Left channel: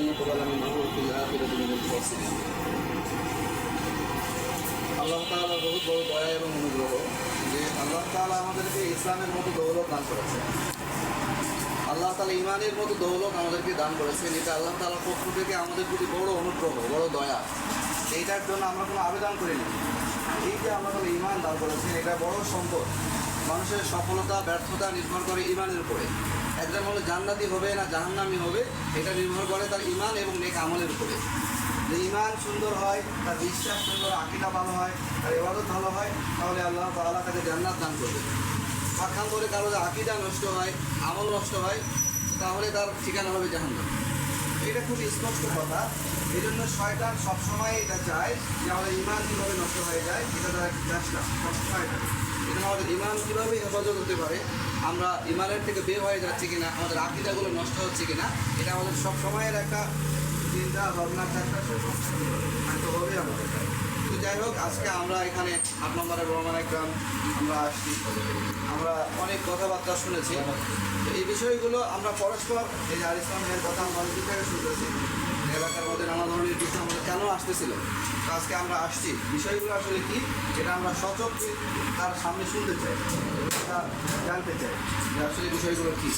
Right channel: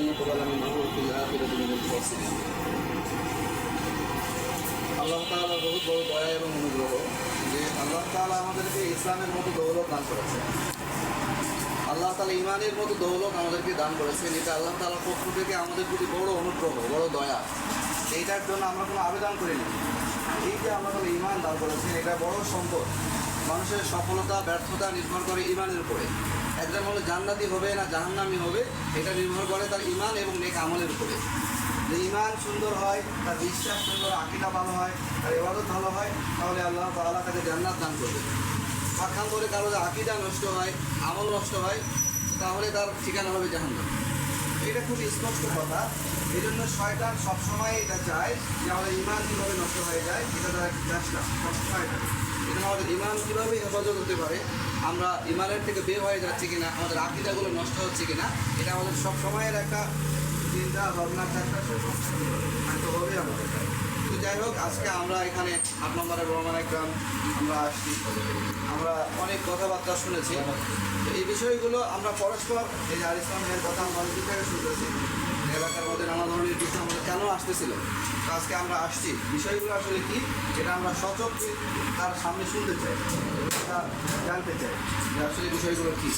আল্লাহ তাআলা বহুত বড় দয়া এবং অনুগ্রহ যে আল্লাহ তাআলা আমাদেরকে ইসলামের মতো দৌলত দান করেছেন। আল্লাহ তাআলা ইমানের মতো দৌলত আমাদেরকে দান করেছেন। এটা আল্লাহ তাআলার পক্ষ থেকে আমাদের প্রতি বড় অনুগ্রহ, বড় দয়া। এইটার জন্য আমরা কোনো আবেদন করিনি। এই যে আল্লাহ তাআলা ইমান দান করেছেন, এটা বড় সম্পদ। মানুষের সফলতা ব্যর্থতা নির্ভর করে ইমানের উপরে। একজন হলো জান্নাতি হবে না জাহান্নামী হবে, এটা নির্ভর করে তার ইমান এবং নেক আমলের উপরে। যে ইমান সুন্দর হয়, তার বিশ্বাস সুন্দর, আকীদা ভালো হয়, তার ইবাদত ভালো হয়, তাহলে আল্লাহ তাআলা তাকে জান্নাত দান করবে। পক্ষান্তরে কারো যে আকীদা নষ্ট হয়, আমল নষ্ট হয়, তাহলে তার ঠিকানা হবে জাহান্নাম। এটা খুব স্পষ্ট কথা। এই জন্য শয়তান সবসময় এটা চায় যে আমাদের ইমান কীভাবে নষ্ট হয়ে যায়, এটা তার একটা চেষ্টা সবসময় থাকে। এটা আমাদের ইমান কীভাবে হেফাজত হতে পারে, আমরা ইমানের থেকে বের হয়ে যাচ্ছি কিনা, আমাদের আকীদাগুলো নষ্ট হচ্ছে কিনা, এটা আমাদের সব সময়ের একটা চিন্তা ভাবনা থাকতে হবে আমাদের। তো যাই হোক, আজকে আমরা এখানে ৮ নম্বরের রহমানের গ্রাম আমরা আসছি। আমরা অনেক কথাবার্তা শুনেছি। তো এই বিষয়গুলো আমরা পরস্পর এই যে ইসলামের কথা আমরা অনেক থেকে শুনতেছি। এলাকার মধ্যে নানা ধরনের বিষয় আমাদের কেন আসতেছিল, তো আজকে আমরা আসছি। বিষয়গুলো আসলে কি, যেটা আমরা সচক্ষে তার সামনে শুনতে চাই, এটা জানতে চাই যে আসলে বিষয়গুলো কী।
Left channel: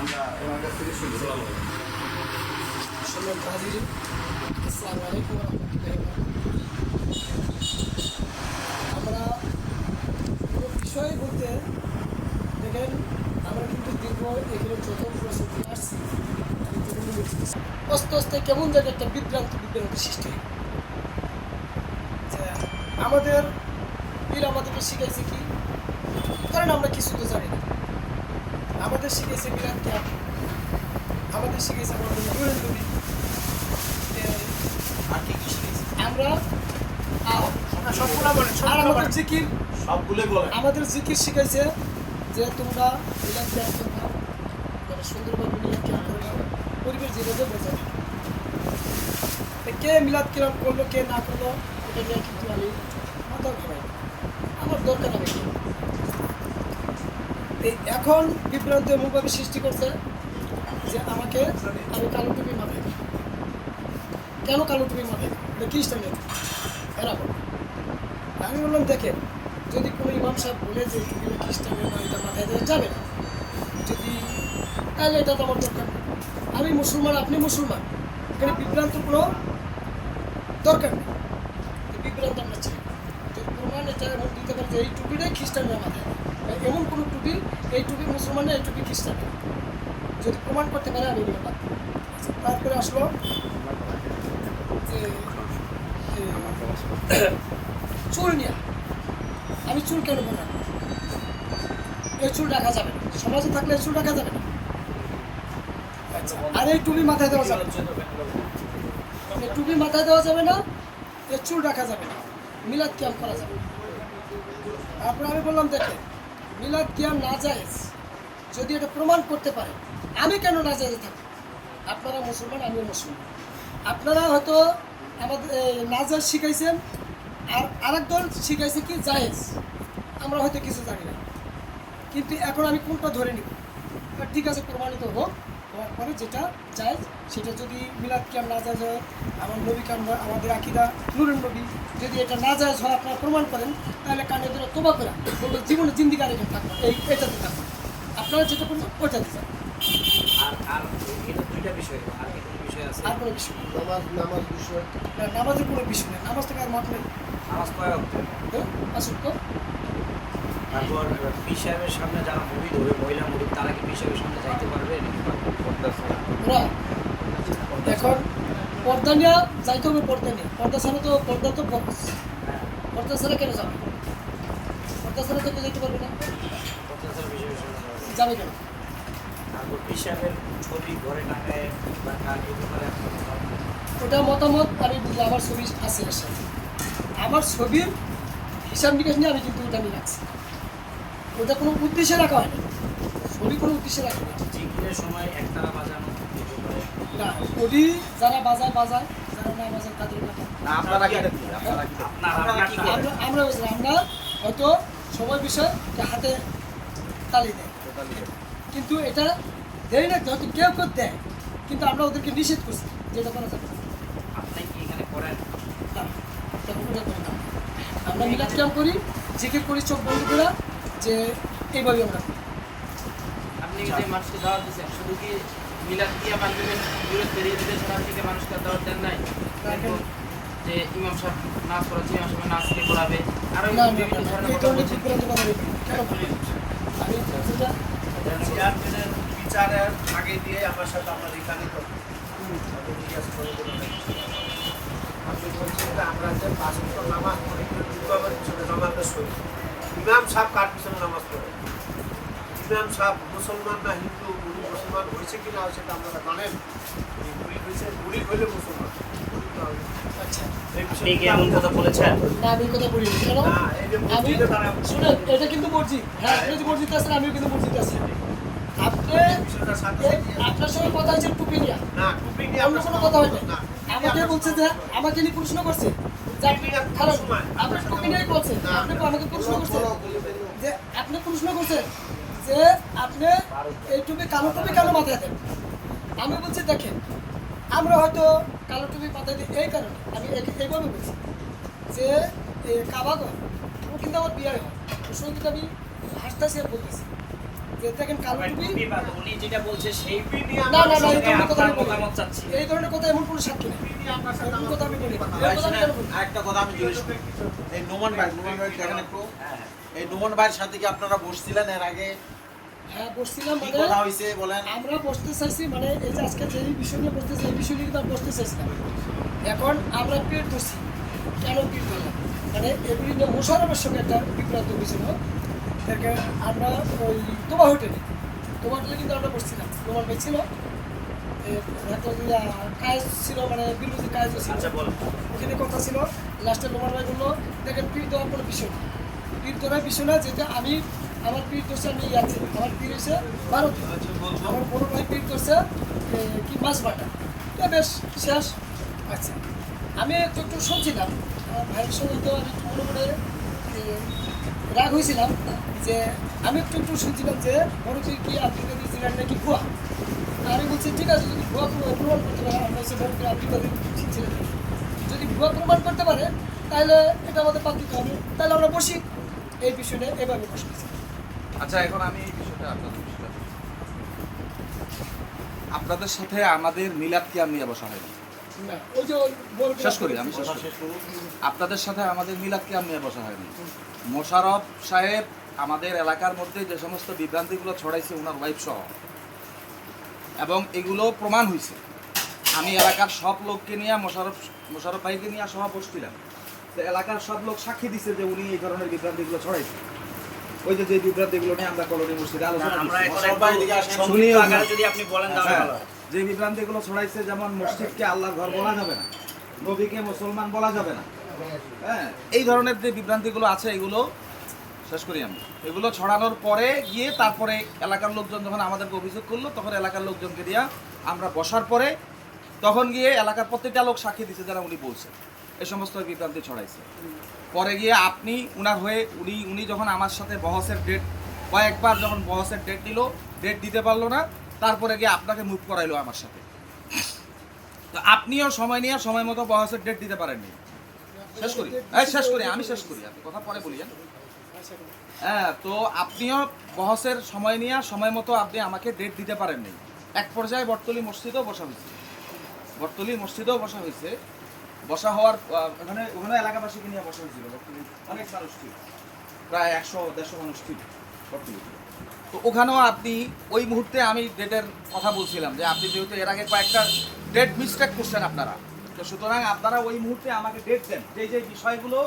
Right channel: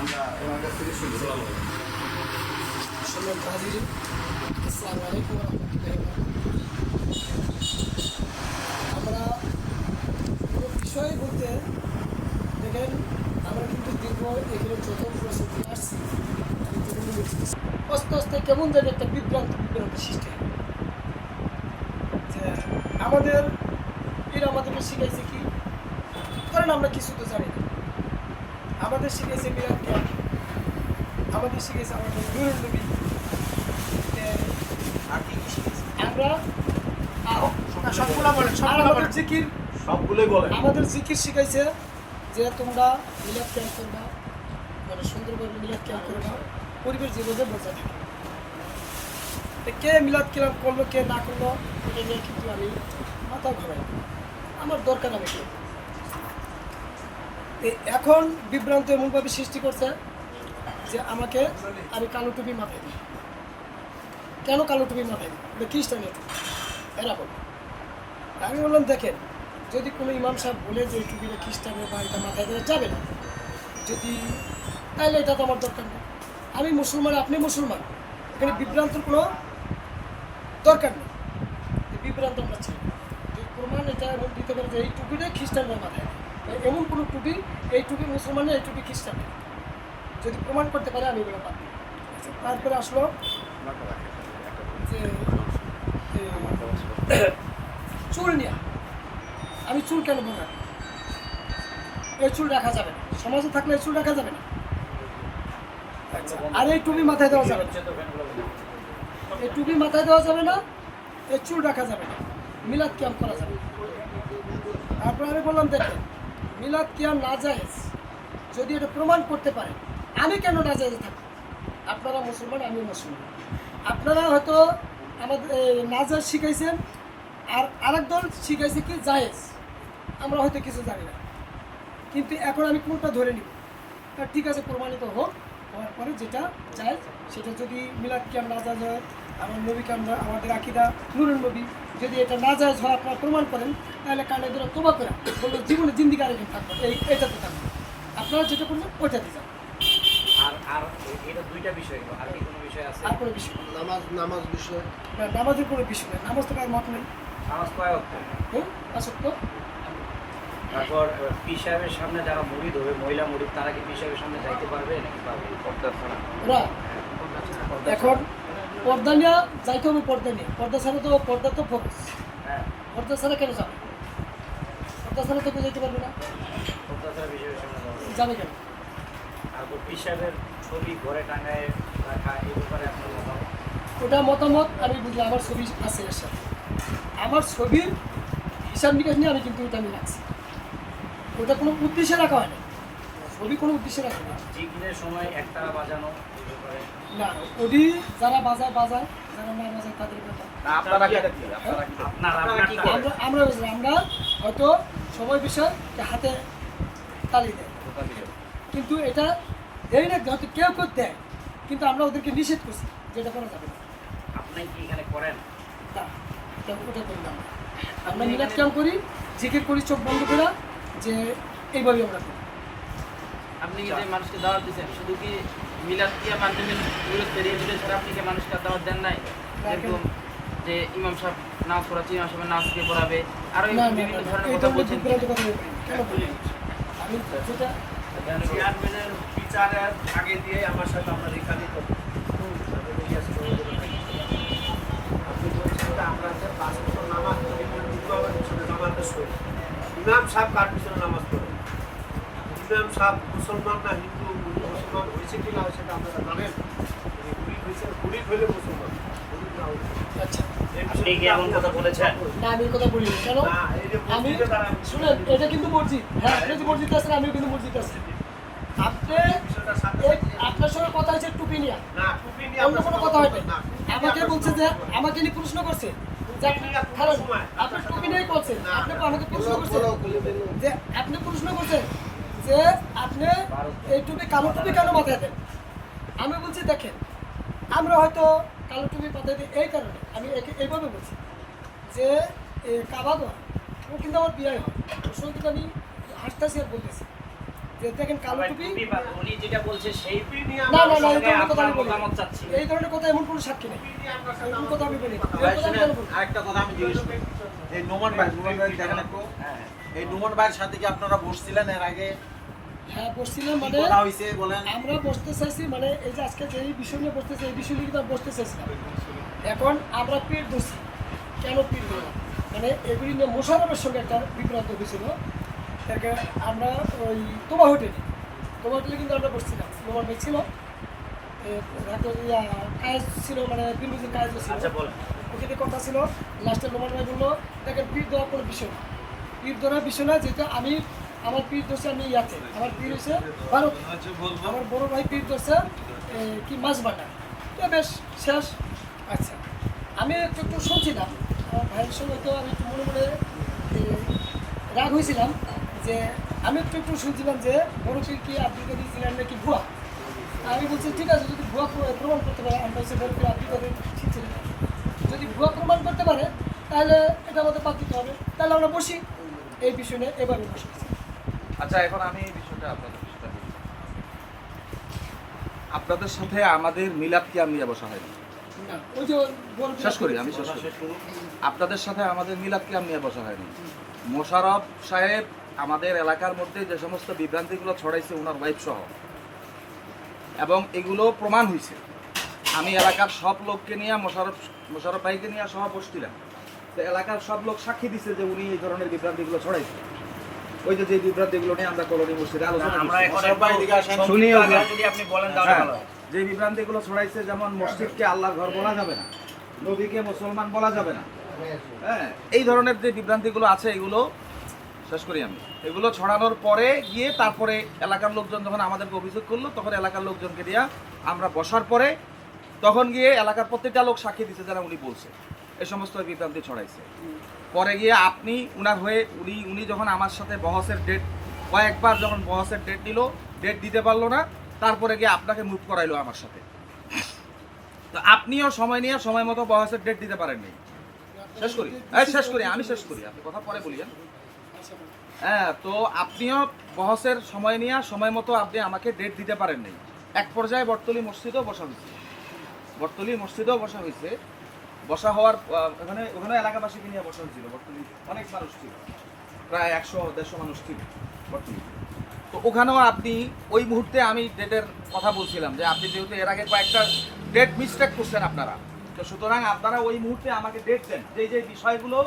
আমরা ওনার কাছ থেকে শুনতে চাই। আসসালামু আলাইকুম ওয়া রাহমাতুল্লাহি ওয়া বারাকাতুহু। আমরা কোনো বিষয় বলতে দেখেন, আমরা কিন্তু দীর্ঘ এগুলো যত প্রস্তুতি আসছি, আস্তে আস্তে কেমন যেন একটা বিভ্রান্তি সৃষ্টি হয়। যে আমাদের পীর আমাদেরকে শিখাইছে কি, কারণ আমরা কিছু তো জানি না। আমাদের শিখাইছে মিলাদ কিয়াম, আমাদের শিখাইছে আমার নূরের নবী। আমরা আর আমাদের জিকির সবগুলোই বলে, আমাদের জিকির শিখাইছে যে তোমরা মিলাদ কিয়াম করবা, মানে সুন্দরভাবে মিলাদ কিয়াম করবা, পরিবেশ যেভাবে বোঝা থাকে। কে মিলাদ কিয়াম করলো কে না করলো এটা নিয়ে কিন্তু আমি মাথা ঘামাই না, আমার দরকার আমি কি। এখন বিভ্রান্ত এমনভাবে সৃষ্টি করছে যে আমি কালো টুপি মাথায় দিই। কেন কালো টুপি মাথায় দিই? এটা খ্রিস্টানের এরা বলে। আমি বললাম দেখেন, যদি কোনো ইমাম সাহেব বলে যে এই টুপিটা খ্রিস্টানের বা এটা মাথায় দেওয়া যাবে না, যদি তাহলে এটা তো আমার দরকার নেই। আমি মুসলমান, আপনি মুসলমান, এখানে বিভ্রান্তর কোনো দরকার নেই। বিভ্রান্ত আমরা চাই। যদি প্রমাণ এটা এমন দিতে পারে যে এই টুপিটাই খ্রিস্টানরা মাথায় দেয়, এমন কোনো টুপি, এই টুপি মুসলমানের, এই টুপি খ্রিস্টানের, যদি প্রমাণ করতে পারে আমি এগুলো বাদ দিই। আচ্ছা, তারপরে আসলো যে চুল নিয়ে। আমি চুল কেন বলে রাখবো? এই চুল রাখা যাবে না, সমাজে থাকলে এই চুল রাখা যাবে না। আচ্ছা, আর এই টুপি মাথায় দেওয়া যাবে না, এই টুপি মাথায় দেওয়া যাবে না, এই চুল রাখা যাবে না, মিলাদ কিয়াম করা যাবে না। তারপরে আমি বললাম দেখেন, মিলাদ কিয়াম নাজায়েজ যদি এটা প্রমাণ করতে পারে, আমি কেন নাজায়েজে থাকবো? আপনারা মুসলমান, আমিও মুসলমান। আপনারা হয়তো আমাদের নাজায়েজ শিখাইছেন, আর আরেক দল শিখাইছে কি জায়েজ। আমরা হয়তো কিছু জানি না, কিন্তু এখন আমি কোনটা ধরে নিব? ঠিক আছে, প্রমাণিত হোক, হওয়ার পরে যেটা জায়েজ সেটা। যদি মিলাদ কিয়াম নাজায়েজ হয়, আমার নবী কাম, আমাদের আকীদা নূরের নবী, যদি এটা নাজায়েজ হয় আপনারা প্রমাণ করেন, তাহলে কানে ধরে তোবা করে বলবো জীবনে জিন্দিগি আর এখানে থাকবো, এটাতে থাকবো। আপনারা যেটা করছেন ওইটাতে যান। আর কোনো বিষয় নামাজ বিষয় না, নামাজের কোনো বিষয় নেই। নামাজ তো আর মত নেই, আসুক তো। তারপর পীর সাহেবের সামনে যারা মুরিদ হবে, মহিলা মুরিদ, তারা কি পীর সাহেবের সামনে যাইতে পারবে নাকি? ওরা এখন পর্দা নিয়ে যাইতে হবে, পর্দা নিয়ে। পর্দা ছাড়া তো, পর্দা তো ফোকাস, পর্দা ছাড়া কেন যাবে? পর্দা ছাড়া তো কেউ যেতে পারবে না, যাবে কেন? পীর সাহেবের ছবি ঘরে টাঙায় রাখা, ওটা মতামত আমি বুঝি, আমার ছবি আছে এর সাথে। আমার ছবির হিসাব নিকাশ নিয়ে আমি কিন্তু ওটা নিয়ে রাখছি। ওটা কোনো উদ্দেশ্যে রাখা হয়নি, ছবি কোনো উদ্দেশ্যে রাখা হয়নি। জিকিরের সময় একটা বাজানো না, ওডি যারা বাজায় বাজায়, যারা না বাজায় তাদের কথা। আমরা হয়তো সময় বিষয় হাতে তালি দেয়, কিন্তু এটা দেরি না, হয়তো কেউ কেউ দেয়, কিন্তু আমরা ওদেরকে নিষেধ করছি যে এটা করা যাবে না। আপনি কি এখানে করেন? না, ওটা করি না। আমরা মিলাদ ক্যাম্প করি, জিকির করি চোখ বন্ধ করে, যে এইভাবেই আমরা করি। আপনি যে মানুষকে দাওয়াত দিচ্ছেন শুধু কি মিলাদ দিয়া মাধ্যমে বিরোধ পেরিয়ে দিতে ছাড়া আপনি কি মানুষকে আর দাওয়াত দেন নাই? এরকম যে ইমাম সাহেব নামাজ পড়াচ্ছে, ইমাম সাহেব নামাজ কে পড়াবে আর ওই না না বিভিন্ন না, ধরনের এই কথা ধরনের বলছেন। বিভ্রান্ত কথা আমি বলি কেন বলি? আমি যেটা চেয়ারম্যানের বিচারের আগে দিয়ে আমার সাথে আমার এখানে আপনি বলছেন যে আমরা যে 5 ওয়াক্ত নামাজ পড়ি ইমামের পিছনে জামাতের সহিত ইমাম সাহেব কার পিছনে নামাজ পড়ে? ইমাম সাহেব মুসলমান না হিন্দু, উনি মুসলমান হয়েছে কি না হয়েছে এটা আপনারা জানেন? উনি গুলি হয়েছে, গুলি হইলে মুসলমান, গুলি না হইলে। আচ্ছা এই আপনি বিষয়ে কি এমন কথা বলেছেন? না, আমি এই কথা বলি না। কেন? না, এই যে আমি মসজিদে তারা শুনেন, এটা কিন্তু মসজিদ। হ্যাঁ, আপনি যে মসজিদে আছেন, আমিও কিন্তু মসজিদে আছি। আপনি বিষয়টা সাথে এই আপনার সঙ্গে কথা হয়েছে টুপি নিয়ে, না, টুপি নিয়ে অন্য কোনো কথা হবে না, না। আমাকে বলছে যে আমাকে নিয়ে প্রশ্ন করছে যে আপনি খালেন, আপনি টুপি নিয়েই করছেন। আপনি আমাকে প্রশ্ন করছে যে আপনি প্রশ্ন করছেন যে আপনি এই টুপি কালো টুপি কেন মাথায় দেন? আমি বলছি দেখেন, আমরা হয়তো কালো টুপি মাথায় দিই এই কারণে, আমি এইভাবে বলছি যে কাবাগর ও কিন্তু আমার বিয়ে হয়, ওর সঙ্গে কিন্তু আমি হাসতেছি আর বলতেছি যে দেখেন কালো টুপি। উনি যেটা বলছে সেই টুপি নিয়ে না আমরা না না, এই ধরনের কথা আমি আপনার বলি মতামত চাচ্ছি। এই ধরনের কথা এমন কোনো সাক্ষী নেই, এরকম কথা আমি বলি না। এই কথা আমি কেন বলি? একটা কথা আমি জিজ্ঞেস করি, এই নোমান ভাই দেখেন একটু, হ্যাঁ, এই নোমান ভাইয়ের সাথে কি আপনারা বসছিলেন এর আগে? হ্যাঁ বসছিলাম, কি মানে কথা হয়েছে বলেন? আমরা বসতে চাইছি, মানে এই যে আজকে যে বিষয় নিয়ে বসতেছি এই বিষয় নিয়ে কিন্তু আমরা বসতে চাইছিলাম। এখন আমরা পিঠ ধরছি, কেন পিঠ ধরলাম? মানে এগুলি নিয়ে মোশারফের সঙ্গে একটা বিভ্রান্ত হয়েছিল। এরকে আমরা ওই তোমা হোটেলে কিন্তু আমরা বসছিলাম, তোমার ভাই ছিল, কাজ ছিল, মানে বিলবুজির কাজ ছিল, আচ্ছা বলুন। ওখানে কথা ছিল। লাস্টে লোমান ভাই বললো দেখেন পিঠ দেওয়ার কোনো বিষয় না, পিঠ ধরার বিষয় না, যেহেতু আমি আমার পিঠ ধরছে আমি আছে, আমার পিঠ হচ্ছে ভারতে, আমার বড় ভাই পিঠ ধরছে কি মাছ বাটা, তো বেশ শেষ। আচ্ছা, আমি একটু একটু শুনছিলাম আমার ভাইয়ের সঙ্গে, তো আমি একটু মনে মনে রাগ হয়েছিলাম যে আমি একটু একটু শুনছিলাম যে বড় পীর কি আব্দুল কাদের জিলানী নাকি ভুয়া। আমি বলছি ঠিক আছে, যদি ভুয়া প্রমাণ করতে পারে, আমরা হচ্ছে বড় পীর আব্দুল কাদের শিখছিলেন, যদি ভুয়া প্রমাণ করতে পারে তাহলে এটা আমাদের বাদ দিতে হবে, তাহলে আমরা বসি এই বিষয় নিয়ে এভাবে বসে আছি। আচ্ছা, এখন আমি এই বিষয়টা আপনাদের বিষয়টা বলি। আপনাদের সাথে আমাদের মিলাদ কিয়াম নিয়ে বসা হয়নি। না, ওই যে বড় পীর শেষ করি, আমি শেষ করি। আপনাদের সাথে আমাদের মিলাদ কিয়াম নিয়ে বসা হয়নি। মোশাররফ সাহেব আমাদের এলাকার মধ্যে যে সমস্ত বিভ্রান্তিগুলো ছড়াইছে ওনার ওয়াইফ সহ, এবং এগুলো প্রমাণ হয়েছে। আমি এলাকার সব লোককে নিয়ে মোশাররফ ভাইকে নিয়ে সহ বসছিলাম, তো এলাকার সব লোক সাক্ষী দিছে যে উনি এই ধরনের বিভ্রান্তিগুলো ছড়াইছে। ওই যে বিভ্রান্তিগুলো নিয়ে আমরা কলোনি মসজিদে আলোচনা আমরা করছি। এখন মোশাররফ ভাই এদিকে আসেন। শুনি সংক্ষিপ্ত আমরা। আকারে যদি আপনি বলেন তাহলে হ্যাঁ, ভালো হয়। যে বিভ্রান্তিগুলো ছড়াইছে, যেমন মসজিদকে আল্লাহর ঘর বলা যাবে না, নবীকে মুসলমান বলা যাবে না, হ্যাঁ, এই ধরনের যে বিভ্রান্তিগুলো আছে এগুলো শেষ করি আমি। এগুলো ছড়ানোর পরে গিয়ে তারপরে এলাকার লোকজন যখন আমাদেরকে অভিযোগ করলো, তখন এলাকার লোকজনকে দিয়ে আমরা বসার পরে তখন গিয়ে এলাকার প্রত্যেকটা লোক সাক্ষী দিচ্ছে যারা উনি বলছে এই সমস্ত বিভ্রান্তি ছড়াইছে। পরে গিয়ে আপনি উনার হয়ে উনি যখন আমার সাথে বহসের ডেট কয়েকবার যখন বহসের ডেট দিল, ডেট দিতে পারলো না, তারপরে গিয়ে আপনাকে মুভ করাইলো আমার সাথে। তো আপনিও সময় নিয়ে সময় মতো বহসের ডেট দিতে পারেননি। শেষ করি, শেষ করি, আমি শেষ করি, আপনি কথা পরে বলিয়েন। হ্যাঁ, তো আপনিও বহসের সময় নিয়ে সময় মতো আপনি আমাকে ডেট দিতে পারেননি। এক পর্যায়ে বটতলী মসজিদেও বসা হয়েছে, বসা হওয়ার ওখানে এলাকাবাসীকে নিয়ে বসা হয়েছিল। বটতলী অনেক মানুষ ছিল, প্রায় 100-150 মানুষ ছিল বটতলীতে। তো ওখানেও আপনি ওই মুহূর্তে আমি ডেটের কথা বলছিলাম যে আপনি যেহেতু এর আগে কয়েকটা ডেট মিস্টেক করছেন আপনারা, তো সুতরাং আপনারা ওই মুহূর্তে আমাকে ডেট দেন, যে বিষয়গুলো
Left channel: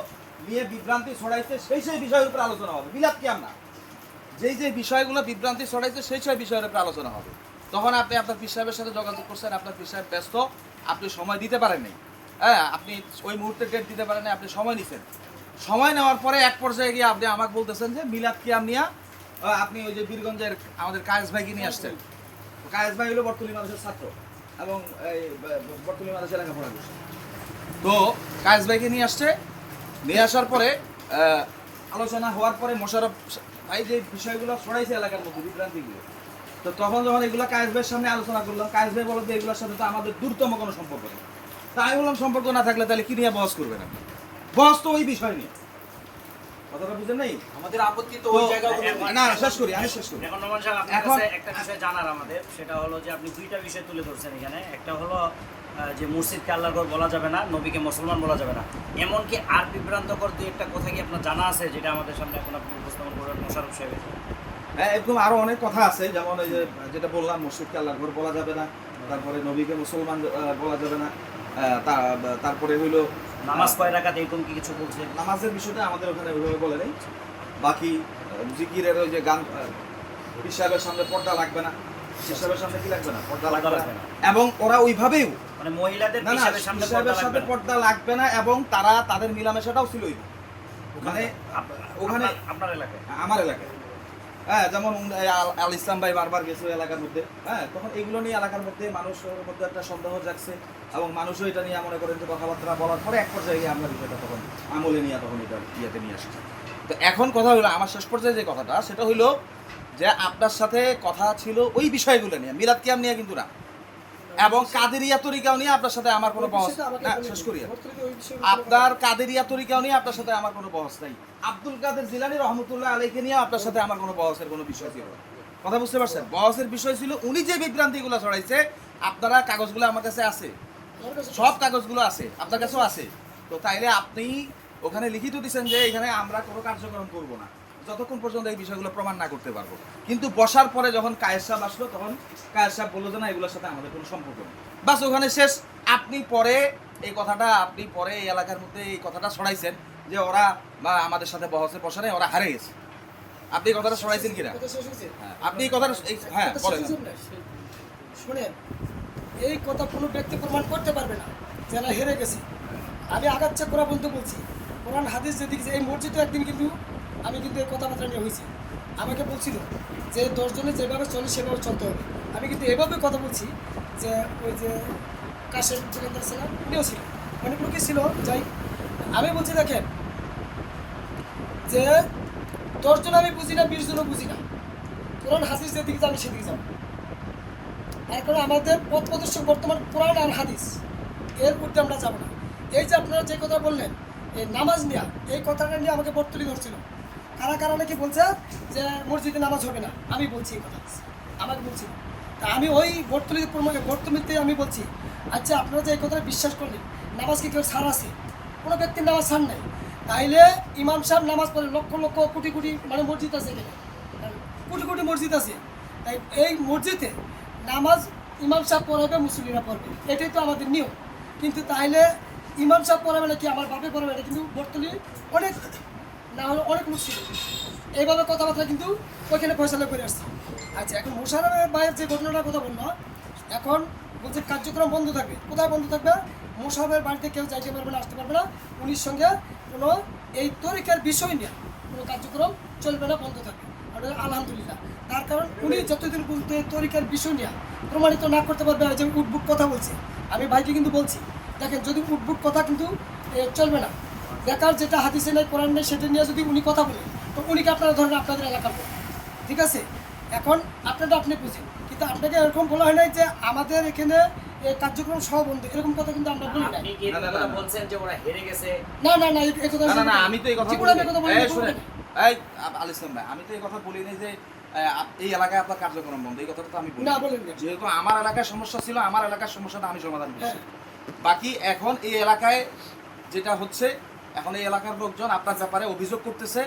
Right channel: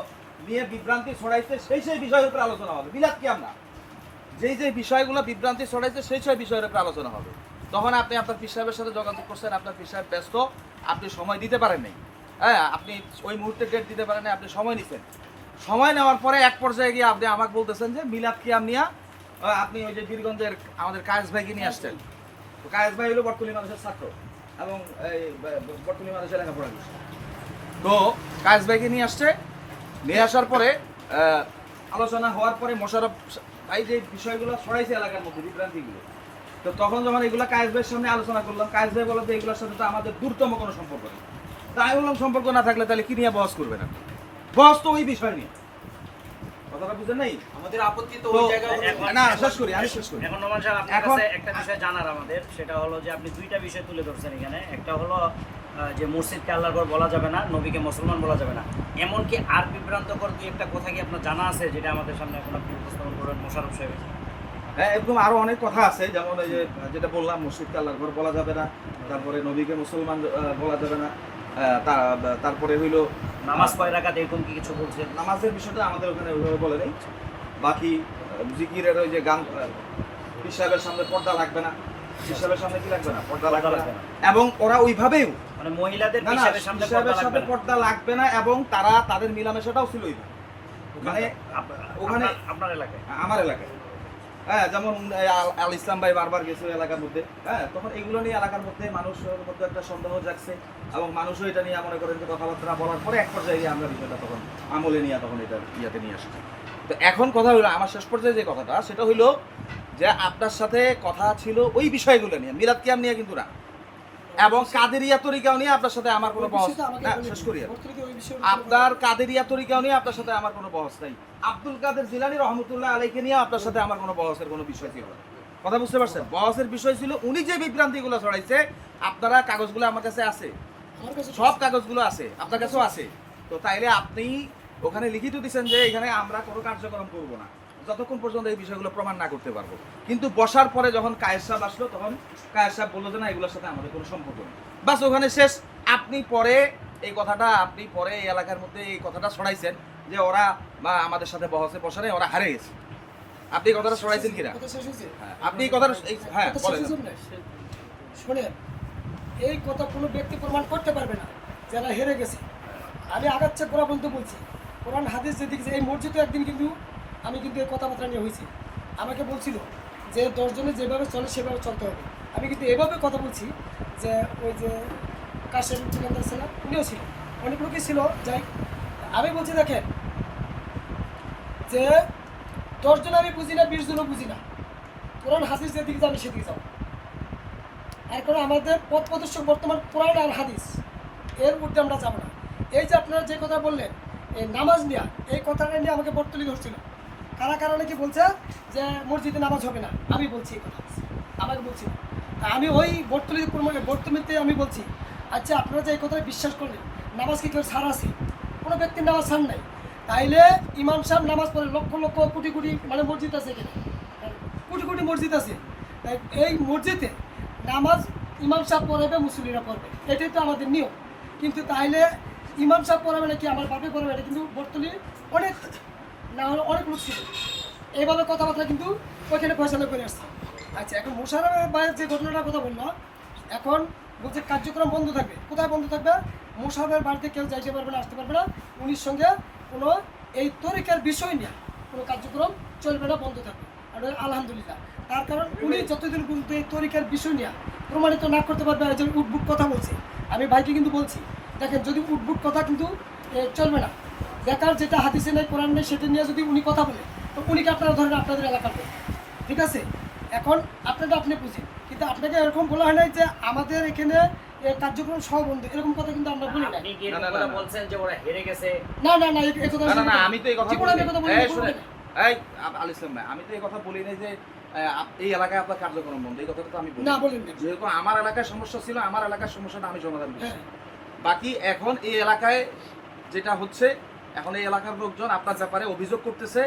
নিয়ে বিভ্রান্তি ছড়াইছে সেই বিষয়ের উপরে আলোচনা হবে। মিলাদ কি আমরা যে বিষয়গুলো বিভ্রান্তি ছড়াইছে সেই বিষয়ের উপরে আলোচনা হবে। তখন আপনি আপনার পীর সাহেবের সাথে যোগাযোগ করছেন, আপনার পীর সাহেব ব্যস্ত, আপনি সময় দিতে পারেন নাই। হ্যাঁ, আপনি ওই মুহূর্তে ডেট দিতে পারেন নাই, আপনি সময় নিছেন। সময় নেওয়ার পরে এক পর্যায়ে গিয়ে আপনি আমাকে বলতেছেন যে মিলাদ কিয়াম নিয়ে আপনি ওই যে বীরগঞ্জের আমাদের কায়েস ভাইকে নিয়ে আসছেন। তো কায়েস ভাই হলো বটতলী মানুষের ছাত্র এবং এই বটতলী মানুষের লেখাপড়া করছে। তো কায়েস ভাইকে নিয়ে আসার পরে আলোচনা হওয়ার পরে মোশাররফ ভাই যে বিষয়গুলো ছড়াইছে এলাকার মধ্যে বিভ্রান্তিগুলো, তো তখন যখন এগুলা কায়েস ভাইয়ের সামনে আলোচনা করলাম, কায়েস ভাই বলতে এগুলোর সাথে তো আমাদের দূরতম কোনো সম্পর্ক নেই। তাই আমি বললাম সম্পর্ক না থাকলে তাহলে কি নিয়ে বহস করবেন আপনি? বহস তো ওই বিষয় নিয়ে, কথাটা বুঝেন নাই? আমাদের আপত্তি তো তো ওই জায়গাগুলো না শেষ করি, আমি শেষ করি। এখন নোমান সাহেব আপনার এখন- কাছে একটা বিষয় জানার আমাদের, সেটা হলো যে আপনি দুইটা বিষয় তুলে ধরছেন এখানে। একটা হলো যে মসজিদকে আল্লাহর ঘর বলা যাবে না, নবীকে মুসলমান বলা যাবে না। এমনকি আর বিভ্রান্তকর দুই একটা কথা কি আপনার জানা আছে যেটা আমাদের সামনে এখন আপনি উপস্থাপন করবেন মোশাররফ সাহেব? হ্যাঁ, এরকম আরো অনেক কথা আছে, যেমন এই যে যেটা বললাম মসজিদকে আল্লাহর ঘর বলা যাবে না, তারপরে নবীকে মুসলমান বলা যাবে না, তারপরে হইলো নামাজ কয় রাকাত এরকম কি কিছু বলছে? নামাজের বিষয়টা আমাদের ওখানে ওইভাবে বলে নেই। বাকি জিকিরের ওই যে গান, পীর সাহেবের সামনে পর্দা লাগবে না, পীর সাহেবের সামনে কি লাগবে না, পর্দা লাগবে না। এবং ওরা ওইভাবেও মানে মহিলাদের না না হিসাবের সামনে পীর সাহেবের সাথে পর্দা লাগবে না, এবং তারা তাদের মিলামেশাটাও ছিল ওইভাবে। মানে ওখানে আপনার এলাকায় আমার এলাকায়, হ্যাঁ, যেমন আল ইসলাম ভাই বারবার গেছে ওই এলাকার মধ্যে, হ্যাঁ, তখন এগুলো নিয়ে এলাকার মধ্যে মানুষের মধ্যে একটা সন্দেহ জাগছে, এবং মানুষও এটা নিয়ে মনে করেন যে কথাবার্তা বলার পরে এক পর্যায়ে গিয়ে আমরা বিষয়টা তখন আমলে নিয়ে তখন এটা ইয়াতে নিয়ে আসছি। তো এখন কথা হলো, আমার শেষ পর্যায়ে যে কথাটা সেটা হইলো যে আপনার সাথে কথা ছিল ওই বিষয়গুলো নিয়ে, মিলাদ কিয়াম নিয়ে কিন্তু না, এবং কাদেরিয়া তরিকাও নিয়ে আপনার সাথে আমার কোনো বহস না। শেষ করি আমি। আপনার কাদেরিয়া তরিকাও নিয়ে আপনার সাথে আমার কোনো বহস নাই। আব্দুল কাদের জিলানী রহমতুল্লাহ আলাইকে নিয়ে আপনার সাথে আমার কোনো বহসের কোনো বিষয় ছিল না। কথা বুঝতে পারছেন? বহসের বিষয় ছিল উনি যে বিভ্রান্তিগুলো ছড়াইছে, আপনারা কাগজগুলো আমার কাছে আছে, সব কাগজগুলো আছে, আপনার কাছেও আছে। তো তাইলে আপনি ওখানে লিখিত দিচ্ছেন যে এখানে আমরা কোনো কার্যক্রম করব না যতক্ষণ পর্যন্ত এই বিষয়গুলো প্রমাণ না করতে পারবো। কিন্তু বসার পরে যখন কায়েস সাহেব আসলো, তখন কায়েস সাহেব বললো যে না, এগুলোর সাথে আমাদের কোনো সম্পর্ক নেই, বাস ওখানে শেষ। আপনি পরে এই এলাকার মধ্যে এই কথাটা ছড়াইছেন যে ওরা বা আমাদের সাথে বহসে বসা নেই, ওরা হারে গেছে। আপনি এই কথাটা ছড়াইছেন কিনা? হ্যাঁ, আপনি এই কথাটা হ্যাঁ বলেন। শুনেন, এই কথা কোনো ব্যক্তি প্রমাণ করতে পারবে না যে এরা হেরে গেছে। আমি আগাচ্ছে গোড়া বলতে বলছি, কোরআন হাদিস যেদিকে এই মসজিদে একদিন কিন্তু আমি কিন্তু এই কথাবার্তা নিয়ে হয়েছি। আমাকে বলছিল যে 10 জনে যেভাবে চলে সেভাবে চলতে হবে। আমি কিন্তু এভাবে কথা বলছি যে ওই যে কাশেম দোকানদার ছিল, উনিও ছিল, অনেক লোকই ছিল। যাই, আমি বলছি দেখেন যে 10 জন আমি বুঝি না, 20 জনও বুঝি না, কোরআন হাদিস যেদিকে যাবে সেদিকে যাবো। আর কারণ আমাদের পথ প্রদর্শক বর্তমান কোরআন আর হাদিস, এর ঊর্ধ্বে আমরা যাবো না। এই যে আপনারা যে কথা বললেন এই নামাজ নিয়ে, এই কথাটা নিয়ে আমাকে বর্তলি ধরছিল। কারা কারা নাকি বলছে যে মসজিদে নামাজ হবে না, আমি বলছি এই কথা, আমাকে বলছি। তা আমি ওই বর্তমিতে আমি বলছি, আচ্ছা আপনারা যে এই কথাটা বিশ্বাস করলেন, নামাজ কি কেউ ছাড় আছে? কোনো ব্যক্তির নামাজ ছাড় নাই। তাইলে ইমাম সাহেব নামাজ পড়ে, লক্ষ লক্ষ কোটি কোটি মানে মসজিদ আছে এখানে, কোটি কোটি মসজিদ আছে। তাই এই মসজিদে নামাজ ইমাম সাহেব পড়াবে, মুসল্লিরা পড়বে, এটাই তো আমাদের নিয়ম। কিন্তু তাইলে ইমাম সাহেব পড়াবে নাকি আমার বাপে পড়াবে, এটা কিন্তু বর্তলি অনেক না হলে অনেক লোক ছিল। এইভাবে কথাবার্তা কিন্তু ওইখানে ফয়সালা করে আসছে। আচ্ছা, এখন মোশাররফ ভাইয়ের যে ঘটনাটার কথা বললো, এখন বলছে কার্যক্রম বন্ধ থাকবে। কোথায় বন্ধ থাকবে? মোশাররফের বাড়িতে কেউ যাইতে পারবে না, আসতে পারবে না। উনির সঙ্গে কোনো এই তরিকার বিষয় নিয়ে কোনো কার্যক্রম চলবে না, বন্ধ থাকবে। আর আলহামদুলিল্লাহ, তার কারণ উনি যতদিন পর্যন্ত এই তরিকার বিষয় নিয়ে প্রমাণিত না করতে পারবে, যে উদ্ভুট কথা বলছে, আমি ভাইকে কিন্তু বলছি দেখেন, যদি উদ্ভুট কথা কিন্তু চলবে না। দেখার যেটা হাদিসে নেই, কোরআন নেই, সেটা নিয়ে যদি উনি কথা বলে, তো উনিকে আপনারা ধরেন আপনাদের এলাকার লোক, ঠিক আছে? এখন আপনারা আপনি বুঝেন, কিন্তু আপনাকে এরকম বলা হয় নাই যে আমাদের এখানে কার্যক্রম সহ বন্ধ, এরকম কথা কিন্তু আমরা বলি নাই। আপনি কি এরকম কথা বলছেন যে ওরা হেরে গেছে? না না না, এই কথা না, না, আমি তো এই কথা জীবনে আমি এই কথা বলি নাই। এই আল ইসলাম ভাই, আমি তো এই কথা বলি নাই যে এই এলাকায় আপনার কার্যক্রম বন্ধ, এই কথাটা তো আমি বলি না, না। বলেন না। যেহেতু আমার এলাকায় সমস্যা ছিল, আমার এলাকার সমস্যাটা আমি সমাধান করছি। হ্যাঁ। বাকি এখন এই এলাকায় যেটা হচ্ছে, এখন এই এলাকার লোকজন আপনার ব্যাপারে অভিযোগ করতেছে,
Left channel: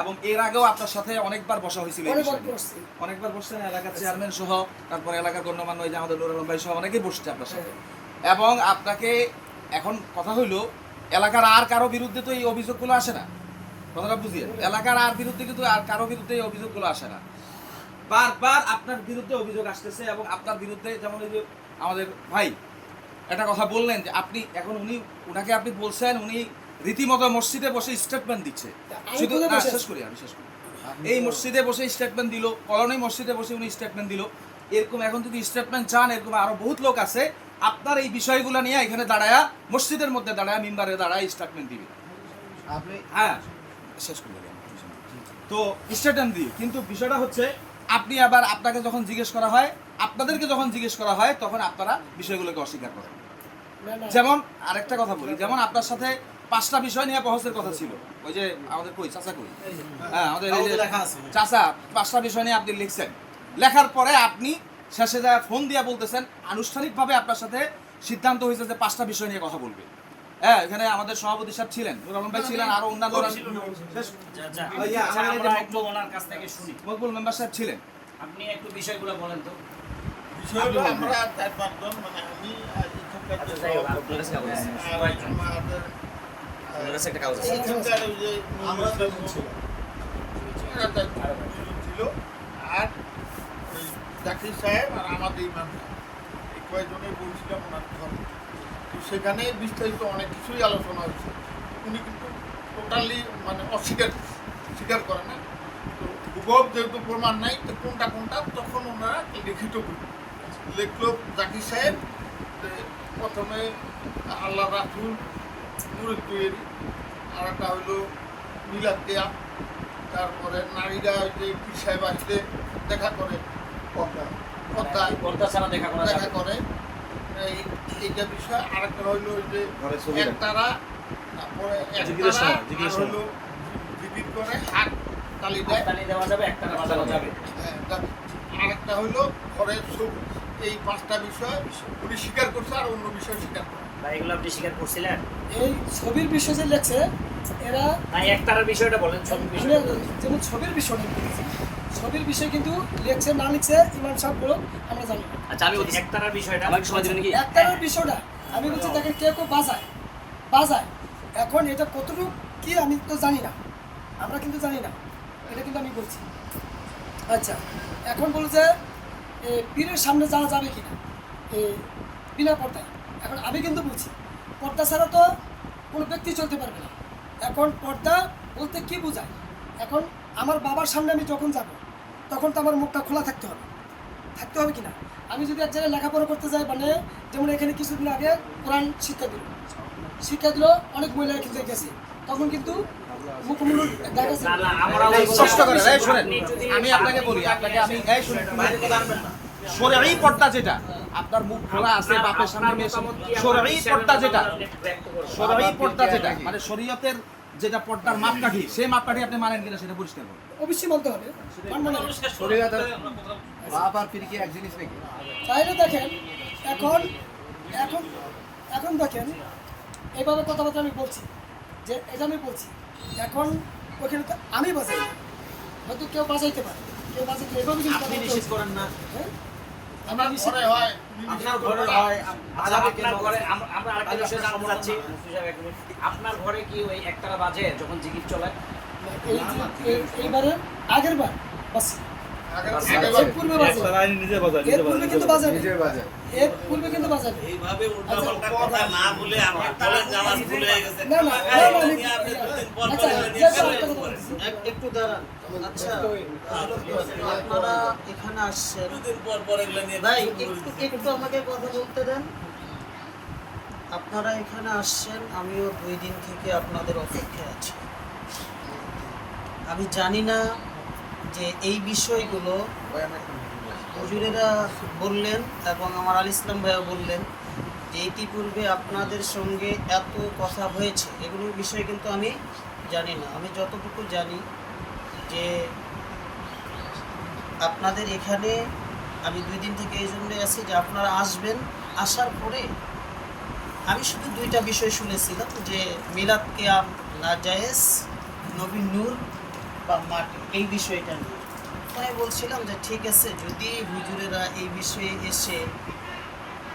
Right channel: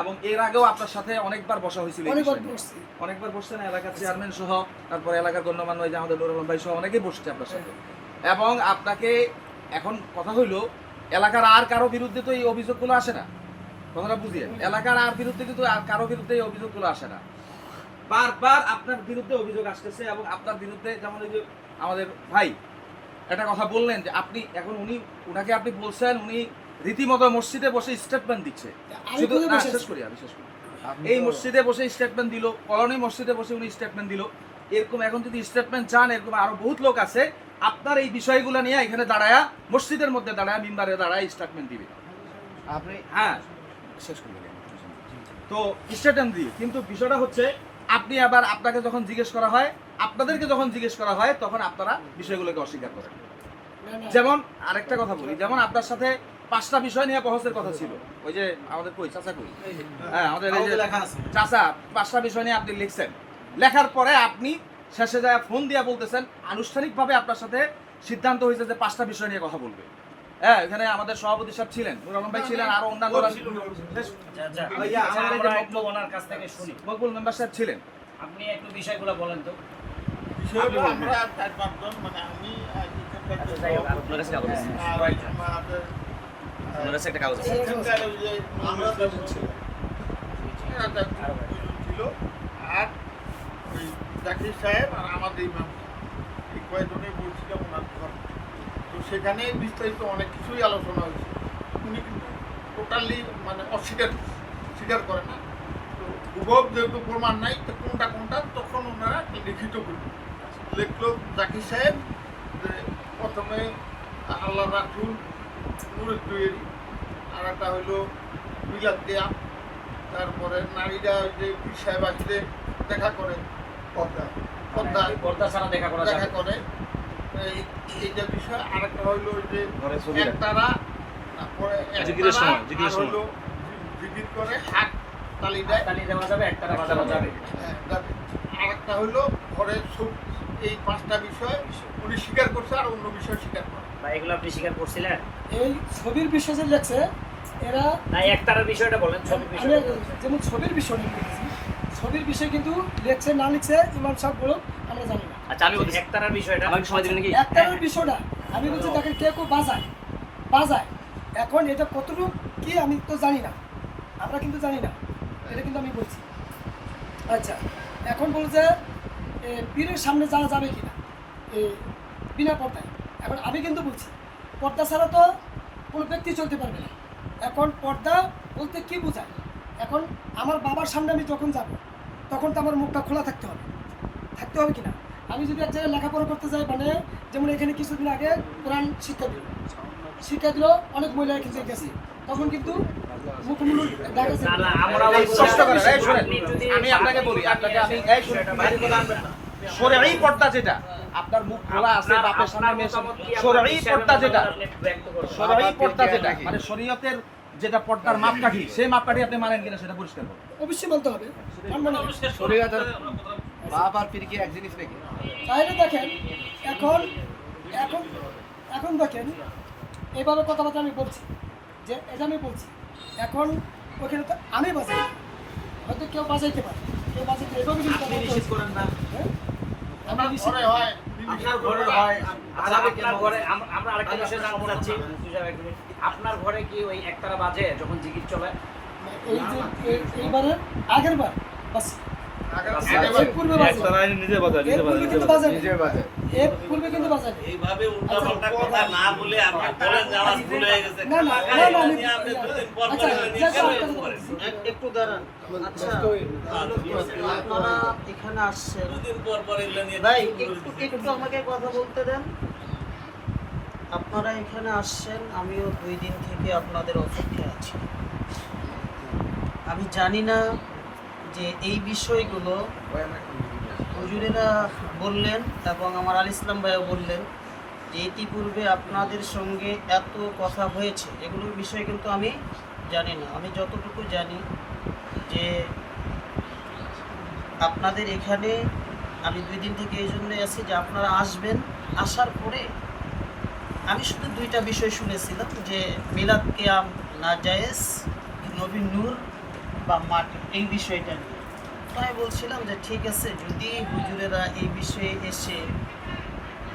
এবং এর আগেও আপনার সাথে অনেকবার বসা হয়েছিল এই বিষয় নিয়ে। অনেকবার বসছেন, এলাকার চেয়ারম্যান সহ, তারপরে এলাকার গণ্যমান্য এই যে আমাদের নুর আলম ভাই সহ অনেকেই বসছে আপনার সাথে। এবং আপনাকে এখন কথা হইলো, এলাকার আর কারো বিরুদ্ধে তো এই অভিযোগগুলো আসে না, কথাটা বুঝিয়ে। এলাকার আর বিরুদ্ধে কিন্তু আর কারো বিরুদ্ধে এই অভিযোগগুলো আসে না, বারবার আপনার বিরুদ্ধে অভিযোগ আসতেছে। এবং আপনার বিরুদ্ধে যেমন এই যে আমাদের ভাই একটা কথা বললেন যে আপনি এখন উনাকে আপনি বলছেন, উনি রীতিমতো মসজিদে বসে স্টেটমেন্ট দিচ্ছে। শুধু না, শেষ করি। এই মসজিদে বসে স্টেটমেন্ট দিল, কলোনি মসজিদে বসে উনি স্টেটমেন্ট দিল। এরকম এখন যদি স্টেটমেন্ট চান, এরকম আরো বহুত লোক আছে আপনার এই বিষয়গুলো নিয়ে এখানে দাঁড়ায়া, মসজিদের মধ্যে দাঁড়ায়, মিম্বারে দাঁড়ায় স্টেটমেন্ট দিবে। আপনি হ্যাঁ, শেষ করি। তো স্টেটমেন্ট দিই, কিন্তু বিষয়টা হচ্ছে আপনি আবার আপনাকে যখন জিজ্ঞেস করা হয়, আপনাদেরকে যখন জিজ্ঞেস করা হয়, তখন আপনারা বিষয়গুলোকে অস্বীকার করেন। না, না। যেমন আরেকটা কথা বলি, যেমন আপনার সাথে 5টা বিষয় নিয়ে বহসের কথা ছিল, ওই যে আমাদের কই চাচা কই, হ্যাঁ আমাদের এই যে চাচা 5টা বিষয় নিয়ে আপনি লিখছেন, লেখার পরে আপনি শেষে যায় ফোন দিয়ে বলতেছেন আনুষ্ঠানিকভাবে আপনার সাথে সিদ্ধান্ত হয়েছে যে 5টা বিষয় নিয়ে কথা বলবে। হ্যাঁ, এখানে আমাদের সভাপতি সাহেব ছিলেন, নুর আলম ভাই ছিলেন, আরো অন্যান্যরা আমরা একটু ওনার কাছ থেকে শুনি। মকবুল মেম্বার সাহেব ছিলেন। আপনি একটু বিষয়গুলো বলেন তো। বিষয়গুলো আমরা 4-5 জন, মানে আমি এখানকার যে সভাপতি, আর আমাদের এখানকার ওই যে এরা 4 ছিল, আর ওই জাকির সাহেব আর আমাদের ইমাম এই কয়েকজনে বলছিলাম ওনার ঘরে। তো সেখানে বিস্তারিত অনেক কিছুই আলোচনা হয়েছে। উনি কিন্তু টোটালি মানে স্বীকার করে না। তো ভূগোল যেহেতু প্রমাণ নাই, তো কোনটা কোনটা তখন ওনারা লিখিত করবেন। লিখলো জাকির সাহেব যে প্রথমে আল্লাহ রাসূল নূরের তৈরি, আর একটা হইলো মিলাদ দেয়া, তারপরে নারীরা ওই যে পীর সাহেব আসলে দেখা করে পর্দায় পর্দা ছাড়া দেখা করা দেখা যাবে। করে, এইটা বিষয়। আরেকটা হইলো ওই যে একতারা, তারপরে একতারা আর হইলো জিকির করে হাত তালি দেয়, তালি দেওয়া যাবে, একটানা বাজানো যাবে। হ্যাঁ, যাবে। আরেকটা হইলো ঘরে সুখ। এই 5টা বিষয় উনি স্বীকার করছে, আর অন্য বিষয় স্বীকার করে। বা এগুলো আপনি স্বীকার করছিলেন? এই ছবির বিষয় যে লেখছে এরা, না, একটার বিষয়টা বলেন, ছবির আমি বিষয়টা। যেমন ছবির বিষয়টা বলেছি, ছবির বিষয় কিন্তু লেখছে না লিখছে ইমাম সাহেব বলুক আমরা জানি না। আচ্ছা, আমি বলছি একটার বিষয়টা। একটার বিষয়টা আমি বলছি দেখেন কেউ কেউ বাজায় এখন এটা কতটুকু কি আমি তো জানি না, আমরা কিন্তু জানি না, এটা কিন্তু আমি বলছি। আচ্ছা, এখন বলছে পীরের সামনে যাওয়া যাবে কিনা বিনা পর্দায়। এখন আমি কিন্তু বলছি পর্দা ছাড়া তো কোনো ব্যক্তি চলতে পারবে না। এখন পর্দা বলতে কি বোঝায়? এখন আমার বাবার সামনে আমি যখন যাব তখন তো আমার মুখটা খোলা থাকতে হবে কিনা? আমি যদি এক জায়গায় লেখাপড়া করতে যাই, মানে যেমন এখানে কিছুদিন আগে কোরআন শিক্ষা দিল অনেক মহিলা কিন্তু গেছে, তখন কিন্তু মুখমুখ দেখা যাচ্ছে। না, আমরা চেষ্টা করেন, এই শোনেন, আপনি যদি- আমি আপনাকে বলি, আপনাকে আমি এই শুনুন, শরঈ পর্দা যেটা আপনার মুখ খোলা আছে বাপের সামনে মেয়ে সামনে, শরঈ পর্দা যেটা, শরঈ পর্দা যেটা মানে শরীয়তের যেটা পর্দার মাপকাঠি, সেই মাপকাঠি আপনি মানেন কিনা সেটা পরিষ্কার করুন। অবশ্যই বলতে হবে, মানবো না। শরীয়তের বাপ আর পীর কি এক জিনিস নাকি? তাহলে দেখেন এখন এখন এখন দেখেন এইভাবে কথাবার্তা আমি বলছি যে এটা আমি বলছি, এখন ওখানে তো আমি বাজাই না। হয়তো কেউ বাজাইতে পারে, কেউ বাজাইতে এভাবে কিন্তু কথা বলতে হচ্ছে। হ্যাঁ? আমি নিষেধ- ঘরে হয় আপনার ঘরে হয়। আচ্ছা, আপনার ঘরে আমরা আরেকটা বিষয় জানতে চাচ্ছি। আপনার ঘরে কি ওই একটানা বাজে যখন জিকির চলে? এই যে এইবারে আগের বার বাস এর পূর্বে বাজে, এর পূর্বে কিন্তু বাজে না। এর পূর্বে কিন্তু বাজে না। এইভাবে আচ্ছা, উল্টাপাল্টা কথা না বলে আপনি বলেন যে আমার ভুল হয়ে গেছে। না, না, টাকা না, নিয়ে আপনি 2 দিন পর আচ্ছা, বললেন যে যে একটা কেন কথা করেন? বলছি। একটু দাঁড়ান। আচ্ছা, আপনারা এখানে আসছেন, 2 দিন পর এগুলো নিয়ে ভাই শুরু একটু হয়েছে। একটু আমাকে কথা বলতে দেন। আপনারা এখানে আসছেন, আমিও 2 দিন থেকে আপনাদের অপেক্ষায় আছি। আমি জানি না যে এই বিষয়গুলো হুজুরেরা বললেন এবং আমার আল ইসলাম ভাইও বললেন যে ইতিপূর্বে আপনাদের সঙ্গে এত কথা হয়েছে, এগুলোর বিষয়ে কিন্তু আমি জানি না। আমি যতটুকু জানি যে আপনাদের এখানে আমি 2 দিন থেকে এই জন্যই আছি যে আপনারা আসবেন, আসার পরে আমি শুধু 2টা বিষয় শুনেছিলাম যে মিলাদ কিয়াম নাজায়েজ, নবী নূর বা মাটি, এই বিষয়টা নিয়ে। তো আমি বলছিলাম যে ঠিক আছে, যদি হুজুরেরা এই বিষয়ে এসে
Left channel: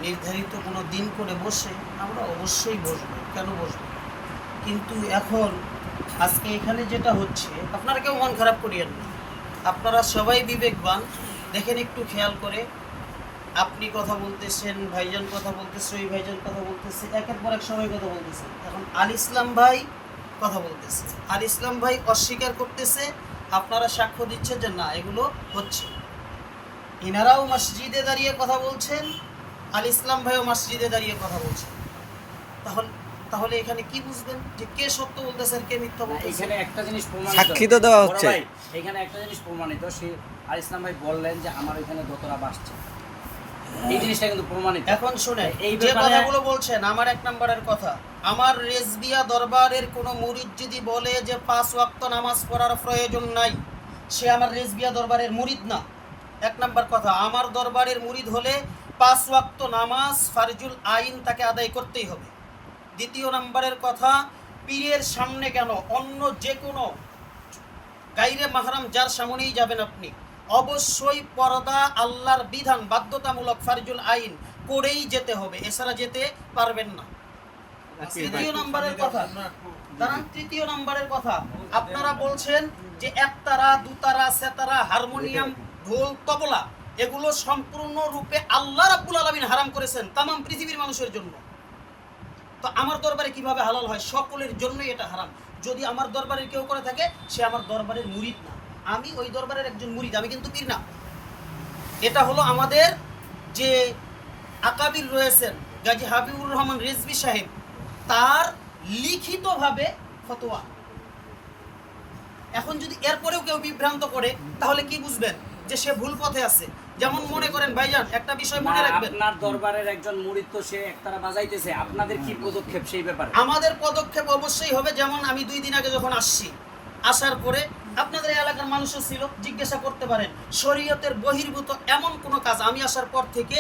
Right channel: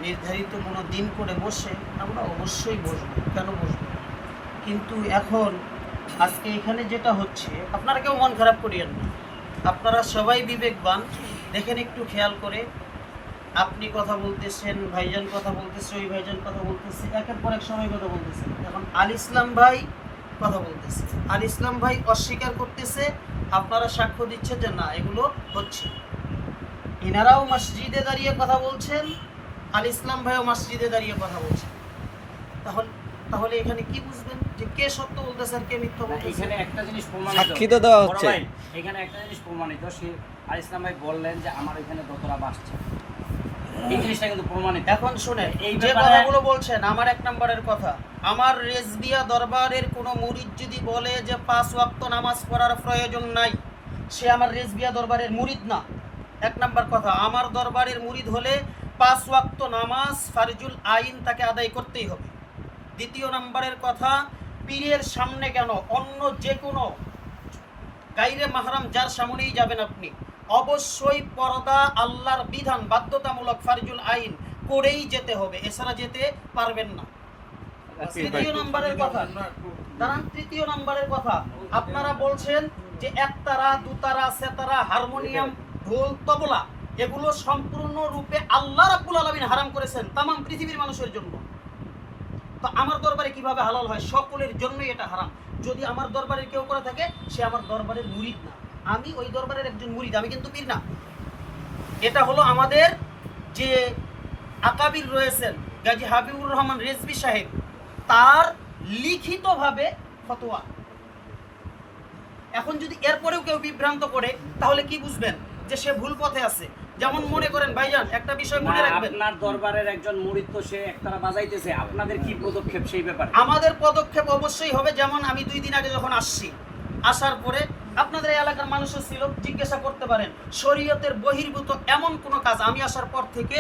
নির্ধারিত কোনো দিন করে বসে আমরা অবশ্যই বসবো, কেন বসবো। কিন্তু এখন আজকে এখানে যেটা হচ্ছে, আপনারা কেউ মন খারাপ করিয়েন না, আপনারা সবাই বিবেকবান, দেখেন একটু খেয়াল করে। আপনি কথা বলতেছেন, ভাইজান কথা বলতেছে, ওই ভাইজান কথা বলতেছে, একের পর এক সবাই কথা বলতেছে। এখন আল ইসলাম ভাই কথা বলতেছে, আল ইসলাম ভাই অস্বীকার করতেছে, আপনারা সাক্ষ্য দিচ্ছেন যে না এগুলো হচ্ছে। ইনারাও মসজিদে দাঁড়িয়ে কথা বলছেন, আল ইসলাম ভাইও মসজিদে দাঁড়িয়ে কথা বলছেন। তাহলে তাহলে এখানে কি বুঝবেন যে কে সত্য বলতেছে আর কে মিথ্যা বলতেছে? এখানে একটা জিনিস প্রমাণিত, সাক্ষী তো দেওয়া হচ্ছে। বড় ভাই, এখানে একটা জিনিস প্রমাণিত, সে আর ইসলাম ভাই বললেন যে আমার ওইখানে দোতরা বাসছে, এই জিনিসটা কিন্তু প্রমাণিত। এখন শুনে এই যে ব্যাপারে- কথাগুলো বলছেন, আমার 1 নম্বরের কথা, আমার রেজবিয়া দরবারের কোনো মুরিদ যদি বলে যে 5 ওয়াক্ত নামাজ পড়ার প্রয়োজন নাই, সে আমার রেজবিয়া দরবারের মুরিদ না। 1 নম্বর কথা, আমার দরবারের মুরিদ হলে 5 ওয়াক্ত নামাজ ফারজুল আইন তাকে আদায় করতেই হবে। দ্বিতীয় নম্বরের কথা, পীরের সামনে কেন, অন্য যে কোনো গাইরে মাহরাম যার সামনেই যাবেন আপনি, অবশ্যই পর্দা আল্লাহর বিধান বাধ্যতামূলক ফারজুল আইন করেই যেতে হবে, এছাড়া যেতে পারবেন না। তৃতীয় নম্বরের কথা, দাঁড়ান, তৃতীয় নম্বরের কথা, আপনারা বলছেন যে একতারা, দুতারা, সেতারা, হারমোনিয়াম, ঢোল, তবলা এগুলো সম্পূর্ণরূপে আল্লাহ রাব্বুল আলামিন হারাম করেছেন তামাম পৃথিবীর মানুষের জন্য। তো আমার দরবারে কিভাবে হালাল হয়? সকলের জন্যই এটা হারাম। যদি আমার দরবারের কেউ করে থাকে, সে আমার দরবারের মুরিদ না, আমি ওই দরবারের একজন মুরিদ, আমি কিন্তু পীর না। এটা হলো আমাদের যে আকাবির রয়েছেন গাজী হাবিবুর রহমান রেজভী সাহেব, তার লিখিতভাবে ফতোয়া। এখন যদি এরপরেও কেউ বিভ্রান্ত করে, তাহলে কি বুঝবেন যে সে ভুল পথে আছে। যেমন মনে করেন ভাইজান, একটা বিষয় মনে রাখবেন, আপনার দরবারের একজন মুরিদ তো সে একতারা বাজাইতেছে, আপনাদের কি পদক্ষেপ সেই ব্যাপারে? আমাদের পদক্ষেপ অবশ্যই হবে, যেমন আমি 2 দিন আগে যখন আসছি, আসার পরে আপনাদের এই এলাকার মানুষও ছিল, জিজ্ঞাসা করতে পারেন, শরীয়তের বহির্ভূত এমন কোনো কাজ আমি আসার পর থেকে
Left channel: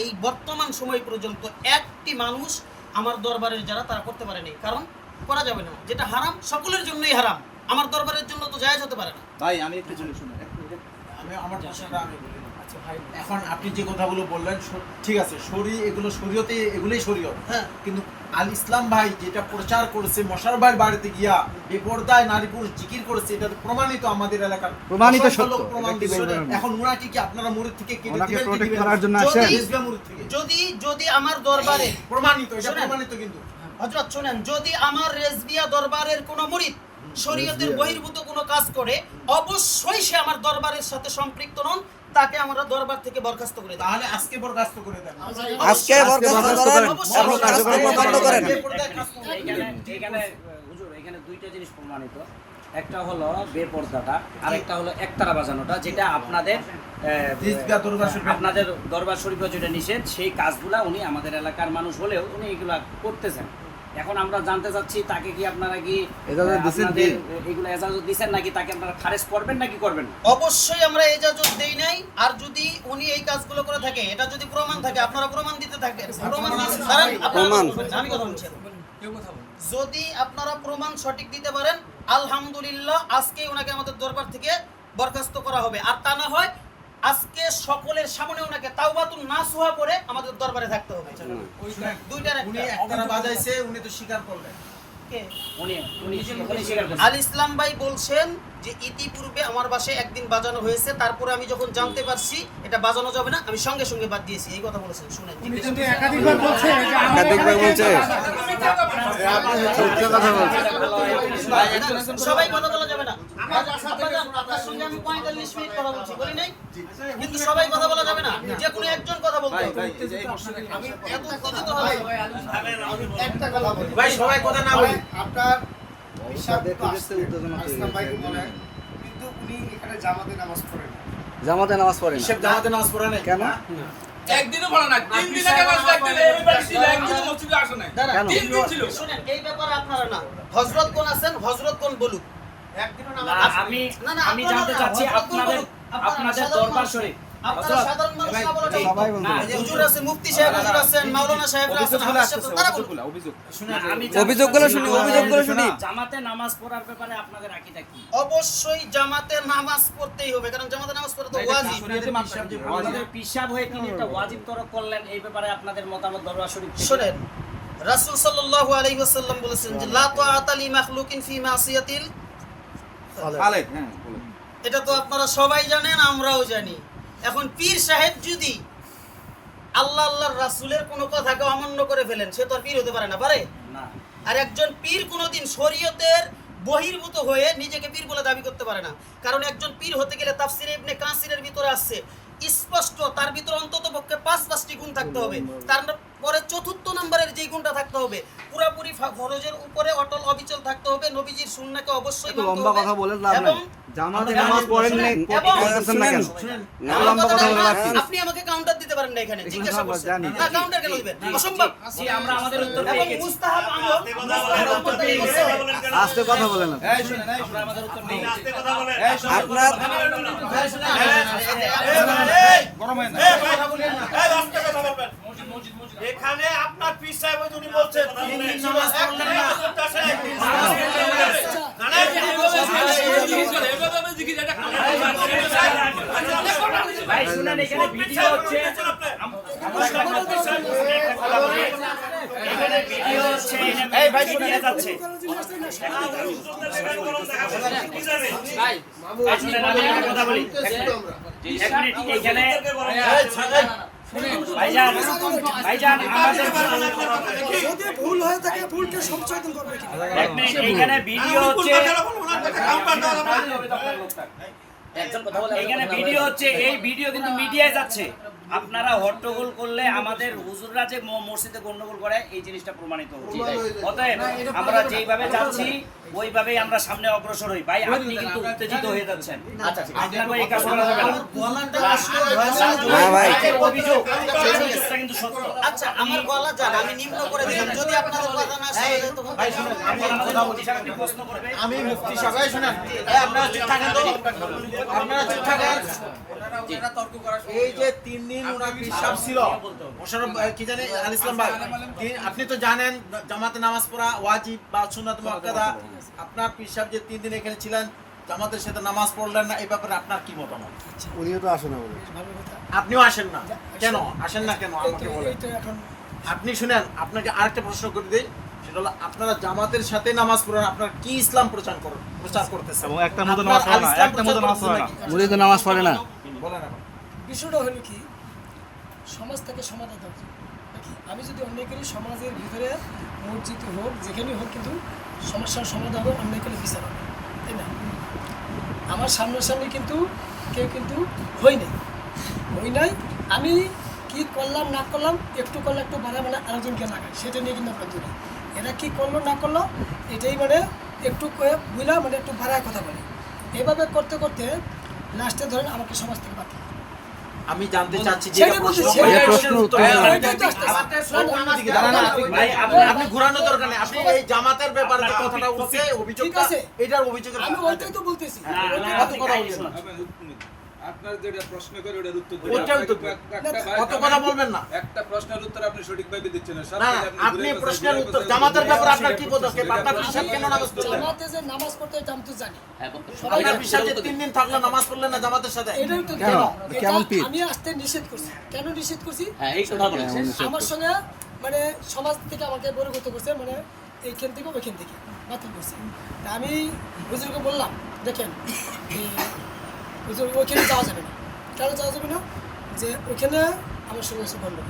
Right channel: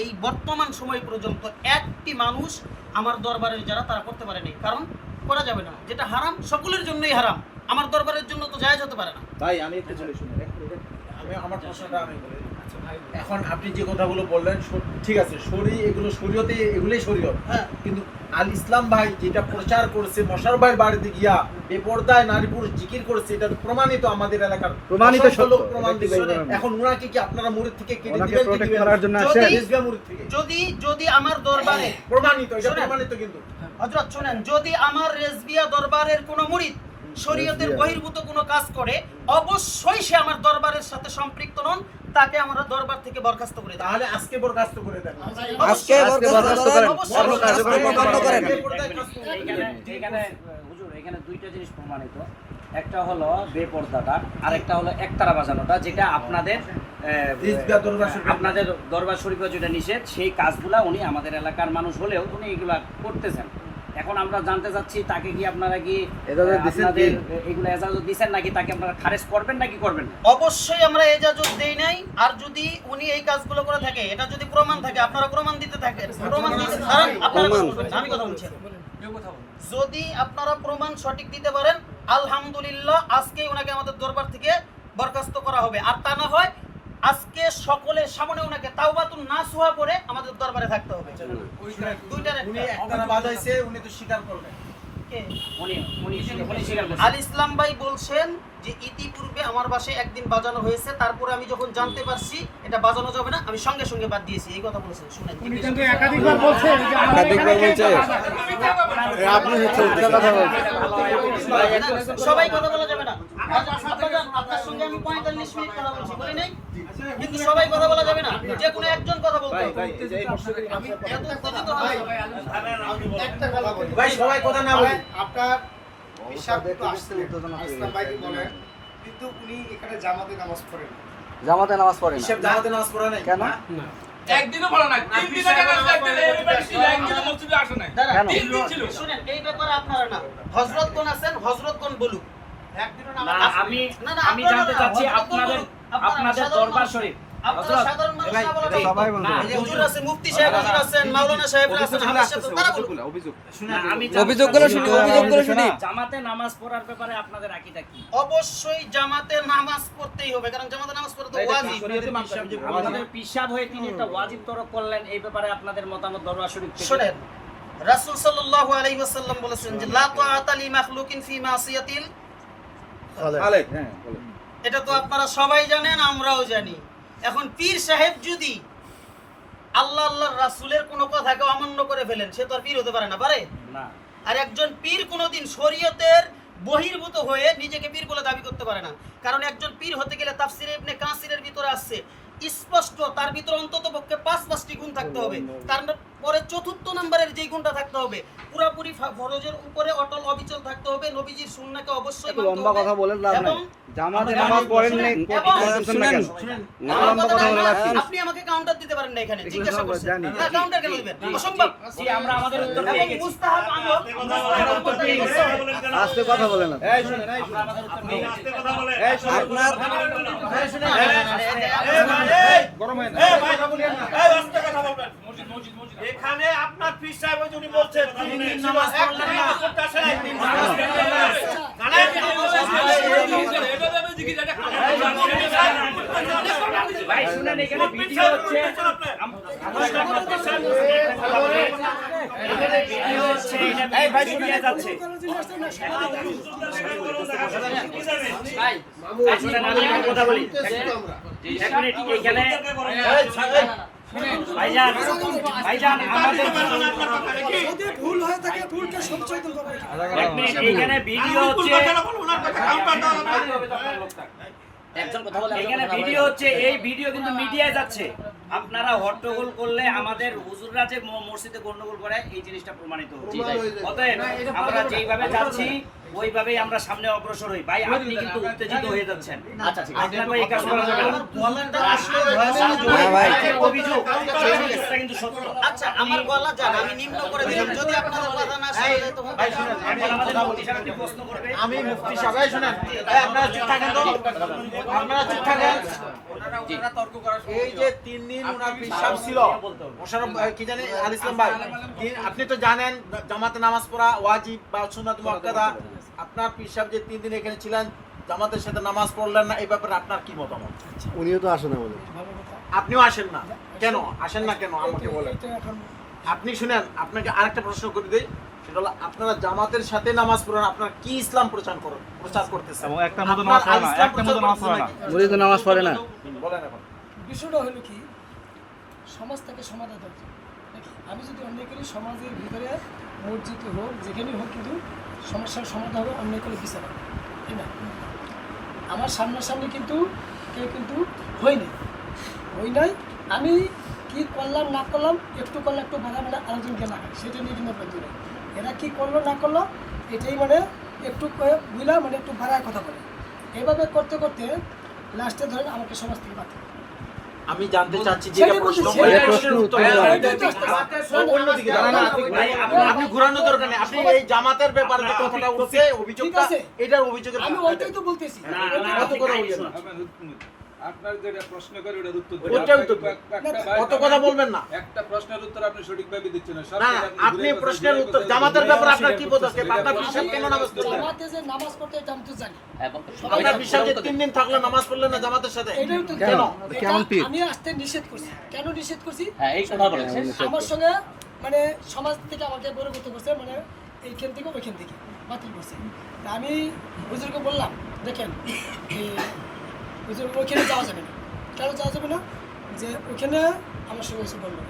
এই বর্তমান সময় পর্যন্ত একটি মানুষ আমার দরবারের যারা তারা করতে পারেনি, কারণ করা যাবে না। যেটা হারাম সকলের জন্যই হারাম, আমার দরবারের জন্য তো জায়েজ হতে পারে না। ভাই আমি একটু চলে শুনুন। আমি আমার প্রশ্নটা আমি বলি। এখন আপনি যে কথাগুলো বললেন ঠিক আছে, এগুলো শরীয়তে, এগুলোই শরীয়ত। হ্যাঁ। কিন্তু আল ইসলাম ভাই যেটা প্রচার করেছে মশারফ ভাইয়ের বাড়িতে গিয়া বেপরদায় নারী পুরুষ জিকির করেছে, এটা তো প্রমাণিত আমাদের এলাকার প্রমাণিত অসংখ্য সত্য। লোক প্রমাণ ব্যক্তি দিচ্ছে। বলবেন না। এখন ওনাকে কি আপনারা মুরিদ থেকে কেটে ওনাকে দিবেন কি protect দিবেন না? করার জন্য আসে। রেজবিয়া মুরিদ থেকে যদি আমার দরবারে প্রমাণিত, এটা শোনেন। প্রমাণিত কিন্তু হযরত শুনেন, যদি আমার রেজবিয়া দরবারের কোনো মুরিদ শরীয়তের বহির্ভূত কোনো কাজ করে, অবশ্যই সে আমার দরবারের সাথে সম্পৃক্ত নন, তাকে আমরা দরবার থেকে বরখাস্ত করে দেব। তাহলে আজকে বরখাস্ত করে দেন। আজকে বরখাস্ত করেন অবশ্যই। এবং কাজকর্ম বন্ধ করেন। এখানে হুজুর, এখানে 2টা জিনিস প্রমাণিত, একটা হলো বেপরদাটা, আর একটা হলো একতারা বাজানোটা, যেটা আপনাদের রেজবিয়া দরবার শরীফে। আপনাদের দরবার শরীফে যেটা নিষেধ, সেই কাজগুলা উনি আমাদের এলাকার মানুষ হলেও উনি এগুলা করতেছেন। এখন আমরা জানতে চাচ্ছি, তাকে কি আপনারা কি এজাজত দিছেন আপনাদের কি? এগুলো এজাজত দিছেন নাকি, তাকে আপনারা খারেজ করবেন নাকি করবেন না? অবশ্যই আমরা এজাজত দেই নাই। আর যদি উনি এই কাজগুলো করে থাকে, এটা যদি প্রমাণ থাকে, আপনারা প্রমাণ দিতে থাকেন, প্রমাণ দিতে দাঁড়ান, আপনারা কথা বলবেন না, আমি কথা বলছি। যদি আপনারা প্রমাণ সঠিক দিতে পারেন, আলহামদুলিল্লাহ, আজকেই ওনাকে আমাদের দরবার থেকে বরখাস্ত করা হবে। আর তা না হয় আজকে সকলের সামনে ওনাকে তাওবাতুন নাসুহা করে আমাদের দরবারে থাকতে হবে। দুইটার উনি একটা। একতারা বাজাইছে, উনি তো স্বীকার করলেন। কে? উনি স্বীকার করছেন। আল ইসলাম ভাই বলছেন যে ইতিপূর্বে আমার বাসায় একদিন বাজানো হয়েছে, তারপরে আমি যখন জানতে পারছি এটা বাজানো যাবে না, আমি সঙ্গে সঙ্গে বাদ দিয়েছি, এই কথা বলেছেন। শুনেন, একাধিকবার বলছে আপনি মিথ্যা কথা বলছেন। সবাই কথা বলা যাবে না। আপনার সঙ্গে আমি 45 মিনিট কথা বলছি, বলি নাই? কিন্তু সবাই কথা বলা যাবে না, যে কোনো একজন কথা বলতে হবে। আমি এত উত্তেজিত হই। একটা কথা বলি ভাই সবাই কথা না বলি। আপনার বিশ্বাস তো আসছে ইসলাম ভাইকে বলেন, কিন্তু উনি এখানে জামাতে নামাজ পড়েন না। জামাতে নামাজ পড়েন হিসেব জামাতে নামাজ পড়া নাই কেন? একদিনও ভালো না, 3 দিন আগে একদিনও মসজিদে আসে নাই। দাঁড়ান, 3 দিন ছিল। শুনেন, এই ব্যাপারে আপনারা না, হযরতগণ আছেন, হযরতগণ বলুক। একদিনও না, নামাজ আমি না, না, আমি আপনারা জানতে না, চাচ্ছি হযরতগণ আপনাদের বলুক। আপনারা আপনাদের সাধারণ দরবার মানুষ। শরীফ, আপনারা সাধারণ মানুষ না বলে ঠিক। সবাই বলতে না, পারে। হুজুর আছেন, মুফতি সাহেব হুজুর আছেন, মাওলানা সাহেব আছেন, অভিযোগগুলো হাফেজ সাহেব, তারা বলুক। অভিযোগ না, আমি অভিযোগগুলো শুনি, অভিযোগগুলো শুনি। জামাতে নামাজ পড়ার ব্যাপারে আপনাদের আকীদা কি? অবশ্যই জামাতে নামাজ পড়তেই হবে, কারণ জামাতে নামাজ পড়া তো ওয়াজিব। আমাদের পিসাব হয়ে তিনি একটা ওয়াজিব তরক করলেন, এই ব্যাপারে আপনাদের মতামত দরবার শরীফ থেকে। শুনেন, রাসূল সাল্লাল্লাহু আলাইহি ওয়াসাল্লাম বলেছেন যে লা তাআতা লি মাখলুকিন ফি মাসিয়াতিল। খালেক, হ্যাঁ বলেন। এটা তো আপনারা সবাই জানেন, আমরাও জানি। এখন পীর সাহেব যদি আল্লাহর রাসূলের কোনো কথাকে অমান্য করে ফেলেন, সে তো আর পীর হতে পারে না, পারে? না, আর একজন পীর কোনোদিন শরীয়তের বহির্ভূত হয়ে নিজেকে পীর বলে দাবি করতে পারে না। কারণ একজন পীর হতে গেলে তাফসিরে ইবনে কাসিরের ভিতরে আসছে স্পষ্ট, তার ভিতরে অন্তত পক্ষে 5-5টি গুণ থাকতে হবে। তারপরে চতুর্থ নম্বরের যে গুণটা থাকতে হবে, পুরাপুরি ফরজের উপরে অটল অবিচল থাকতে হবে, নবীজির সুন্নাহকে অবশ্যই মানতে লম্বা হবে কথা বলেন না এবং জামাতে নামাজ পড়েননি শুনেন আমার কথাটা আপনি আমাকে কাউন্টার দিতে পারেন না এখানে, জিজ্ঞাসা করছেন না, কাউন্টার কেন দিবেন? অসম্ভব। জি, আমরা আমাদের উত্তর এবং পেয়ে গেছি। মুস্তাহাব আমল, মুস্তাহাব আমল থেকে করতে হবে। আস্তে কথা বলেন আমরা আমাদের উত্তর পেয়ে গেছি। আপনার এখানে আপনার পীর সাহেব উনি বলছেন একটা নামাজ পড়তে আসে নাই। ভাই শুনেন, এখানে ভিডিও হচ্ছে। এই ভাই শুনিয়ে যাচ্ছে। ভাই শুনেন, আমি একটা কথা বলি। এক মিনিট, এইখানে ভাইজান আমাদের যদি ভুল হয়ে থাকে ভুলকে সংশোধন করবে কি? এক মিনিট, এইখানে ভিডিও হচ্ছে। এখানে ভিডিও হচ্ছে, এই ভিডিও কিন্তু মিডিয়ায় যাচ্ছে। আপনারা হট্টগোল করলে আমাদের হুজুররা যে মসজিদে গন্ডগোল করে এই জিনিসটা প্রমাণিত হচ্ছে। অতএব আমরা যেইভাবে যাচ্ছি ওইভাবেই আমরা সামনে অগ্রসর হই। ভাই আপনি কিন্তু উত্তেজিত হয়ে যাচ্ছেন, আপনাকে এই কাজ করা যাবে না। ভাই। অভিযোগ সেই অভিযোগটা কিন্তু সত্য। আচ্ছা, আমার গলা যান, আমি নিম্ন করে দিলাম, যদি আপনাদের কথা না শুনে তখন ভাই শুনেন, আমি এখন আমাদের কথা মুফতি বলি। সাহেব একটি প্রশ্ন করবে। আমি মুফতি সাহেব, এই শুনেন, এই আপনারা চুপ থাকেন তো, আপনারা চুপ থাকেন। এই যে 3 দিন ওনার পিসাব ছিল, মোশাররফ কি জানেন, আল ইসলাম ভাই, আপনি তো জানেন জামাতে নামাজ পড়া ওয়াজিব বা সুন্নাত মুআক্কাদা। আপনার পিসাব যে 3 দিন এখানে ছিলেন, জামাতের সাথে নামাজ পড়লেন না, এই ব্যাপারে আপনার কি মতামত? উনিও তো আসেন বলে ভালো কথা। আপনিও আসেন না কেন? আসেন না কেন আমাকে বলেন। এই তো এখন আপনি শুনেন, আপনাকে আরেকটা প্রশ্ন করে দিই, সেটা হলো আপনারা জামাতের সাথে নামাজ পড়েন, আপনারা কি ইসলাম প্রচার করতেছেন? এবং একটা মতো নামাজ পড়ে না, একটা মতো নামাজ পড়ে না। উনি তো নামাজ পড়ে না। বলেন এখন। বিষয়টা হলো কি, সমাজ থেকে সমাধান দরকার নাকি? আমি যদি অন্যায় করি, সমাজের ভিতরে মসজিদ হোক যেখানেই হোক, কিন্তু সমস্যার সমাধান হবে, অন্যায় করলে বিচার হবে, তাই না? আমার সামনাসামনি কিন্তু কেউ কিন্তু হই নাই। আমি কি করলাম না করলাম, একটু করলে একটু বাধা মানে আরেকজনকে লাগায়, সেটা নিয়ে কিন্তু আপনার দূরে। এরা কি করলো না করলো এটাই মানে একটু বুঝলাম, মানে একটু বাড়ায় কথা বলে। এভাবে করতে করতে লাস্টে ধরেন আমাকে সমাজ থেকে বাদ দিল। আমি জানতে চাচ্ছি যে সেটাই বলছি, সেটাই প্রশ্নের উত্তর দেন। এটাই তো আসতেছে। অন্যদিকে জানেন না, আপনি ঘুরানো দরকার নেই। আপনি এই জামাতের ব্যাপারে যে কথাটা উঠছে, অভিযোগটা, আছে। এটার অভিযোগের আমি ওইটাই তো বলতেছি। কত কথা বলবেন? আপনার যেটা প্রশ্ন করে ওটার উত্তর ওটাই তো। কত কথা বলবেন না। একটা প্রশ্নের উত্তর আপনি সঠিকভাবে দিচ্ছেন না। সব না, কিছু আপনি ঘুরে প্রশ্নের ঘুরে উত্তর, ঘুরে জামাতের ঘুরে ব্যাপারে ঘুরে আপনার কি পদক্ষেপ? আপনার পিসাব কেন নামাজ পড়লেন? জামাতে যে নামাজ পড়তে এটা আমি তো জানি। সবাই আপনার জানে। পিসাব যে 3 দিন থাকলে নামাজ পড়লেন না জামাতের সাথে, এটাই তো কেন? এটা কেমন পীর? আমি আসতে নিষেধ করছি। কেন নিষেধ করছি? এই কথা বলেন। আমার সঙ্গে মানে সমাজ থেকে আমাকে বহির্গত করছে, মানে এইখান থেকে ওইখান থেকে বাতিল করছে। তা আমি হুজুরকে বললাম, দেখেন হুজুর ওইখানে যাওয়া যাবে না। কেন যাওয়া যাবে না? যে ওইখানে আমার সঙ্গে হচ্ছে গন্ডগোল।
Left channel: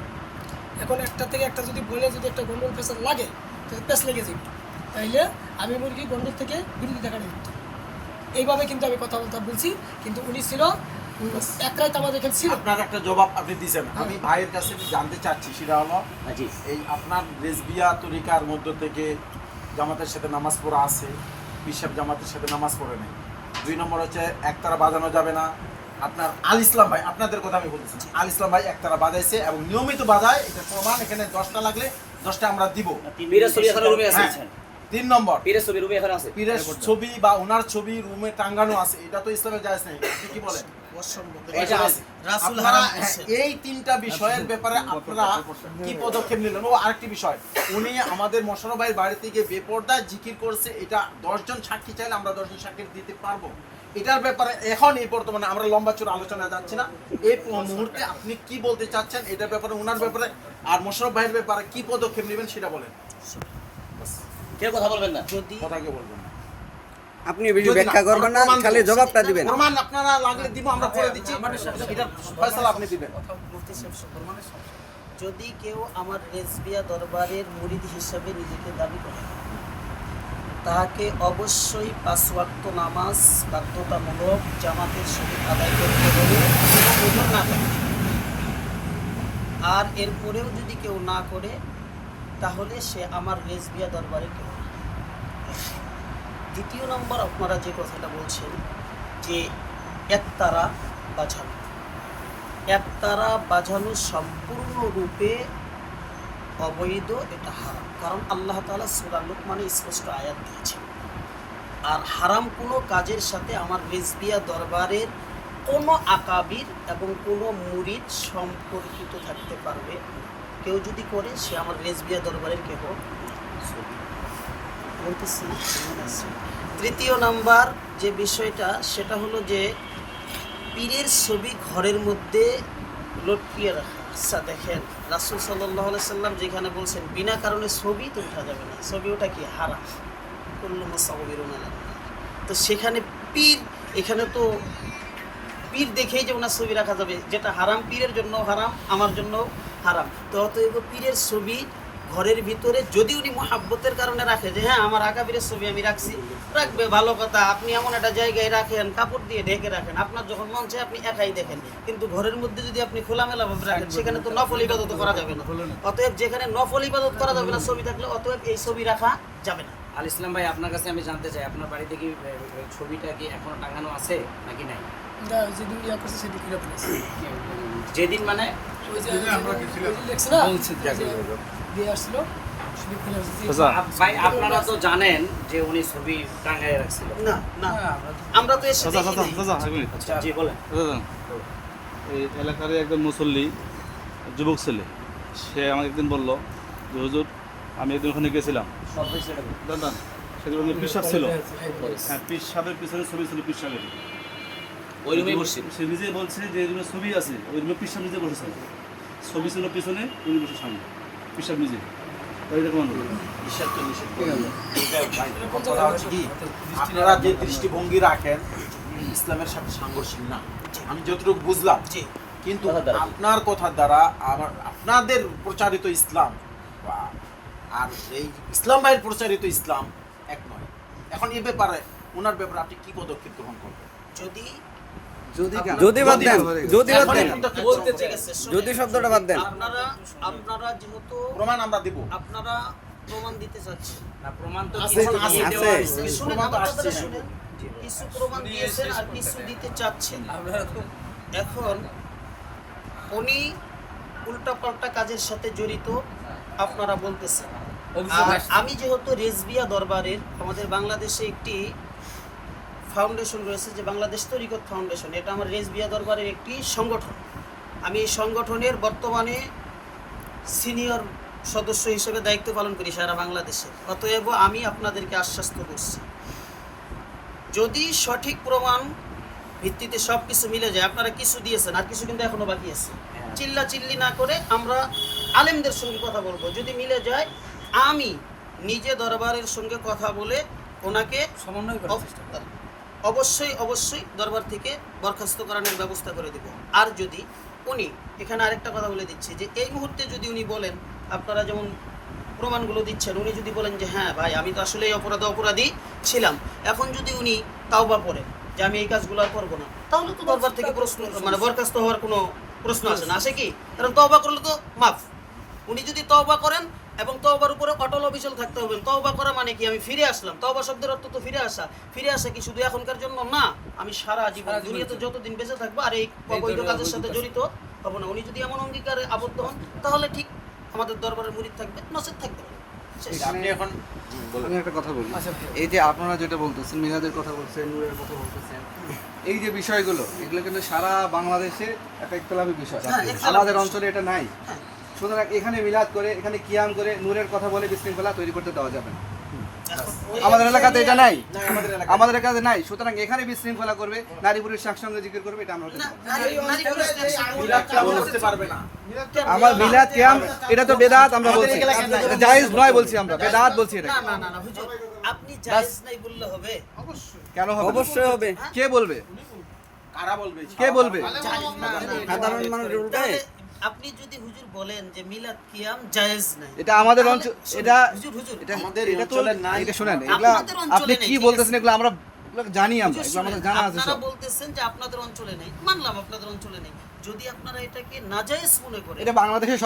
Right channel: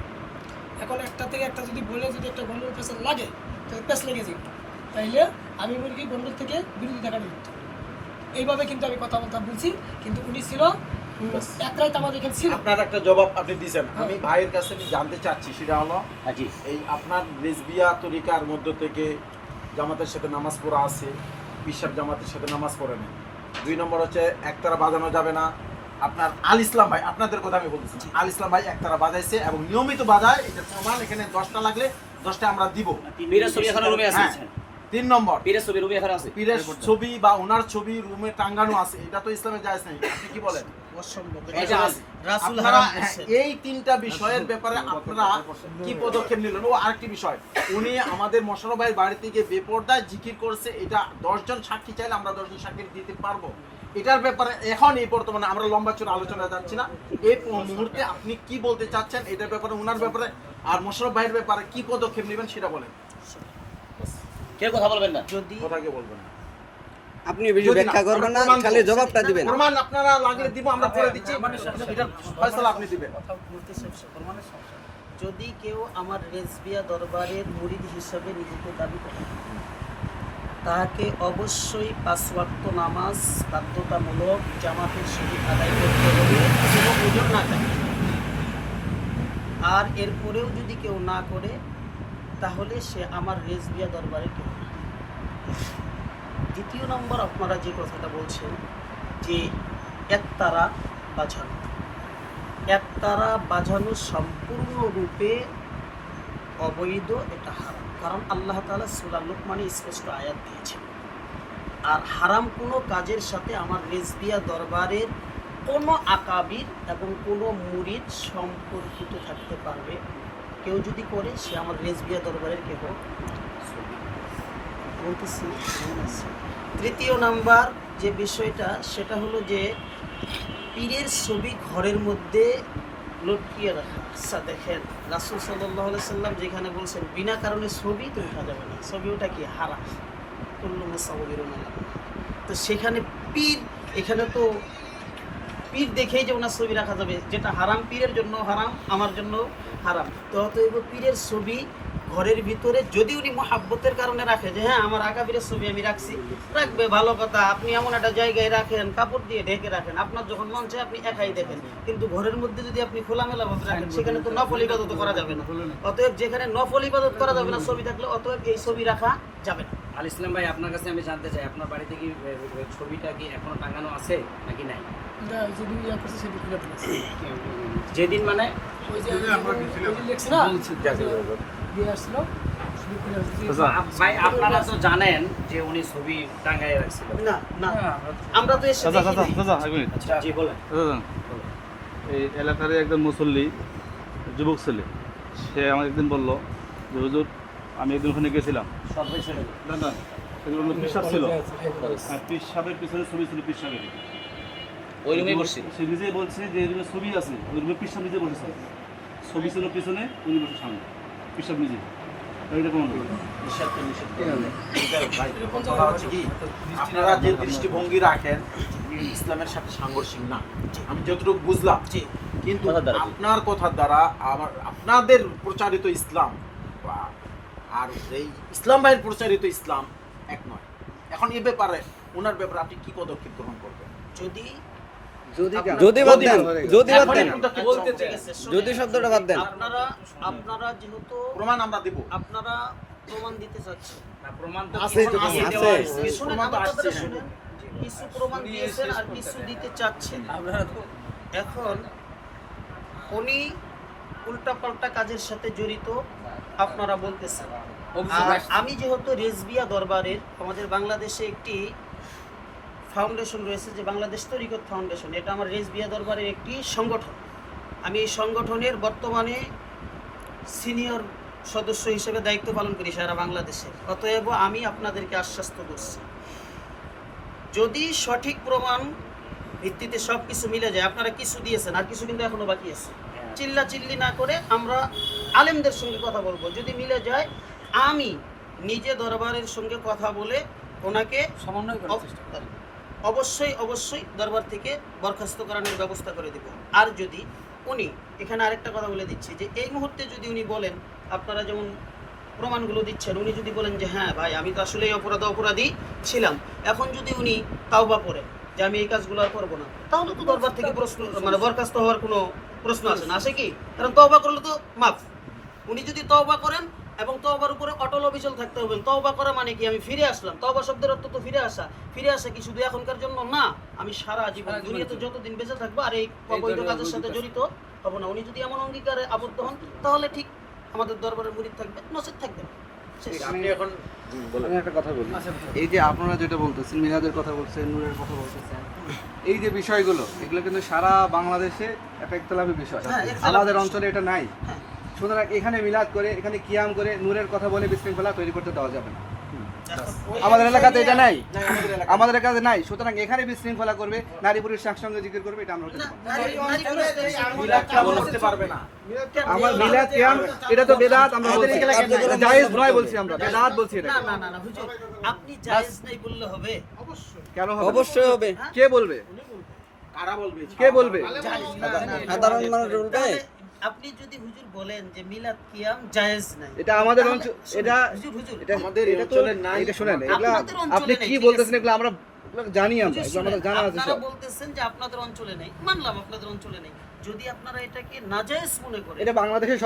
এখন একটা থেকে একটা যদি বলে যদি একটা গন্ডগোল পেশার লাগে, তাহলে পেশ লেগে যাবে। তাইলে আমি মুরগি গন্ডগোল থেকে বিরোধিতা কাটিয়ে দিত। এইভাবে কিন্তু আমি কথা বলছি, কিন্তু উনি ছিল এক রাত আমাদের এখানে ছিল। আপনার একটা জবাব আপনি দিয়েছেন, আমি ভাইয়ের কাছে জানতে চাচ্ছি, সেটা হলো জি। এই আপনার রেজবিয়া তরিকার মধ্য থেকে জামাতের সাথে নামাজ পড়া আছে, পিসাব জামাতের সাথে নামাজ পড়ে নেই। 2 নম্বর হচ্ছে একতারা বাজানো যাবে না। আপনার আল ইসলাম ভাই, আপনাদের কথা আমি বলতেছি, আল ইসলাম ভাই একতারা বাজাইছে এবং নিয়মিত বাজায়, এটা প্রমাণ। এখানে 10টা লাগলে 10টা আমরা দিব। হ্যাঁ। 3 নম্বর, পীরের ছবি বা ওনার ছবি রুমে টাঙ্গানো আছে, এটা তো ইসলামে জায়েজ নেই। আপনি কি বলেন? এটা আছে। রাসূল আপনারা হারাম করছে। এই 3টা বিষয়ের ব্যাপারে আপনারা কি পদক্ষেপ নিলেন? ও আরেকটি বিষয়, উনি আমাদের মোশাররফ ভাইয়ের বাড়ি থেকে বেপরদায় জিকির করছে, এটা 10 জন সাক্ষী চাইলে আমরা 10 জন সাক্ষী দিতে পারবো। এটার ব্যাপারে এখন এই বর্তমানে আমরা লম্বা চূড়া আলোচনা যাচ্ছি না, এই মুহূর্তে আপনি কি বলতে চাচ্ছেন এটার ব্যাপারে, ওনার ব্যাপারে আর মোশাররফ ভাইয়ের ব্যাপারে কি পদক্ষেপ নেবেন সেটা বলেন। কেউ কথা বলবেন না। যদি কথা কি বলবেন? আপনি বেশি ব্যাখ্যা করবেন না, খালি জবাবটা দিবেন। প্রমাণ আপনারা লাগলে দিব, আমরা করে দিচ্ছি, এটা ফয়সালা আপনি দিবেন। মুফতি সাহেব যদি কেউ আমার রেজবিয়া দরবারের মুরিদ হিসাবে নিজেকে দাবি করে, তাকে অবশ্যই 5 ওয়াক্ত নামাজ বাধ্যতামূলক জামাতের সহিত আদায় করতে হবে কোনো ওজন না থাকে। আর এরপরেও যদি কেউ না করে তাহলে সে আমার রেজবিয়া দরবারে কেউ না। দ্বিতীয় নম্বর, আপনারা যে কথাটা বলছেন যে একতারা বাজানো, একতারা বাজানো সম্পূর্ণরূপে অবৈধ, এটা হারাম। কারণ আল্লাহ তাআলা সূরা লুকমানে স্পষ্ট আয়াত দিয়েছেন। আর হারাম কোনো কাজের সাথে আমার রেজবিয়া দরবারের কোনো আকাবির এবং কোনো মুরিদ সম্পর্কিত থাকতে পারবে। কেউ যদি করে সে আমার রেজবিয়া দরবারের কেহ বলতেছি। তৃতীয় নাম্বার যে বিষয়টা সেটা হলো যে পীরের ছবি ঘরের মধ্যে লটকিয়ে রাখা। আচ্ছা দেখেন, রাসূল সাল্লাল্লাহু আলাইহি সাল্লাম যেখানে বলছেন বিনা কারণে ছবি তো উঠা যাবে না, ছবি ওটা কি হারাম, কুল্লু মুসাওবিরুন আলা। তো সেখানে পীর, এখানে তো পীর দেখেই যে ওনার ছবি রাখা যাবে, যেটা হারাম পীরের জন্য হারাম, আমার জন্য হারাম। তো অতএব পীরের ছবি ঘরের ভিতরে যদি উনি মহাব্বতের কারণে রাখে যে হ্যাঁ আমার আকাবিরের ছবি আমি রাখছি, রাখবে, ভালো কথা। আপনি এমন একটা জায়গায় রাখেন, কাপড় দিয়ে ঢেকে রাখেন, আপনার যখন মন চায় আপনি একাই দেখেন। কিন্তু ঘরের মধ্যে যদি আপনি খোলামেলা ভাবে রাখেন, সেখানে তো নফল ইবাদত করা যাবে না। অতএব যেখানে নফল ইবাদত করা যাবে না ছবি থাকলে, অতএব এই ছবি রাখা যাবে না। আল ইসলাম ভাই, আপনার কাছে আমি জানতে চাই, আপনার বাড়িতে কি ছবিটা কি এখনো টাঙানো আছে নাকি নাই? এটা ওই যে দুই ইয়া করছে সেটি খুলে ফেলেছে। যেদিন মানে ওই যে লেখছে না, দিয়ে আসছিল সেটি খুলে ফেলেছে। ভাই আপনারা তো জানেন যে উনি ছবি টাঙায় রাখছিল। না না, আমরা তো এসে দেখিনি। আচ্ছা জি বলেন। এই এলাকার একজন মুসল্লি যুবক ছেলে, সে আমাকে একদিন বলল যে হুজুর আমি একদিন ওখানে গেছিলাম, না সেগুলো পিসাব ছিল, হ্যাঁ পিসাবের পিছনে ছবি ছিল, পিসাবেরই ওই রুমে বসছি। সে নিজেই বলছে যে এই রুমে ছবি আছে, ওই রুমে পিসাব নিজে বসেছে, ছবি ছিল পিছনে, উনি বসে সামনে, পিসাব নিজে। তাই এটা কেমন হলো? কথা হচ্ছে কি, আপনারা যে দৃষ্টিভঙ্গি রাখেন ইসলামের সাথে সাংঘর্ষিক না, আমি যতটুকু বুঝলাম। কিন্তু আপনার কথার দ্বারা আমার আপনাদের প্রচারিত ইসলাম আর এই ইসলাম ভাইয়ের প্রচারিত ইসলাম এক নয়। এখন এ ব্যাপারে ওনার ব্যাপারে আপনি কি পদক্ষেপ গ্রহণ করবেন? যদি যদি বাদ দেন, যদি বাদ দেন, বলতে ঠিক আছে, যদি শব্দটা বাদ দেন। আপনারা যেহেতু প্রমাণ আমরা দেব, আপনারা প্রমাণ দিতে চাচ্ছেন, না প্রমাণ তো আছে, আছে। শুনেন আমার কথাটা শুনেন। কিছু প্রমাণ দিয়েছেন আর কিছু দিতে চাচ্ছেন। এখন উনি উল্টাপাল্টা কাজের সাথে জড়িত আপনারা বলতেছেন। আর আমি যেহেতু রেজবিয়া দরবারের, আমাদের বাংলাদেশে একটি ফাউন্ডেশন রয়েছে যে বাংলাদেশ তরিকত ফাউন্ডেশন, এটা আমার রেজবিয়া দরবারের একটি সংগঠন। আমি এই সংগঠনের বর্তমানে সিনিয়র সদস্য হিসেবে দায়িত্ব পালন করি সারা বাংলাদেশে। অতএব আমি আপনাদেরকে আশ্বস্ত করছি, যদি সঠিক প্রমাণ ভিত্তিতে সব কিছু মিলে যায়, আপনারা কিছু দিয়েছেন আর কিছু কিন্তু এখনো বাকি আছে, চিল্লা চিল্লি না করে আমরা আলেমদের সঙ্গে কথা বলবো। যদি মিলে যায় আমি নিজে দরবারের সঙ্গে কথা বলে ওনাকে সমন্বয় করার চেষ্টা করি। অবশ্যই দরবার থেকে বরখাস্ত করানোর ব্যবস্থা করে দেব। আর যদি উনি, এখানে আরেকটা কথা বলে দিচ্ছি যে এই মুহূর্তে যদি উনি বলেন, আপনারা যেমন প্রমাণগুলো দিচ্ছেন, উনি যদি বলেন যে হ্যাঁ ভাই আমি তো আসলে এই অপরাধী ছিলাম, এখন যদি উনি তাওবা করেন যে আমি এই কাজগুলো আর করবো না, তাহলে তো দরবার থেকে প্রশ্ন মানে বরখাস্ত হওয়ার কোনো প্রশ্ন আসে না, আসে কি? কারণ তওবা করলে তো মাফ। উনি যদি তওবা করেন এবং তওবার উপরে অটল অবিচল থাকতে হবে। তওবা করা মানে কি? আমি ফিরে আসলাম। তওবা শব্দের অর্থ তো ফিরে আসা। ফিরে আসা কি শুধু এখনকার জন্য না, আমি সারা জীবন দুনিয়াতে যতদিন বেঁচে থাকবো আর এই অবৈধ কাজের সাথে জড়িত হব না। উনি যদি এমন অঙ্গীকারে আবদ্ধ হন তাহলে ঠিক আমাদের দরবারের মুরিদ থাকবে, নসিব থাকবে না। আপনি এখন আমি একটা কথা বলি, এই যে আপনারা যেটা বলতেছেন, মিলাদের কথা বলছেন, নূরের কথা বলতেছেন, এই যে বিষয়গুলো, এগুলো কিন্তু সারা বাংলাদেশে একটা ইখতিলাফি বিষয়। আমাদের অঞ্চলে এটা নাই। সুতরাং এখানে মিলাদ করে, এখানে কিয়াম করে, নূরের কথা বলে বিশৃঙ্খলা তৈরি করতে দেওয়া যাবে না। আমাদের এলাকাতে এটা নাই, আমাদের এলাকাতে নাই। সুতরাং এখানে বিশৃঙ্খলা করবে, নারী পুরুষ একসঙ্গে জিকির করবে, এটা আমরা হতে দেব না। আমার মিলাদ কিয়াম এটা তো বেদাত, আমরা বলছি জায়েজ নয়, বলছি আমরা বেদাত বলছি এটা। না হুজুর, আপনি জায়েজ নাই বললে হবে? কেন হবে? অবশ্যই হবে। কে বলবে? কারা বলবে? কে বলবে? জায়েজ না, সাধারণ মানুষ বলবে। আপনি যদি হুজুর বলেন যে মিলাদ কিয়াম জায়েজ নাই, এটা আমাদের তাহলে অঞ্চল, শুনুন, এটা হুজুর এটা আমাদের এটা তো অঞ্চলে নাই। এটা শুনেন, এগুলা আপনাদের অঞ্চলে আপনি নেই, কি ঠিক বলতেছেন আছে। এগুলো আমরা এগুলো জানি, আমরা হুজুর এগুলো আমাদের শুনেন, জানা আছে আপনারা সব। বলতেছেন যে আপনাদের অঞ্চলে নেই, মানলাম আপনাদের অঞ্চলে নেই। যদি আপনারা এটাকে নাজায়েজ মনে করেন, এটা বাংলাদেশের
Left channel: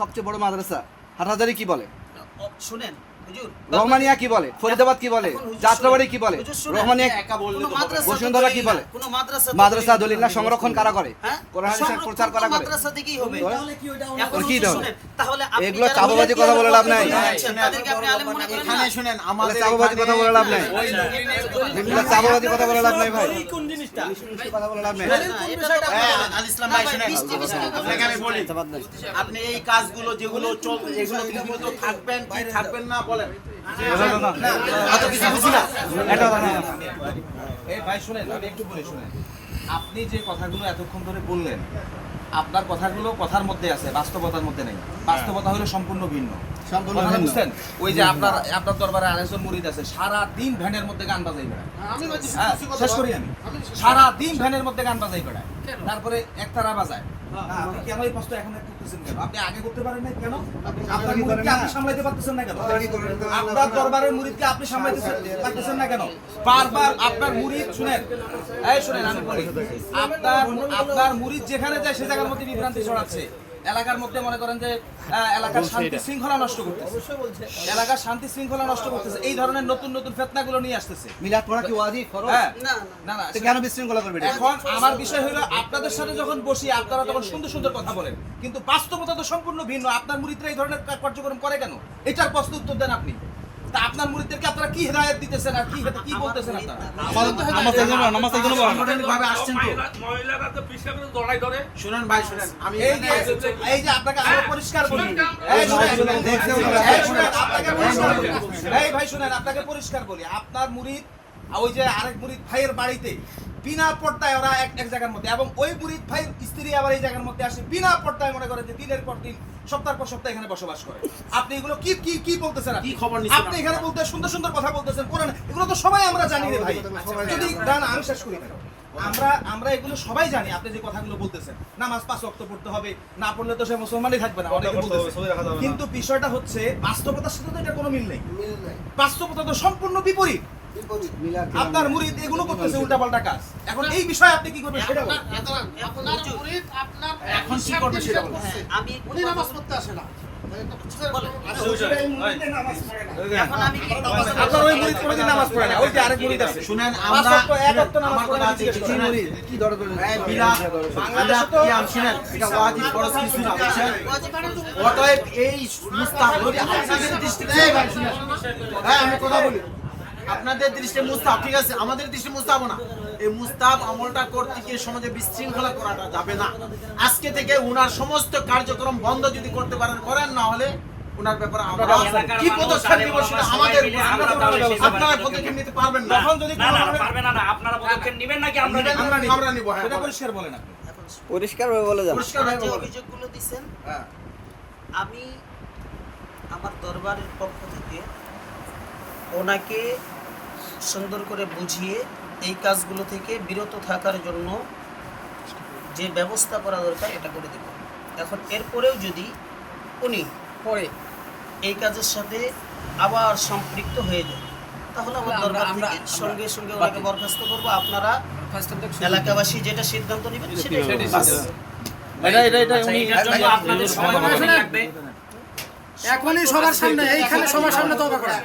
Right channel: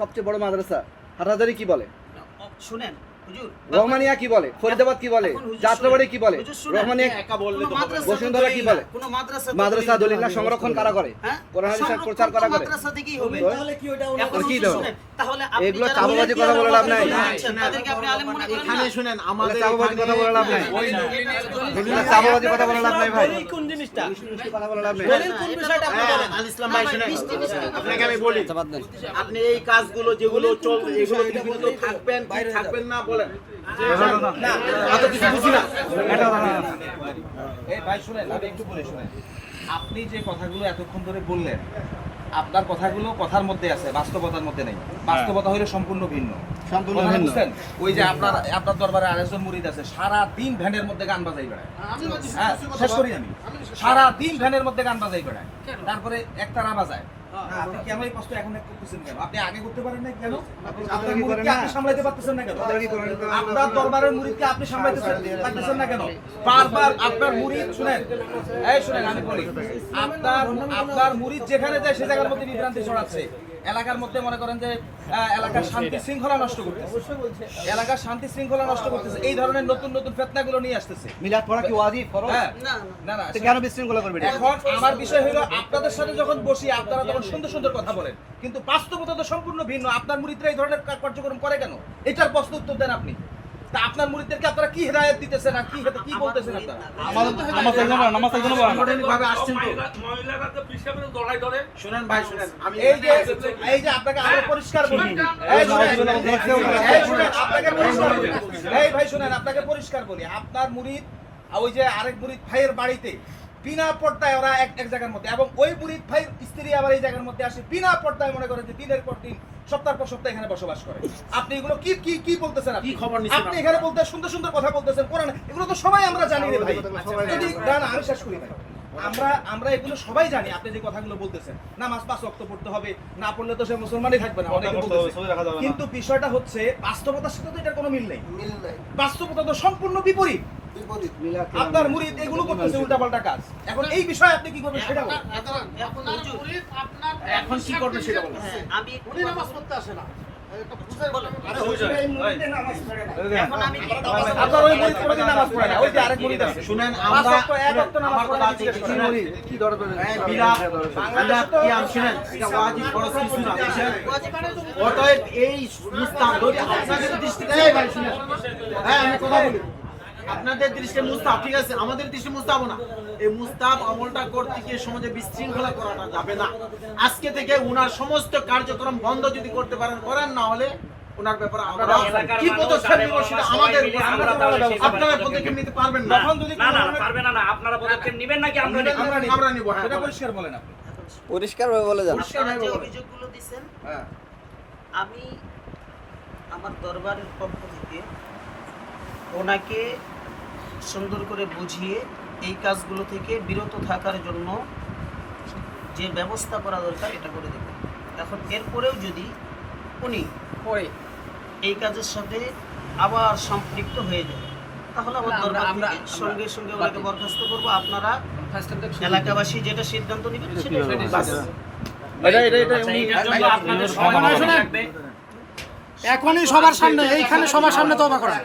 সবচেয়ে বড় মাদ্রাসা। হাটহাজারি কি বলে, শুনেন হুজুর, রহমানিয়া কি বলে, ফরিদাবাদ কি বলে, এখন হুজুর যাত্রাবাড়ি কি বলে, হুজুর শুনেন, রহমানিয়া কোনো মাদ্রাসা তো বসুন্ধরা কি দলিল বলে? না, কোনো মাদ্রাসা তো মাদ্রাসা দলিল দলিল না, না। সংরক্ষণ কারা করে? হ্যাঁ? কোরআন হাদিসের প্রচার সংরক্ষণ কারা তো করে? মাদ্রাসা থেকেই হবে। তাহলে কি ওইটা এখন কি হুজুর দেবো? শুনেন, তাহলে আপনি এগুলো যারা চাপাবাজি মিলাদ কথা বলে লাভ নাই। দিচ্ছেন, তাদেরকে আপনি আলেম মনে করেন না? এখানে শুনেন, আমাদের চাপাবাজি কথা বলে লাভ নাই। ওই এগুলো চাপাবাজি কথা বলে লাভ নাই ভাই, দলিল কোন জিনিসটা? মিষ্টি কথা বলে লাভ নাই। দলিল কোন বিষয়টা আপনি বলেন? আল ইসলাম না ভাই ভাই, শুনেন, মিষ্টি মিষ্টি কথা আপনাকে আমি বলি, বাদ দেন। আপনি এই কাজগুলো যেগুলো চলছে এগুলো ঠিকমতো থাকবেন কি থাকবেন না বলেন। এত কিছু বুঝি না। এই ভাই শুনেন, আমি একটু বলে শুনেন, আপনি যে কথাগুলো এতক্ষণ ধরে বললেন, আপনার কথাগুলো কথার মধ্যে আছে, বাস্তবতার মধ্যে নেই। বাস্তবতা হলো সম্পূর্ণ ভিন্ন। সম্পূর্ণ কথাটা ভিন্ন। বুঝছেন? ওই যে আপনার দরবারে আরেকজন মুরিদ আছে, সারা দিন ভ্যানের মধ্যে গান বাজাই বেড়ায়। হ্যাঁ, শেষ করি আমি। সারা দিন ভ্যানের মধ্যে গান বাজাই বেড়ায়, তারপরে একতারা বাজায়। না, আপনি কেন এই কষ্ট এখন করতেছেন কেন? আপনি আগে করতে পারেন না কেন? আপনার মুরিদকে আপনি সামলাইতে পারতেছেন না কেন? আপনার দরবারের মুরিদকে আপনি সামলাইতে পারতেছেন না কেন? বারবার আপনার মুরিদ শুনেন, এই শুনেন আমি বলি, আপনার মুরিদ যেখানে যায় সে জায়গার মধ্যে বিভ্রান্তি ছড়াচ্ছে। এলাকার মধ্যে মনে করেন যে এলাকার শান্তি শৃঙ্খলা নষ্ট করতেছে, এলাকার শান্তি শৃঙ্খলা নষ্ট করতেছে, এই ধরনের নতুন নতুন ফিতনাগুলো নিয়ে আসতেছে। মিলাদ পড়া কি ওয়াজিব ফরজ? হ্যাঁ, না না, তো কেন বিশৃঙ্খলা করবে এটা? এখন আমার বিষয় হলো আপনাদের সাথে যখন বসি আপনারা তখন সুন্দর সুন্দর কথা বলেন, কিন্তু বাস্তবতা তো সম্পূর্ণ ভিন্ন। আপনার মুরিদরা এই ধরনের কার্যক্রম করে কেন? এটার প্রশ্ন উত্তর দেন আপনি। তা আপনার মুরিদদেরকে আপনারা কি হিদায়াত দিতেছেন আর কি বলতেছেন আপনারা? ভাবে আসছেন তো। মহিলারা তো পিছনে জড়াই ধরে শুনেন ভাই শুনেন, আমি এই যে আপনাকে আমরা পরিষ্কার বলি, এই শুনেন, আপনাকে পরিষ্কার বলি, এই ভাই শুনেন, আপনাকে পরিষ্কার বলি, আপনার মুরিদ ওই যে আরেক মুরিদ ভাইয়ের বাড়িতে বিনা পর্দায় ওরা এক জায়গার মধ্যে, এবং ওই মুরিদ ভাইয়ের স্ত্রী আবার এই জায়গার মধ্যে আসে বিনা পর্দায়, মনে করেন যে দিনের পর দিন সপ্তাহের পর সপ্তাহ এখানে বসবাস করে। আপনি এগুলো কি কি কি বলতেছেন? কি খবর নিছেন আপনি এখানে বলতে সুন্দর সুন্দর কথা বলতেছেন, কোরআন এগুলো তো সবাই আমরা জানি রে ভাই। যদি না আমি শেষ করি ভাই, আমরা এগুলো সবাই জানি। আপনি যে কথাগুলো বলতেছেন, নামাজ 5 ওয়াক্ত পড়তে হবে, না পড়লে তো সে মুসলমানই থাকবে না, অনেকে বলতেছে। কিন্তু বিষয়টা হচ্ছে বাস্তবতার সাথে তো এটা কোনো মিল নেই। বাস্তবতা তো সম্পূর্ণ বিপরীত। মিলাদ কি আপনার মুরিদ এগুলো করতেছে উল্টাপাল্টা কাজ। এখন এই বিষয়ে আপনি কি করবেন সেটা বলুন। এখন কি করবে সেটা বলেন। হ্যাঁ, আমি একটু কথা বলি। বলেন। এখন আমি কি কথা বলবো? আপনার ওই মুরিদ কোনোদিন নামাজ পড়ে না, ওই যে আরেক মুরিদ আছে। শুনেন, পাঁচ ওয়াক্ত, এক ওয়াক্ত নামাজ পড়ে না, জিজ্ঞেস করেন। কি দরকার? মিলাদ কিয়াম শুনেন, এটা ওয়াজিব ফরজ কিছু না। ওয়াজিব ফরজ। অতএব এই মুস্তাহাব যদি আপনাদের দৃষ্টিতে, এই ভাই শুনেন, হ্যাঁ আমি কথা বলি, আপনাদের দৃষ্টিতে মুস্তাহাব ঠিক আছে, আমাদের দৃষ্টিতে মুস্তাহাব না। এই মুস্তাহাব আমলটা করতে গিয়ে সমাজে বিশৃঙ্খলা করাটা যাবে না। আজকে থেকে উনার সমস্ত কার্যক্রম বন্ধ যদি করতে পারেন করেন, না হলে উনার ব্যাপারে আমরা কি পদক্ষেপ নিব সেটা আমাদের উপর। আপনারা পদক্ষেপ নিতে পারবেন না। তখন যদি না না না, পারবে না না, আপনারা পদক্ষেপ নেবেন নাকি আমরা নিব? আমরা নিব, হ্যাঁ সেটা পরিষ্কার বলেন আপনি। পরিষ্কার ভাবে বলে যান। আপনারা যে অভিযোগগুলো দিচ্ছেন, হ্যাঁ। আমি আমার দরবারের পক্ষ থেকে ওনাকে সুন্দর করে বুঝিয়ে এই কাজগুলো থেকে বিরত থাকার জন্য যে ব্যবস্থা করা দরকার এটা করে দেব। এখন এরপরেও যদি উনি পরে এই কাজের সাথে আবার সম্পৃক্ত হয়ে যায়, তাহলে আমার দরবার থেকে সঙ্গে সঙ্গে ওনাকে বরখাস্ত করবো। আপনারা এলাকাবাসী যেটা সিদ্ধান্ত নেবেন সেটাই হবে। আচ্ছা, এটার জন্য আপনাদের সময় লাগবে। এখনই সবার সামনে, এইখানে সবার সামনে তওবা করা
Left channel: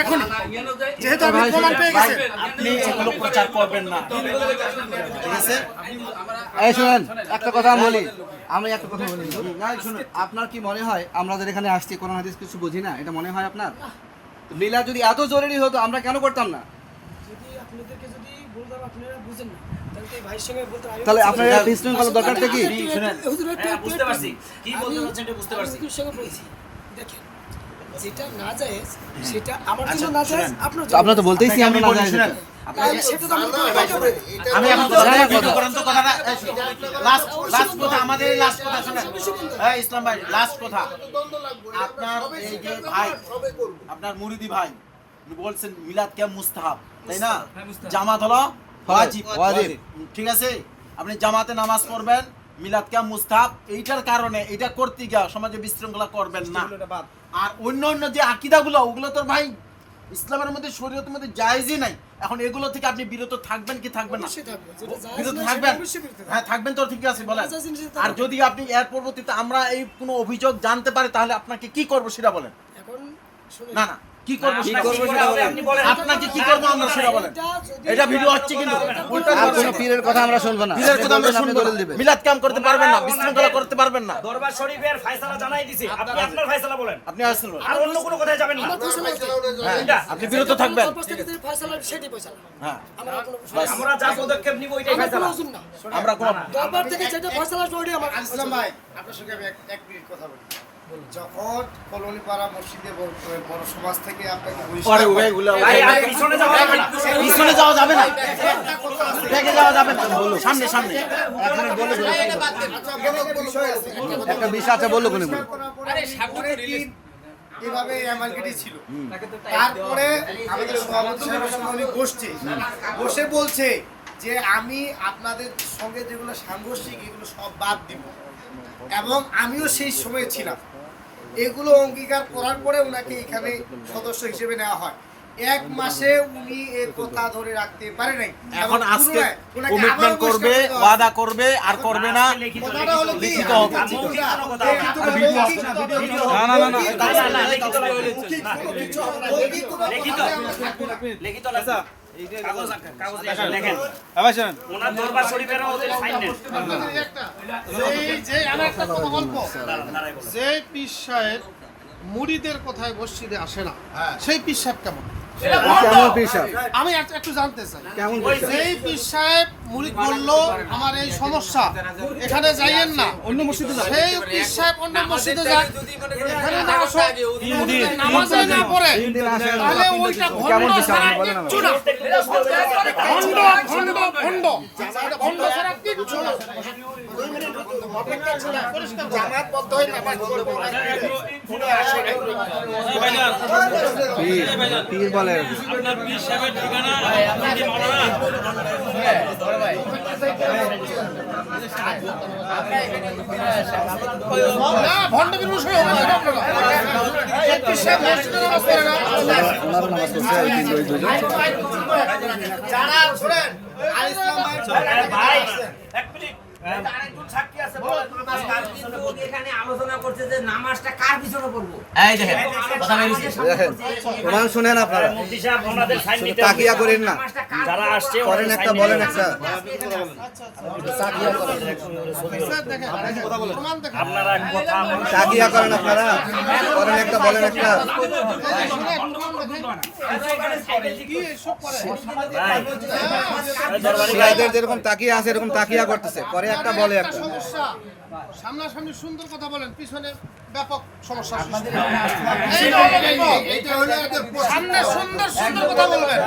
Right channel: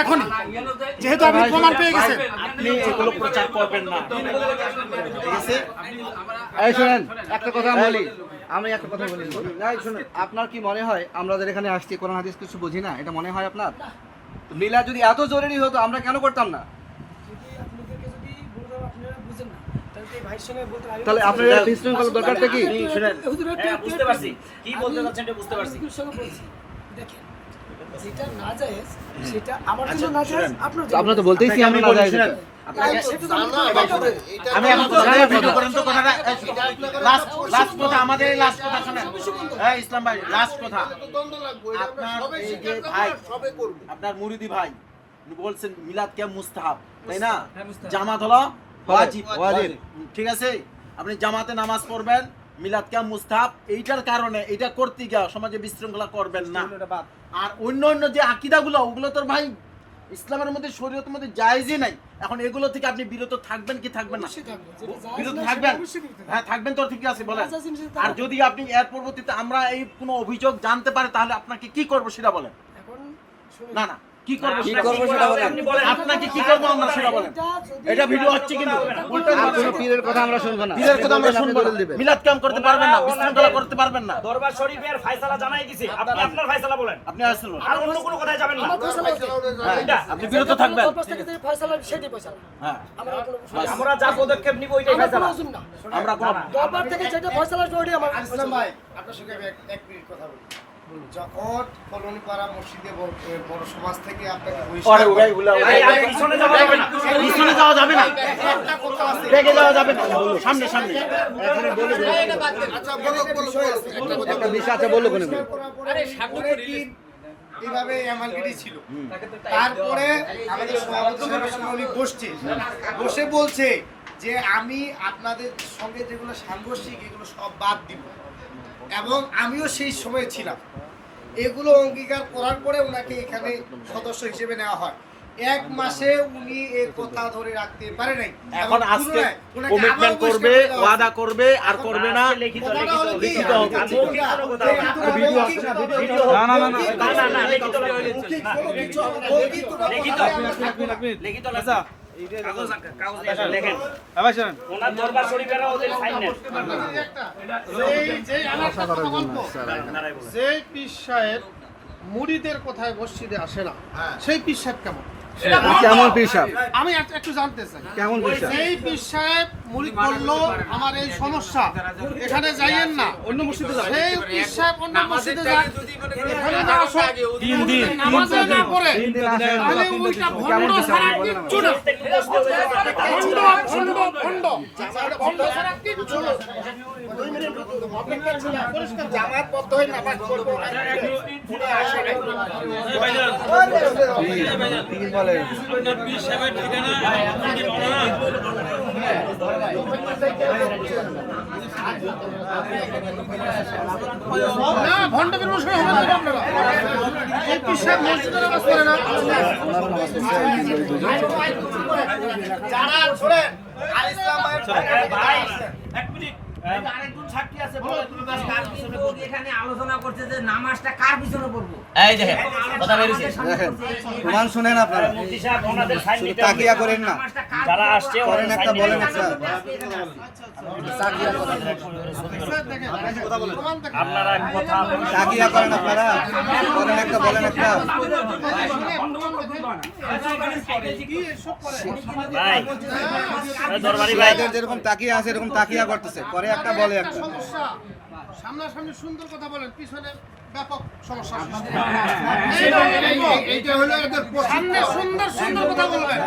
এখন, যেহেতু আপনি প্রমাণ পেয়ে গেছেন। আপনি এগুলো প্রচার করবেন না, ঠিক আছে? এই শুনেন, একটা কথা বলি, আমি একটা কথা বলি। শুনুন, আপনার কি মনে হয় আমরা যারা এখানে আসছি কোরআন হাদিস কিছু বুঝি না? এটা মনে হয় আপনার? তো মিলাদ যদি এত জরুরি হতো আমরা কেন করতাম না? যদি আপনাদেরকে যদি ভুলভাবে আপনারা বুঝেন না, তাহলে তো ভাইয়ের সঙ্গে বলতে আমি তাহলে আপনার বিশৃঙ্খলা দরকারটা কি? হুজুর একটু হ্যাঁ, বুঝতে পারছি কি বলতে চাচ্ছেন এটা বুঝতে পারছি। হুজুর সঙ্গে বলছি, দেখেন যেটা না জায়েজ সেটা আমার জন্য না জায়েজ, আপনার জন্য আপনারা তো বলতেইছি আমরা না যাই। তাহলে সেটা তো আমি কোনো দরকার নেই। আমি এখন কথা করেন তো কথাটা, লাস্ট কথা, আমাদের এই লাস্ট কথা শুনেন। এই ইসলাম ভাই, লাস্ট কথা, আপনার এই যে ভাই, আপনার মুরিদি ভাই উনি বলছেন মিলাদ কিয়াম মুস্তাহাব, তাই না? জামাত হলো ওয়াজিব। ওয়াজিব। ঠিক আছে, আপনি জামাতে নামাজ পড়বেন, মিলাদ ক্যাম্প মুস্তাহাব, এইটার কারণে এটা করতে গিয়ে সমাজে বিশৃঙ্খলা করবেন না। আর অন্য অন্য যে আকিদাগুলো ওগুলো তো ভাই ইসলামের মধ্যে শরীয়তের মধ্যে জায়েজই নাই। এখন এগুলো থেকে আপনি বিরত থাকবেন কি থাকবেন না? অবশ্যই থাকবে। যেটা জায়েজ বিরত না, সেটা থাকবেন? অবশ্যই বিরত থাকবে। হ্যাঁ থাকবেন তো, ঠিক আছে বলেন। জায়েজ জিনিসের তো আর যদি আপনি এর পরবর্তীতে আমরা এই কোনো অভিযোগ জানতে পারি তাহলে আপনাকে কি করবো সেটা বলেন। এখন শুনুন, না না কি করবো কি সেটা করবো সেটা বলেন। আপনাকে কি করবো আমরা সেটা বলেন। এটা যদি- এটা ভিডিও হচ্ছে কিন্তু এটা কোনো- আর কোনো পীরের কথা আমরা শুনবো না। পীরের কথা আমরা শুনবো না। দলিল দিবেন। মিলাদ ক্যাম্প করতে পারবেন না, বিশৃঙ্খলা করতে পারবেন না। দরবার শরীফের ফয়সালা জানাই দিছে, আপনি আপনার ফয়সালা বলেন, আপনি আসুন, আর অন্য কোনো কথায় যাবেন না। আমার ফয়সালা হচ্ছে। এটা আপনি বিরত যেটা থাকবেন। দরবার থেকে যে ফয়সালা, সেটাই ফয়সালা। হ্যাঁ আমার আর কোনো ফয়সালা- আমরা যা পদক্ষেপ নিব ওইটাই আমার কোনো ফয়সালা। ওজন না। আমরা কোনো দরবার থেকে যেটা ফয়সালা ওইটাই আমার আসলাম ভাই, আপনার সঙ্গে আমি এক মিনিট কথা বলি। যখন কলোনিপাড়া মসজিদে বড় সমাজ থেকে আপনাকে ভাই, আর পিছনে যাবেন না। পিছনে যাওয়া যাবে না, একটা কথা আছে। দেখে যাওয়া যাবে না, সামনে সামনে। একটা বিষয় আছে, বলুক উনি। অনেকদিন এভাবে অ্যামালগেটি ছিল। তারপরে আমাদের সভাপতি সাহেবের সঙ্গে উনি বসে বলছে যে আমি আপনাদের সঙ্গে যেগুলো সাংঘর্ষিক এগুলো সব বাদ দিব, এবং আমিও সেই সময় ছিলাম। এগুলো অঙ্গীকার করার পরে ওনাকে এখানে সদস্য হিসেবে নেওয়া হয়। 1 মাসে উনি এই কথা ধরে রাখতে পারে নাই। এখন আজকে পুনরায় ওনাকে আবার কমিটমেন্ট বহিষ্কার করবে, করে দেওয়া হয়। ওয়াদা করবে আর করবে না। কথাটা হলো কি? লিখিত হোক। না না না না লিখিত লাগা। কাগজ দিয়ে আসেন, দেখেন আবার শোনেন, ওনার দরবার শরীফেরও ওদের সাইন নেন। যে পীর সাহেব মুরিদের কথায় মসজিদে আসে না, সেই পীর সাহেব কেমন? কেমন পীর সাহেব? আমি একটু জানতে চাই। কেমন পীর সাহেব? যেই পীর সাহেব মুরিদ বলল আমার এই সমস্যা, এখানে যাইয়েন না, অন্য মসজিদে যান। সেই পীর সাহেব অন্য মসজিদে যায়, এখানে না আসো, নামাজে না পড়ে, তাহলে ওইটা ভণ্ড ছাড়া কিচ্ছু না। ভণ্ড ছাড়া কিচ্ছু না। জামাত বদ্ধ হয়ে নামাজ পড়বো। পীর বলে না, ভণ্ডের বিষয় হবে না। এই পীর সাহেব মসজিদে নামাজ পড়ে না। যারা শোনেন, আল ইসলাম ভাই, এক মিনিট। আরেকজন সাক্ষী আছে, বলেন। এখানে আলোচনা করছে যে নামাজটা কার পিছনে পড়বো। এই দেখেন কথা বলেছি দেখেন, প্রমাণ শুনেন আপনারা, মুফতি সাহেব ওনাদের সাইন নিতে হবে। তাকিয়া করেন না। যারা আসছে করেন ওনাদের একটা, সাইন বলেন নিতে হবে। একটা। আপনারা কথা বলেন। তাকিয়া করেন আপনারা, করেন একটা, বলেন একটা। ভাই, এই দরবারি ভাই, এদের যেরকম তাকিয়া আছে এরকম তাকিয়া করতেছে, করে একটা বলে একটা। সমস্যা, সামনাসামনি সুন্দর কথা বলেন, পিছনে ব্যাপক সমস্যা। এইটা হলো এদের সামনে সুন্দর সুন্দর কথা বলবেন,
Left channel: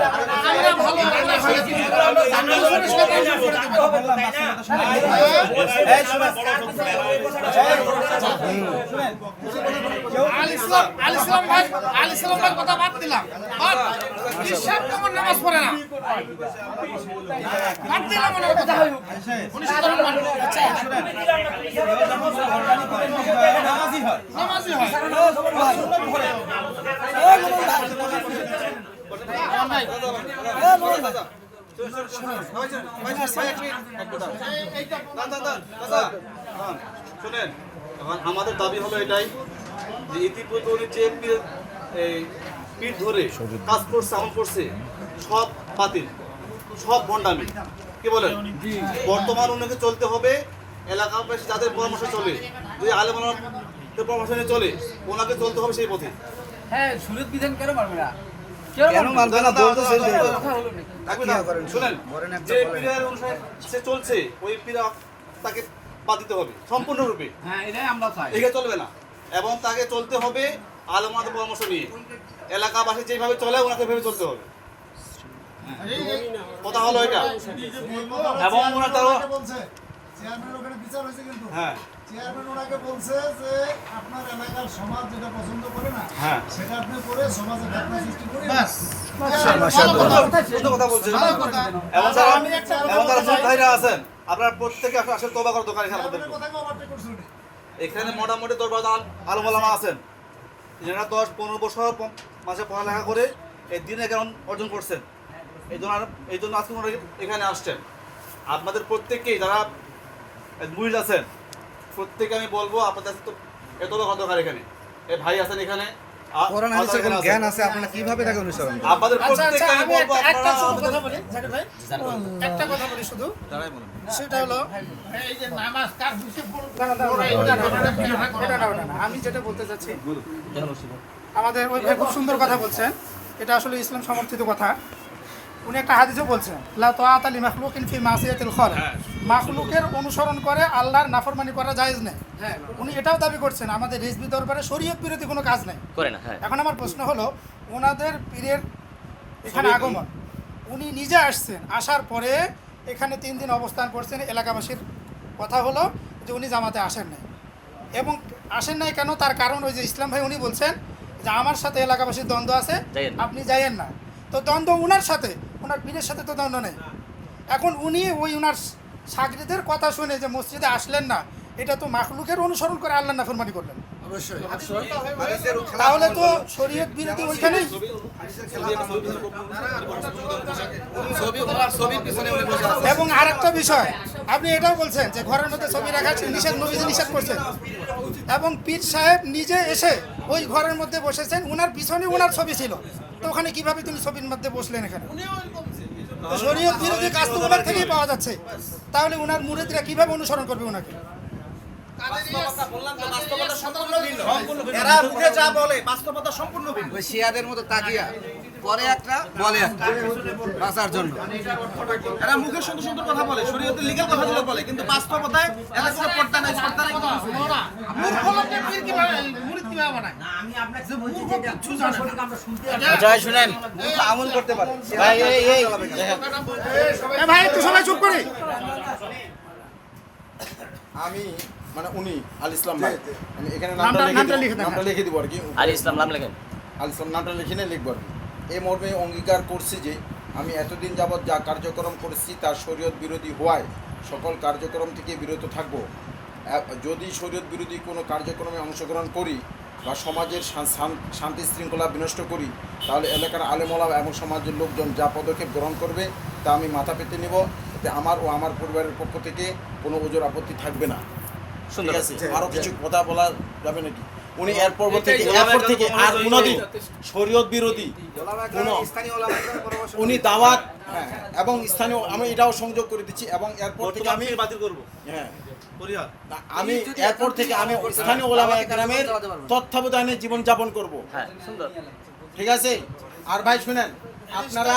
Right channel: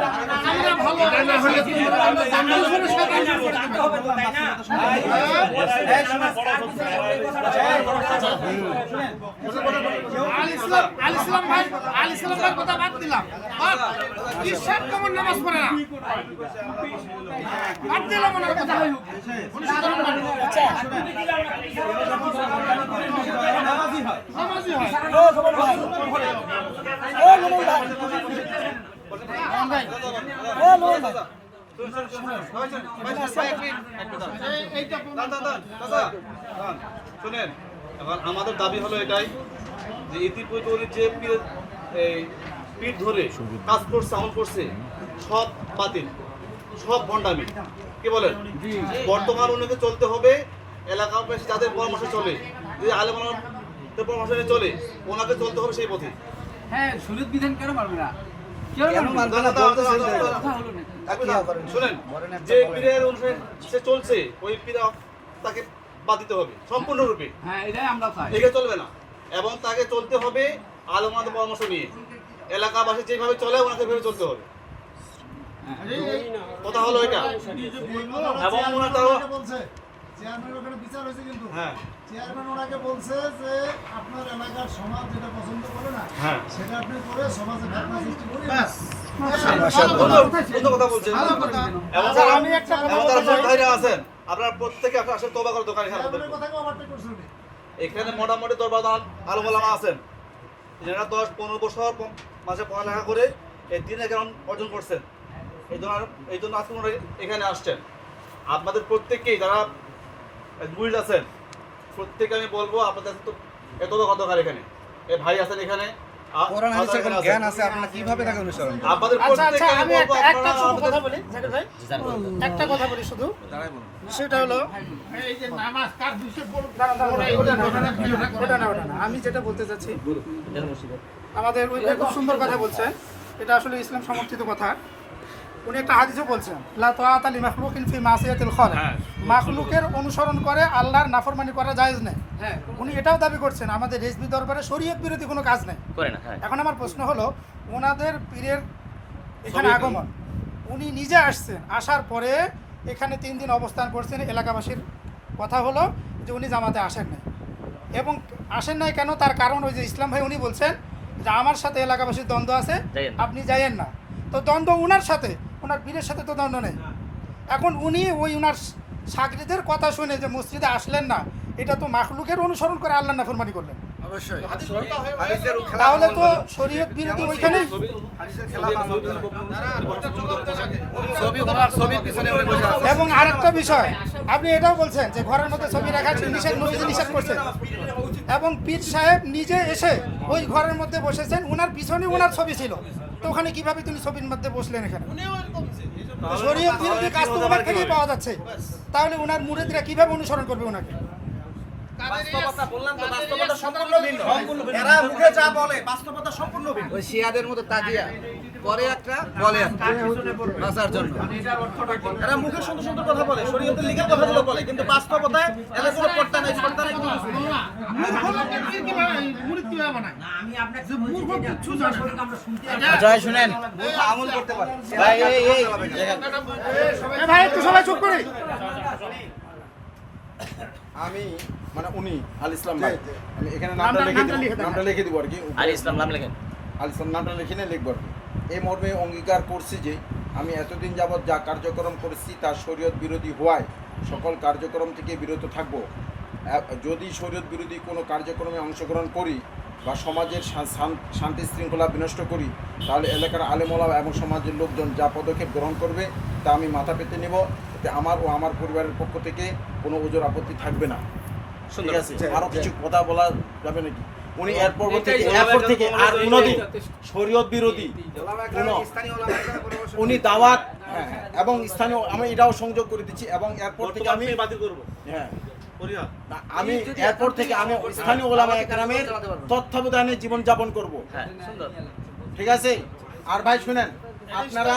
আমরা ভালো আমরা হলে কি পিছনের সাথে আমরা করে দিবেন। আল ইসলাম ভাই কথা বাদ দিলাম, কি সাহেব কেমন নামাজ পড়ে না, বাদ দিলাম ওনার কথা। উনি সাধারণ মানুষ, নামাজি হয়। শোনেন, এখন আমাদের দাবি হলো এটাই যে ইতিপূর্বে উনি যে পীর ধরে কাজ করছে, আমল করছে, সব বাতিল, সব ভণ্ডামি। কি বলেন? বর্তমান উনাকে চলতে হবে এলাকাবাসী যাদের পরামর্শ চলে, যদি আলেমানদের পরামর্শ নিয়ে চলে, ওনাকে চলতে হবে সেই পথে। হ্যাঁ, সুরত বিধান কেন পারবে না? কেন মানবে না? বলতেছে যে শুনেন, যে পীরের অনুসারে সে চলছে, ওই পীর তাকে বাদ দিতে হবে সম্পূর্ণরূপে। হ্যাঁ, এটাই আমরা চাই। এগুলো চলবে না, এবং তাকে চলতে হবে আলেমানদের পরামর্শ নিয়ে। এলাকাবাসী যেভাবে চলে ওনাকে ভেবে চলতে হবে। কথা হলো এটা। এবং ওনার তাও চেয়ারম্যান ওখানে বিচার হয়েছে, কিন্তু হ্যাঁ চেয়ারম্যান ওনাকে বলছে যে আপনার এলাকার হ্যাঁ ব্যাস। কথা বলছেন এমন যারা ছোট ভাইরা আছেন আপনারা প্রত্যেকে আসলে তওবা করার দরকার এখানে আমাদের এখানে মোটামুটি দরবার আলম ওলামা আছেন যারা 10-15 বছর মাসে পড়ালেখা করে এই দিনে জ্ঞান অর্জন করছেন এই জন্য আজকে ওনারা এখানে আসছেন আপনাদের প্রত্যেককেই যারা মুরিদ আছেন প্রত্যেকে আমি বলবো আপনাদের তো এত দরকার এখানে এই ভাই আছেন এখানে জ্ঞান আছে আপনারা কিভাবে তাকে অনুসরণ করেন? আপনাদের প্রত্যেককে আমি বলবো একটা আপনারা শুধু কথা বলি জাকির ভাই, একটা কথা বলি শুধু, সেটা হলো এই যে নামাজ কার বিষয়ে ওটা না, আমি যেটা বলতে চাচ্ছি, আমাদের ওই ভাই খুব সুন্দর কথা বলছেন, এটা আসলে ইসলাম সমর্থিত কথা। উনি একটা হাদিসও বলছেন, লা তাআতা লি মাখলুকিন ফি মাসিয়াতিল খালিক, মাখলুকের অনুসরণ করে আল্লাহর নাফরমানি করা জায়েজ নেই। উনি এটাও দাবি করছেন আমাদের রেজবি দরবারে শরীয়ত বিরোধী কোনো কাজ নেই। এখন আমার প্রশ্ন হলো, ওনাদের পীরের এখানে আগমন, উনি নিজে আসছেন, আসার পরে এখানে 3 দিন অবস্থান করছেন, এলাকাবাসীর কথা হলো যে উনি জামাতে আসেন নাই। এবং আসেন নাই কেন, তার কারণ ওই যে ইসলাম ভাই উনি বলছেন যে আমার সাথে এলাকাবাসীর দ্বন্দ্ব আছে, আপনি যাইয়েন না। তো দ্বন্দ্ব উনার সাথে, ওনার পীরের সাথে তো দ্বন্দ্ব নেই। এখন উনি ওই উনার সাগরিদের কথা শুনে যে মসজিদে আসলেন না, এটা তো মাখলুকের অনুসরণ করে আল্লাহ নাফরমানি করলেন। তাহলে তো শরীয়ত বিরোধী ওইখানেই। এবং আরেকটা বিষয়, আপনি এটাও বলছেন যে ঘরের মধ্যে ছবি রাখা নিষেধ, নবীজি নিষেধ করছেন। এবং পীর সাহেব নিজে এসে ওই ঘরের মধ্যে বসেছেন, ওনার পিছনে ওনার ছবি ছিল, তো ওখানে কিভাবে তিনি ছবির মধ্যে বসলেন? এখানে তো শরীয়ত বিরোধী কাজ তো ওনার থেকেই পাওয়া যাচ্ছে, তাহলে ওনার মুরিদরা কিভাবে অনুসরণ করবে ওনাকে? এরা মুখে যা বলে বাস্তবতা সম্পূর্ণ ভিন্ন। ওই শিয়াদের মতো তাকিয়া পরে একটা বলে একটা বাঁচার জন্য। এরা মুখে সুন্দর সুন্দর কথা বলে, শরীয়তের লিখিত কথাগুলো বলে, কিন্তু বাস্তবতায় এরা কোনো পর্দা নাই, পর্দা নাই, কোনো কিছু না। আচ্ছা শুনেন, আমল করতে পারে। ভাই এই দেখেন, ভাই একটু সবাই চুপ করে। আমি মানে উনি আল ইসলাম ভাই, আমি এখানে নামটা লিখে দিব আর কি। আলী ইসলাম নাম লেখেন। আল ইসলাম নামটা লিখে নিয়ে লিখব আর কি। এই মর্মে অঙ্গীকার করছি যে আমি এতদিন যাবৎ যা কার্যক্রম করেছি তার শরীয়ত বিরোধী হওয়ায় সকল কার্যক্রম থেকে বিরত থাকব। যদি শরীয়ত বিরোধী কোনো কার্যক্রমে অংশগ্রহণ করি বা সমাজের শান্তি শৃঙ্খলা বিনষ্ট করি, তাহলে এলাকার আলেমওলামা এবং সমাজের লোকজন যা পদক্ষেপ গ্রহণ করবে তা আমি মাথা পেতে নেব। এতে আমার ও আমার পরিবারের পক্ষ থেকে কোনো ওজোর আপত্তি থাকবে না। ঠিক আছে? আরও কিছু কথা বলা যাবে নাকি? উনি এরপর থেকে আর কোনোদিন শরীয়ত বিরোধী কোনো উনি দাওয়াত এবং স্থানীয়, আমি এটাও সংযোগ করে দিচ্ছি, এবং এরপর থেকে আমি আমি এরপর থেকে আমি স্থানীয় ওলামায়ে কেরামের তত্ত্বাবধানে জীবনযাপন করব। ঠিক আছে? আর ভাই শুনেন, আপনারা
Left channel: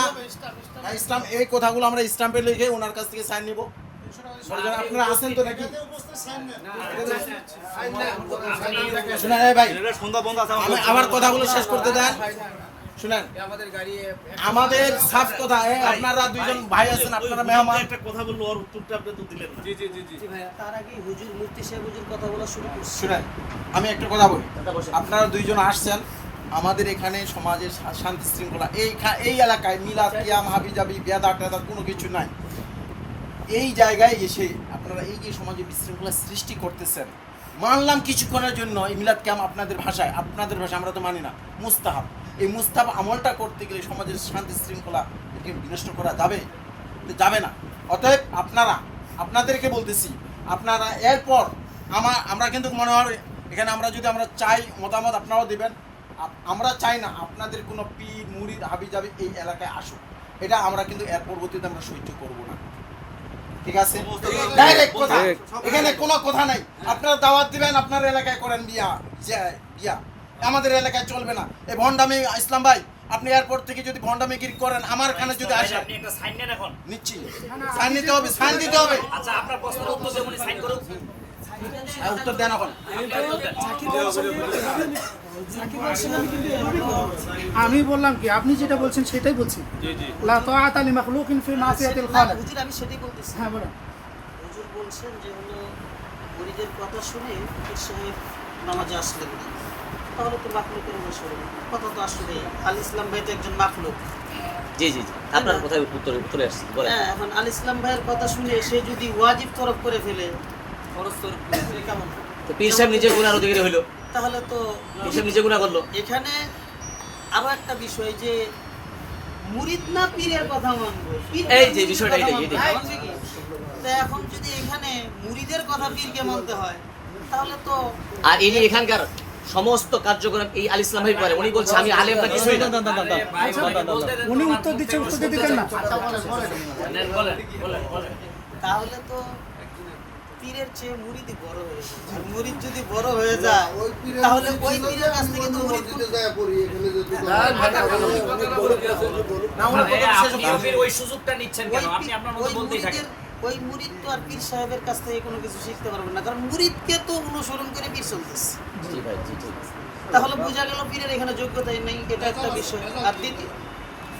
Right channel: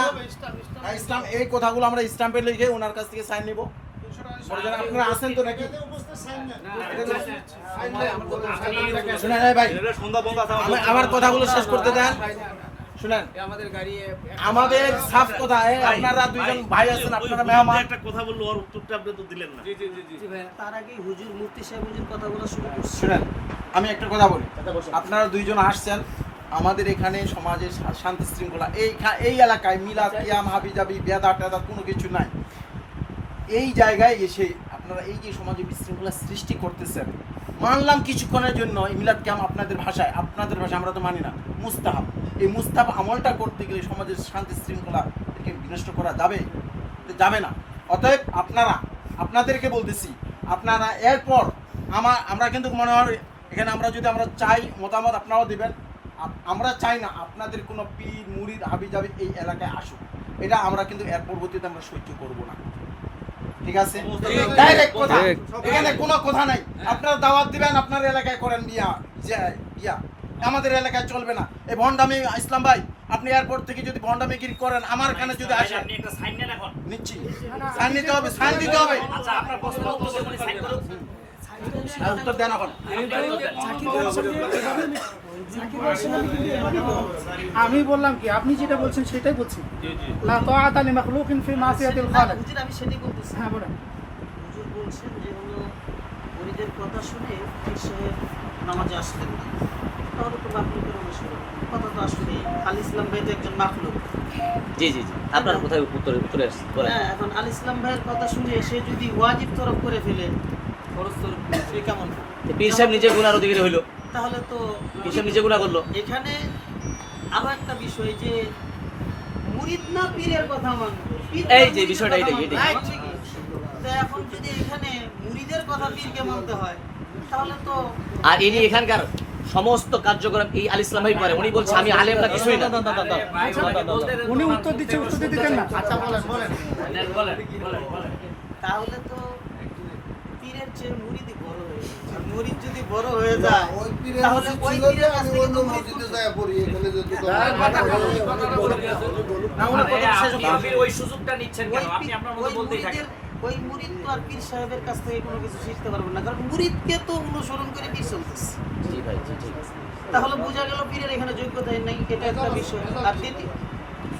ইসলাম এই কথাগুলো আমরা স্ট্যাম্পে লিখে ওনার কাছ থেকে সাইন নিব। আপনারা আছেন তো নাকি? শুনেন ভাই, আমার কথাগুলো শেষ করতে দেন। শুনেন, আমাদের সাফ কথা, আপনারা দুইজন ভাই আছেন, আপনারা মেহমান। একটা কথা বললো, ওর উত্তরটা আপনি তো দিলেন না। তার আগে হুজুর মুফতি সাহেব হুজুর কথা বলা শুরু করছে। শুনেন, আমি একটা কথা বলি, আপনারা দুইজন আসছেন, আমাদের এখানে সমাজের শান্তি শৃঙ্খলা এই এলাকায় মিলাদ কিয়াম হাবিজাবি বেদা টেদা কোনো কিছু নাই। এই জায়গায় এসে আপনারা এই যে সমাজে বিশৃঙ্খলা সৃষ্টি করতেছেন, মানলাম কিছুক্ষণের জন্য এই মিলাদ কিয়াম আপনাদের ভাষায় আমরা তো মানি না, মুস্তাহাব। এই মুস্তাহাব আমলটা করতে গেলে সমাজের শান্তি শৃঙ্খলা বিনষ্ট করা যাবে না। অতএব আপনাদেরকে বলতেছি, আপনারা এরপর আমরা কিন্তু মনে হয় এখানে আমরা চাই মতামত আপনারাও দেবেন। আমরা চাই না আপনাদের কোনো পীর মুরিদ হাবিজাবি এই এলাকায় আসুক, এটা আমরা কিন্তু এর পরবর্তীতে আমরা সহ্য করব না। ঠিক আছে? ডাইরেক্ট কথা, এখানে কোনো কথা নাই। আপনারা দাওয়াত দিবেন, আপনার এলাকায় করেন বিয়া, আমাদের এলাকায় চলবে না। এই ভণ্ডামি, ইসলাম ভাই আপনি এয়ারপোর্ট থেকে যদি ভণ্ডামিগিরি করেন আমার এখানে যদি আসেন, আপনি একটা সাইন নেন এখন। নিচ্ছি, সাইন নিতে হবে, সাইন দিতে হবে। আচ্ছা আপনার প্রশ্নের উত্তর দেব, উনি সাইন করুন। উত্তর দেন এখন। আমি বললাম কি, আপনি যেটা বলছেন সেটাই বলছি। লা তাআতা লি মাখলুকিন ফি মাসিয়াতিল খালিক। হুজুর আমি সেটাই বলতেছি। হ্যাঁ বলেন। হুজুর বলছেন যে হলো মুরিদের কথা শুনে পীর সাহেব নামাজে আসলেন না। তাহলে তো মাখলুকের অনুসরণ। কথা তো আসলে আল ইসলাম ভাই তো একজন মাখলুক। জি জি জি আপনার কোথায় উত্তরে আসছে বলেন। হ্যাঁ, এখন আল ইসলাম ভাইয়ের কথা শুনে সে যদি ওয়াজিব তরফ করে ফেলে, ফরজ তরফ করে ফেলে কেমন হয়? তো পীর সাহেব নিজে গুনার অধিকারী হইলো, তাহলে তো পীর সাহেব নিজে গুনাহ করলো। এখানে আরো একটা বিষয় যে মুরিদ না পীরের কথা মানবে, পীর এই না যে মুরিদের বিষয়টা কথা এটাই, মানবে, মানবে কি? তো এখন যদি এখানে মুরিদের কথা পীরকে মানতে হয়, তাহলে তো আর ইনি এখানকার সমস্ত কার্যক্রম এই আল ইসলাম ভাই করে। উনি বলছে আমি আলেম না কিছুই না। উনি উত্তর দিতে দিতেন না। তাহলে তো পীরের চেয়ে মুরিদই বড় হয়ে যায়। আর মুরিদ যদি বড় হয়ে যায়, তাহলে ওই পীরের কাছ থেকে তো মুরিদ ওই সুযোগটা নিচ্ছেন কেন? আপনি আপনার মতো বলতেই থাকেন। ওই মুরিদ তো আর পীর সাহেবের কাছ থেকে কোনো কিছু শিখতে পারবে না, কারণ মুরিদকে তো অনুসরণ করে পীর চলতেছে। জি ভাই জি ঠিক আছে। তাহলে বোঝা গেল পীরের এখানে যোগ্যতাই নেই, এটা একটা বিষয়। আর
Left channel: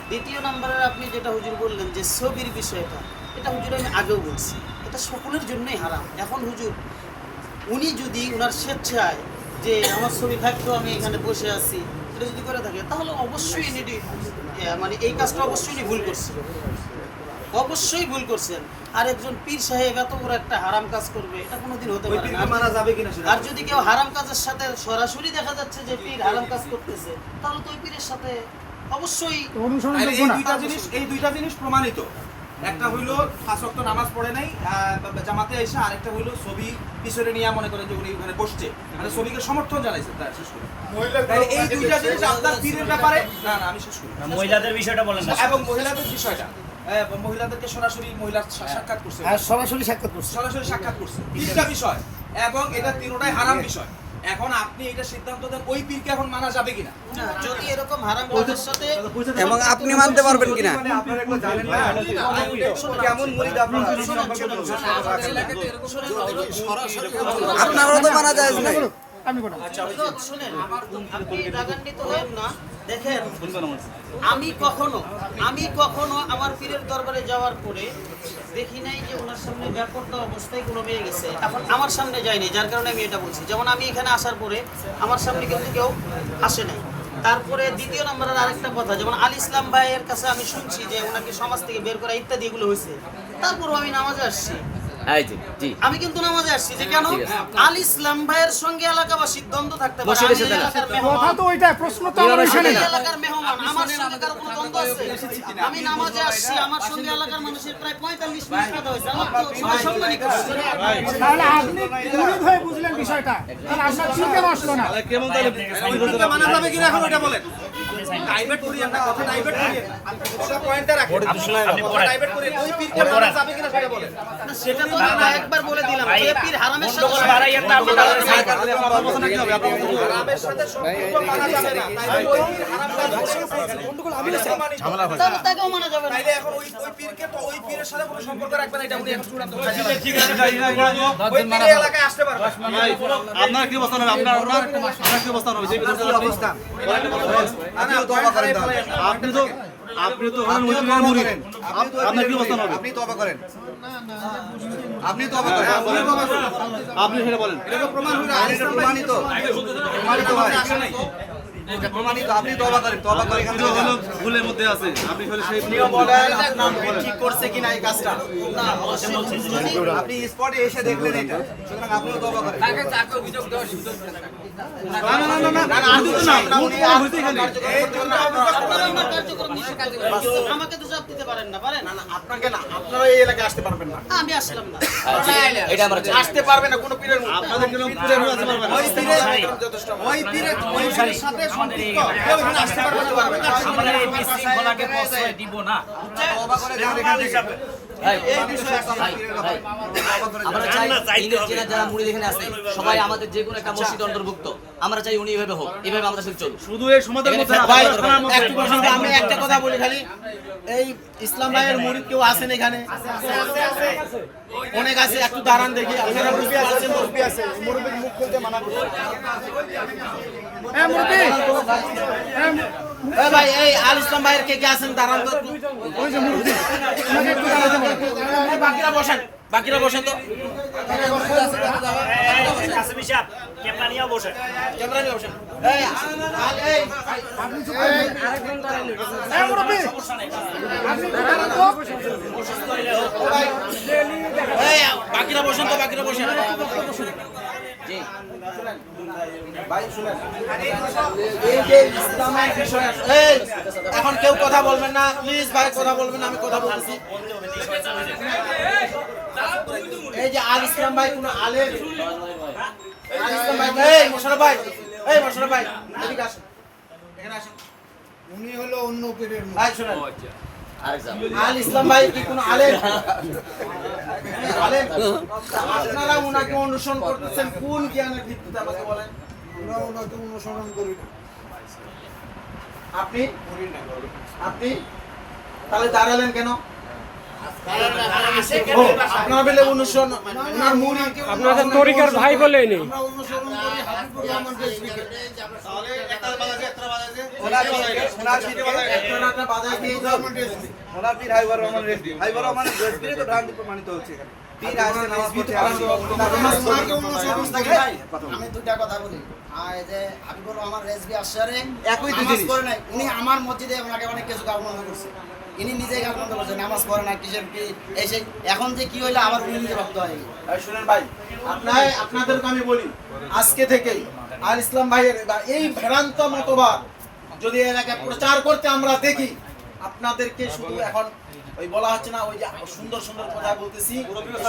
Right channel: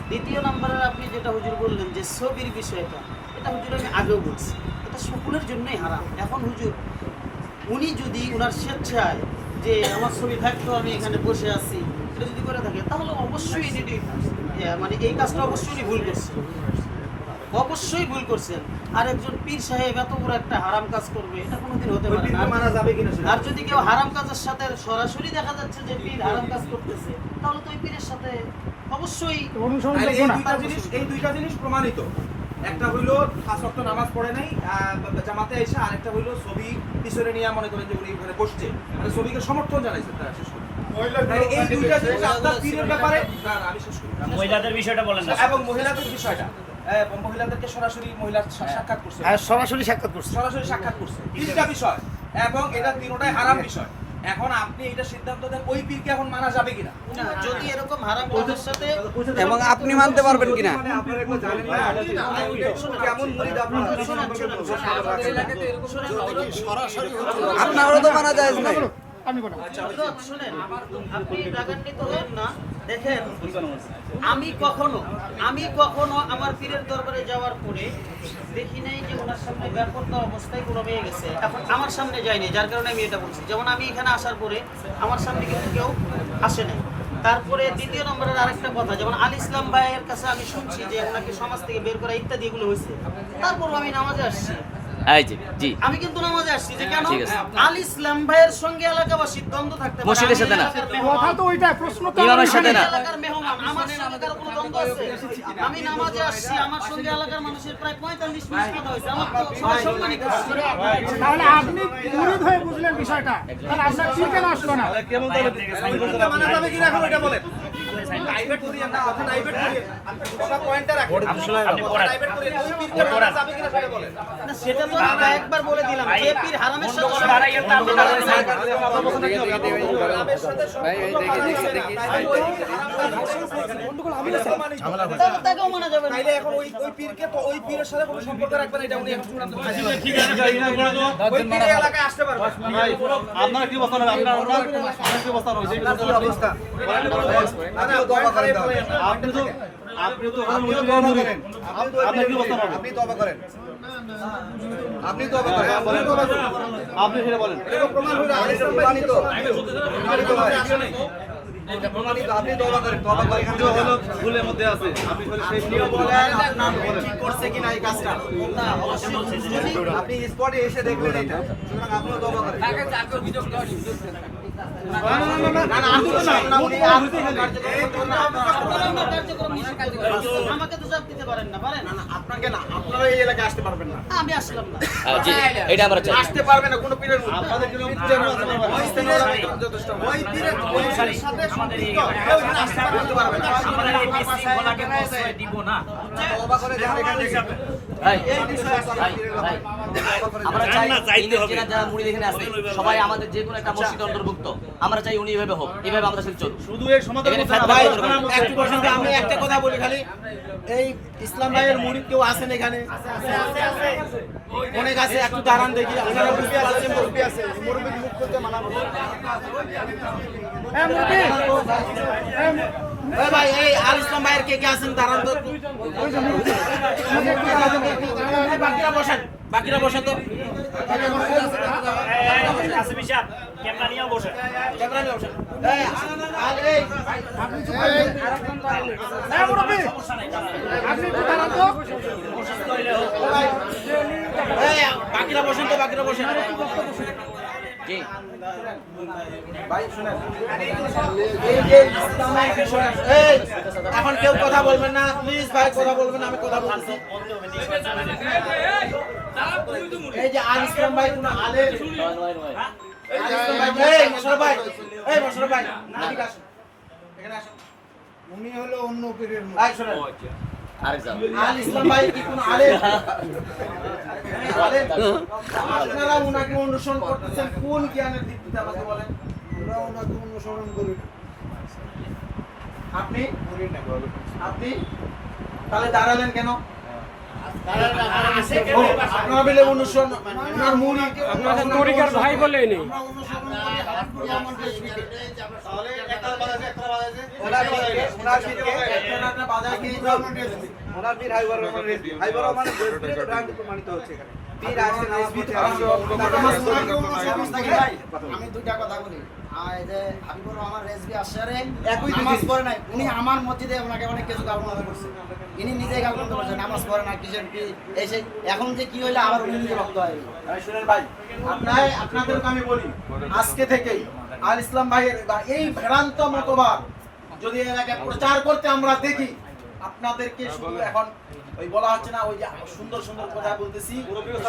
দ্বিতীয় নম্বরের আপনি যেটা হুজুর বললেন যে ছবির বিষয়টা, এটা হুজুর আমি আগেও বলছি, এটা সকলের জন্যই হারাম। এখন হুজুর উনি যদি ওনার স্বেচ্ছায় যে আমার ছবি থাকতো আমি এখানে বসে আছি, এটা যদি করে থাকে, তাহলে অবশ্যই এটি মানে এই কাজটা অবশ্যই উনি ভুল করছেন, অবশ্যই ভুল করছেন। আর একজন পীর সাহেব এত বড় একটা হারাম কাজ করবে, এটা কোনোদিন হতে পারে না। আর যদি কেউ হারাম কাজের সাথে সরাসরি দেখা যাচ্ছে যে পীর হারাম কাজ করতেছে, তাহলে তো ওই পীরের সাথে অবশ্যই এই দুইটা জিনিস প্রমাণিত। একটা হইলো 5 ওয়াক্ত নামাজ পড়ে নাই জামাতে এসে, আরেকটা হইলো ছবি পিছনে নিয়ে মনে করেন যে উনি ওখানে বসছে, মানে ছবিকে সমর্থন জানাইছে। তার শেষ করে তাহলে এই দুইটা জিনিস আপনার পীরের ব্যাপারে না না আমি শেষ করি। মহিলাদের বিষয়টা বলেন না। এবং মহিলাদের বিষয়টা, মহিলাদেরকে সরাসরি মহিলা সাক্ষাৎ করছে, সরাসরি সাক্ষাৎ করছে। সরাসরি সাক্ষাৎ করছে, তিনটা বিষয়, এবং এটা তিনটাই হারাম বিষয়। এখন আপনি এটা সিদ্ধান্ত দেন ওই পীরকে এখন মানা যাবে কিনা। যদি এরকম হারাম কাজের সাথে এবং আপনি মানতে পারবেন কিনা? কেমন মুরিদ আপনার? আপনারও তো মানা যায় নাই। শুনেন, আপনি রাগান্বিত হবেন না। দেখেন, আমি কখনো আমার পীরের দরবারে যাওয়ার পরে দেখি নাই যে ওনার সামনে ব্যাপারটা অবস্থায় কোনো মেয়ে গেছে। এখন আমার সামনে যায়নি, যার কারণে আমি এটা বলছি। যেমন আমি এখানে আসার পরে আমার সামনে কিন্তু কেউ আসে নাই। তারপরে দ্বিতীয় নম্বরের আরেকটা কথা, যেমন আল ইসলাম ভাইয়ের কাছে আমি শুনছি যে ওনাকে সমাজ থেকে বের করা ইত্যাদি এগুলো হয়েছে, তারপরও আমি নামাজে আসছি। এই জি জি আমি কিন্তু নামাজে আসছি যে কেন ঠিক আছে। আল ইসলাম ভাইয়ের সঙ্গে এলাকাবাসীর দ্বন্দ্ব থাকতে পারে। বসে আমি রয়েছে না। এলাকার মেহমান, কথা তো ওইটা, প্রশ্ন তো ইমামের সাথে আমি না। এলাকার মেহমান, আমার সঙ্গে কারো কোনো দ্বন্দ্ব আছে? আমি নামাজে আসছি, আমার সঙ্গে এলাকার মানুষের প্রায় 45 মিনিট কথা হয়েছে, আমার তো সবাই সম্মানই করছে। তাহলে আপনি মুরিদ হয়ে বুঝলেন বিষয়টা, তাহলে আপনার চিন্তা আসলো না। কেমন মানা যাবে কিনা এখন এটা বলেন। ডাইভার্ট করিয়েন না, কথা ডাইভার্ট করিয়েন। পুরো পয়েন্টটা রাখেন। আপনি পড়েন। ডাইভার্ট করিয়েন। ওই পীরকে মানা যাবে কিনা সেটা বলেন। না, সেটা তো আমি কয়েকবার বলে দিলাম যে পীর হারামের সাথে তাকেও মানা যাবে না। তাইলে এখন ওই পীরকে তো ওই পীরের সাথে কোনো সম্পর্ক রাখবেন, এটা আপনি এখন চূড়ান্ত করে দিলেন। ঠিক আছে, ওই পীর এই এলাকায় আসতে পারবে না। আপনার কি অবস্থা হবে? আপনার কি অবস্থা হবে? আপনি তো মুরিদ, আপনার কি অবস্থা হবে? আপনি তওবা করেন। আপনি তওবা করেন। আপনি সেটা বলেন। এটা তো প্রমাণ হলো, আর এটা প্রমাণিত। এটা প্রমাণিত। আপনি তওবা করেন। তওবা করে এখান থেকে যান। ভুলের মধ্যে আছে, আপনি শুধু সেই ঠিক করছে কিনা এই কাজটা না, অবশ্যই আপনি স্পটে এসে দেখবেন এটা। সুতরাং আপনিও তওবা করেন। আমাকে তো চাপ দিতে পারেন না, পারেন? আপনাকে না, আপনারা এই এলাকায় আসতে পারবেন না। আমি আসলাম না। এটা আমরা চাই। আসতে পারবে না কোনো পীরের মুরিদ। আপনাদের কিরকম পূজা নিয়ে আসতে পারবেন? ওই পীরের সাথে সম্পৃক্ত কেউ এখানে আসতে পারবে না। আমাদের এই মিছিল বলাকে প্রশ্রয় দিব না। তওবা করে দেখেন এখান থেকে। এই বিষয়ে ভাই আমরা চাই যারা মুরিদ এখানে আছে সবাই আমাদের যে কোনো একটা মসজিদের অন্তর্ভুক্ত। আমরা চাই উনি এইভাবে হোক, এইভাবে আমাদের শিল্প চলবে। শুধু এই সমাজের এখানে মধ্যে না, ভাই, একটু পর্যন্ত আমি একটা কথা বলি খালি, এই ইসলাম ভাইয়ের মুরিদ কেউ আছেন এখানে? অনেক আছে, একটু দাঁড়ান দেখি। আপনারা মুরব্বি আছে, মুরব্বির মুখ খুলতে মানা করুন। এই ভাই, এই আল ইসলাম ভাইয়ের কে কে আছেন দাঁড়ান তো একটু। বাকিরা বসেন। বাকিরা বসেন তো। কাসমি সাহেব ক্যামেরা নিয়েও বসেন। ক্যামেরা নিয়ে বসেন। বাকিরা বসেন তো, বাকিরা বসেন। জি ভাই শুনেন, এই যে ইসলামের বিষয় এই এখন কেউ কথা বলবেন না প্লিজ ভাই, কথা বলবেন না, আমি কথা বলতেছি। এই যে আল ইসলাম ভাই কোন আলেম, আল ইসলাম ভাই, এই মোশাররফ ভাই, এই মোশাররফ ভাই এদিকে আসুন, এখানে আসুন। উনি হলো অন্য পীরের ভাই শুনেন, আল ইসলাম ভাই কি কোন আলেম? আলেম? আপনারা ওনাকে অনুসরণ করতেছেন কোন জ্ঞানের ভিত্তিতে আমাকে বলেন? আমরা ওনাকে অনুসরণ করি না। আপনি আপনি তাহলে দাঁড়ালেন কেন? ও, আপনারা বলে অনুসরণ, আপনার মুড়ি আপনাদের তরিকার ভাই বলেনি। আমরা অনুসরণ করি হাবিবুর রহমান রেজভিকে। একটা বাধা কি রহমান রেজভি। ওনার পীর হাবিবুর রহমান রেজভি। হাবিবুর রহমান রেজভির তো ভ্রান্তি প্রমাণিত হচ্ছে এখানে। পীর আসছে নামাজ পড়তে আসছে। ওনাকে অনুসরণ করি না। আমি দুইটা কথা বলি। এই যে হাবিবুর রহমান রেজভি আশারে একই তো নামাজ জিনিস। পড়ে নাই, উনি আমার মসজিদে ওনাকে অনেক কিছু গালমন্দ করছে। ইনি নিজেই গালমন্দ করছে, নামাজ পড়ে না, কিসের কি এই সেই। এখন যে কি হইলো আবার উনি নিজে ভক্ত হয়ে গেল। ভাই শুনেন ভাই, আপনাদেরকে আমি বলি আজকে থেকেই আল ইসলাম ভাইয়ের বা এই ভ্রান্ত মতবাদ যদি এলাকায় প্রচার করতে আমরা দেখি, আপনাদেরকে শুধু এখন ওই বলা হচ্ছে না ওই যে সুন্দর সুন্দর কথা বলতেছি,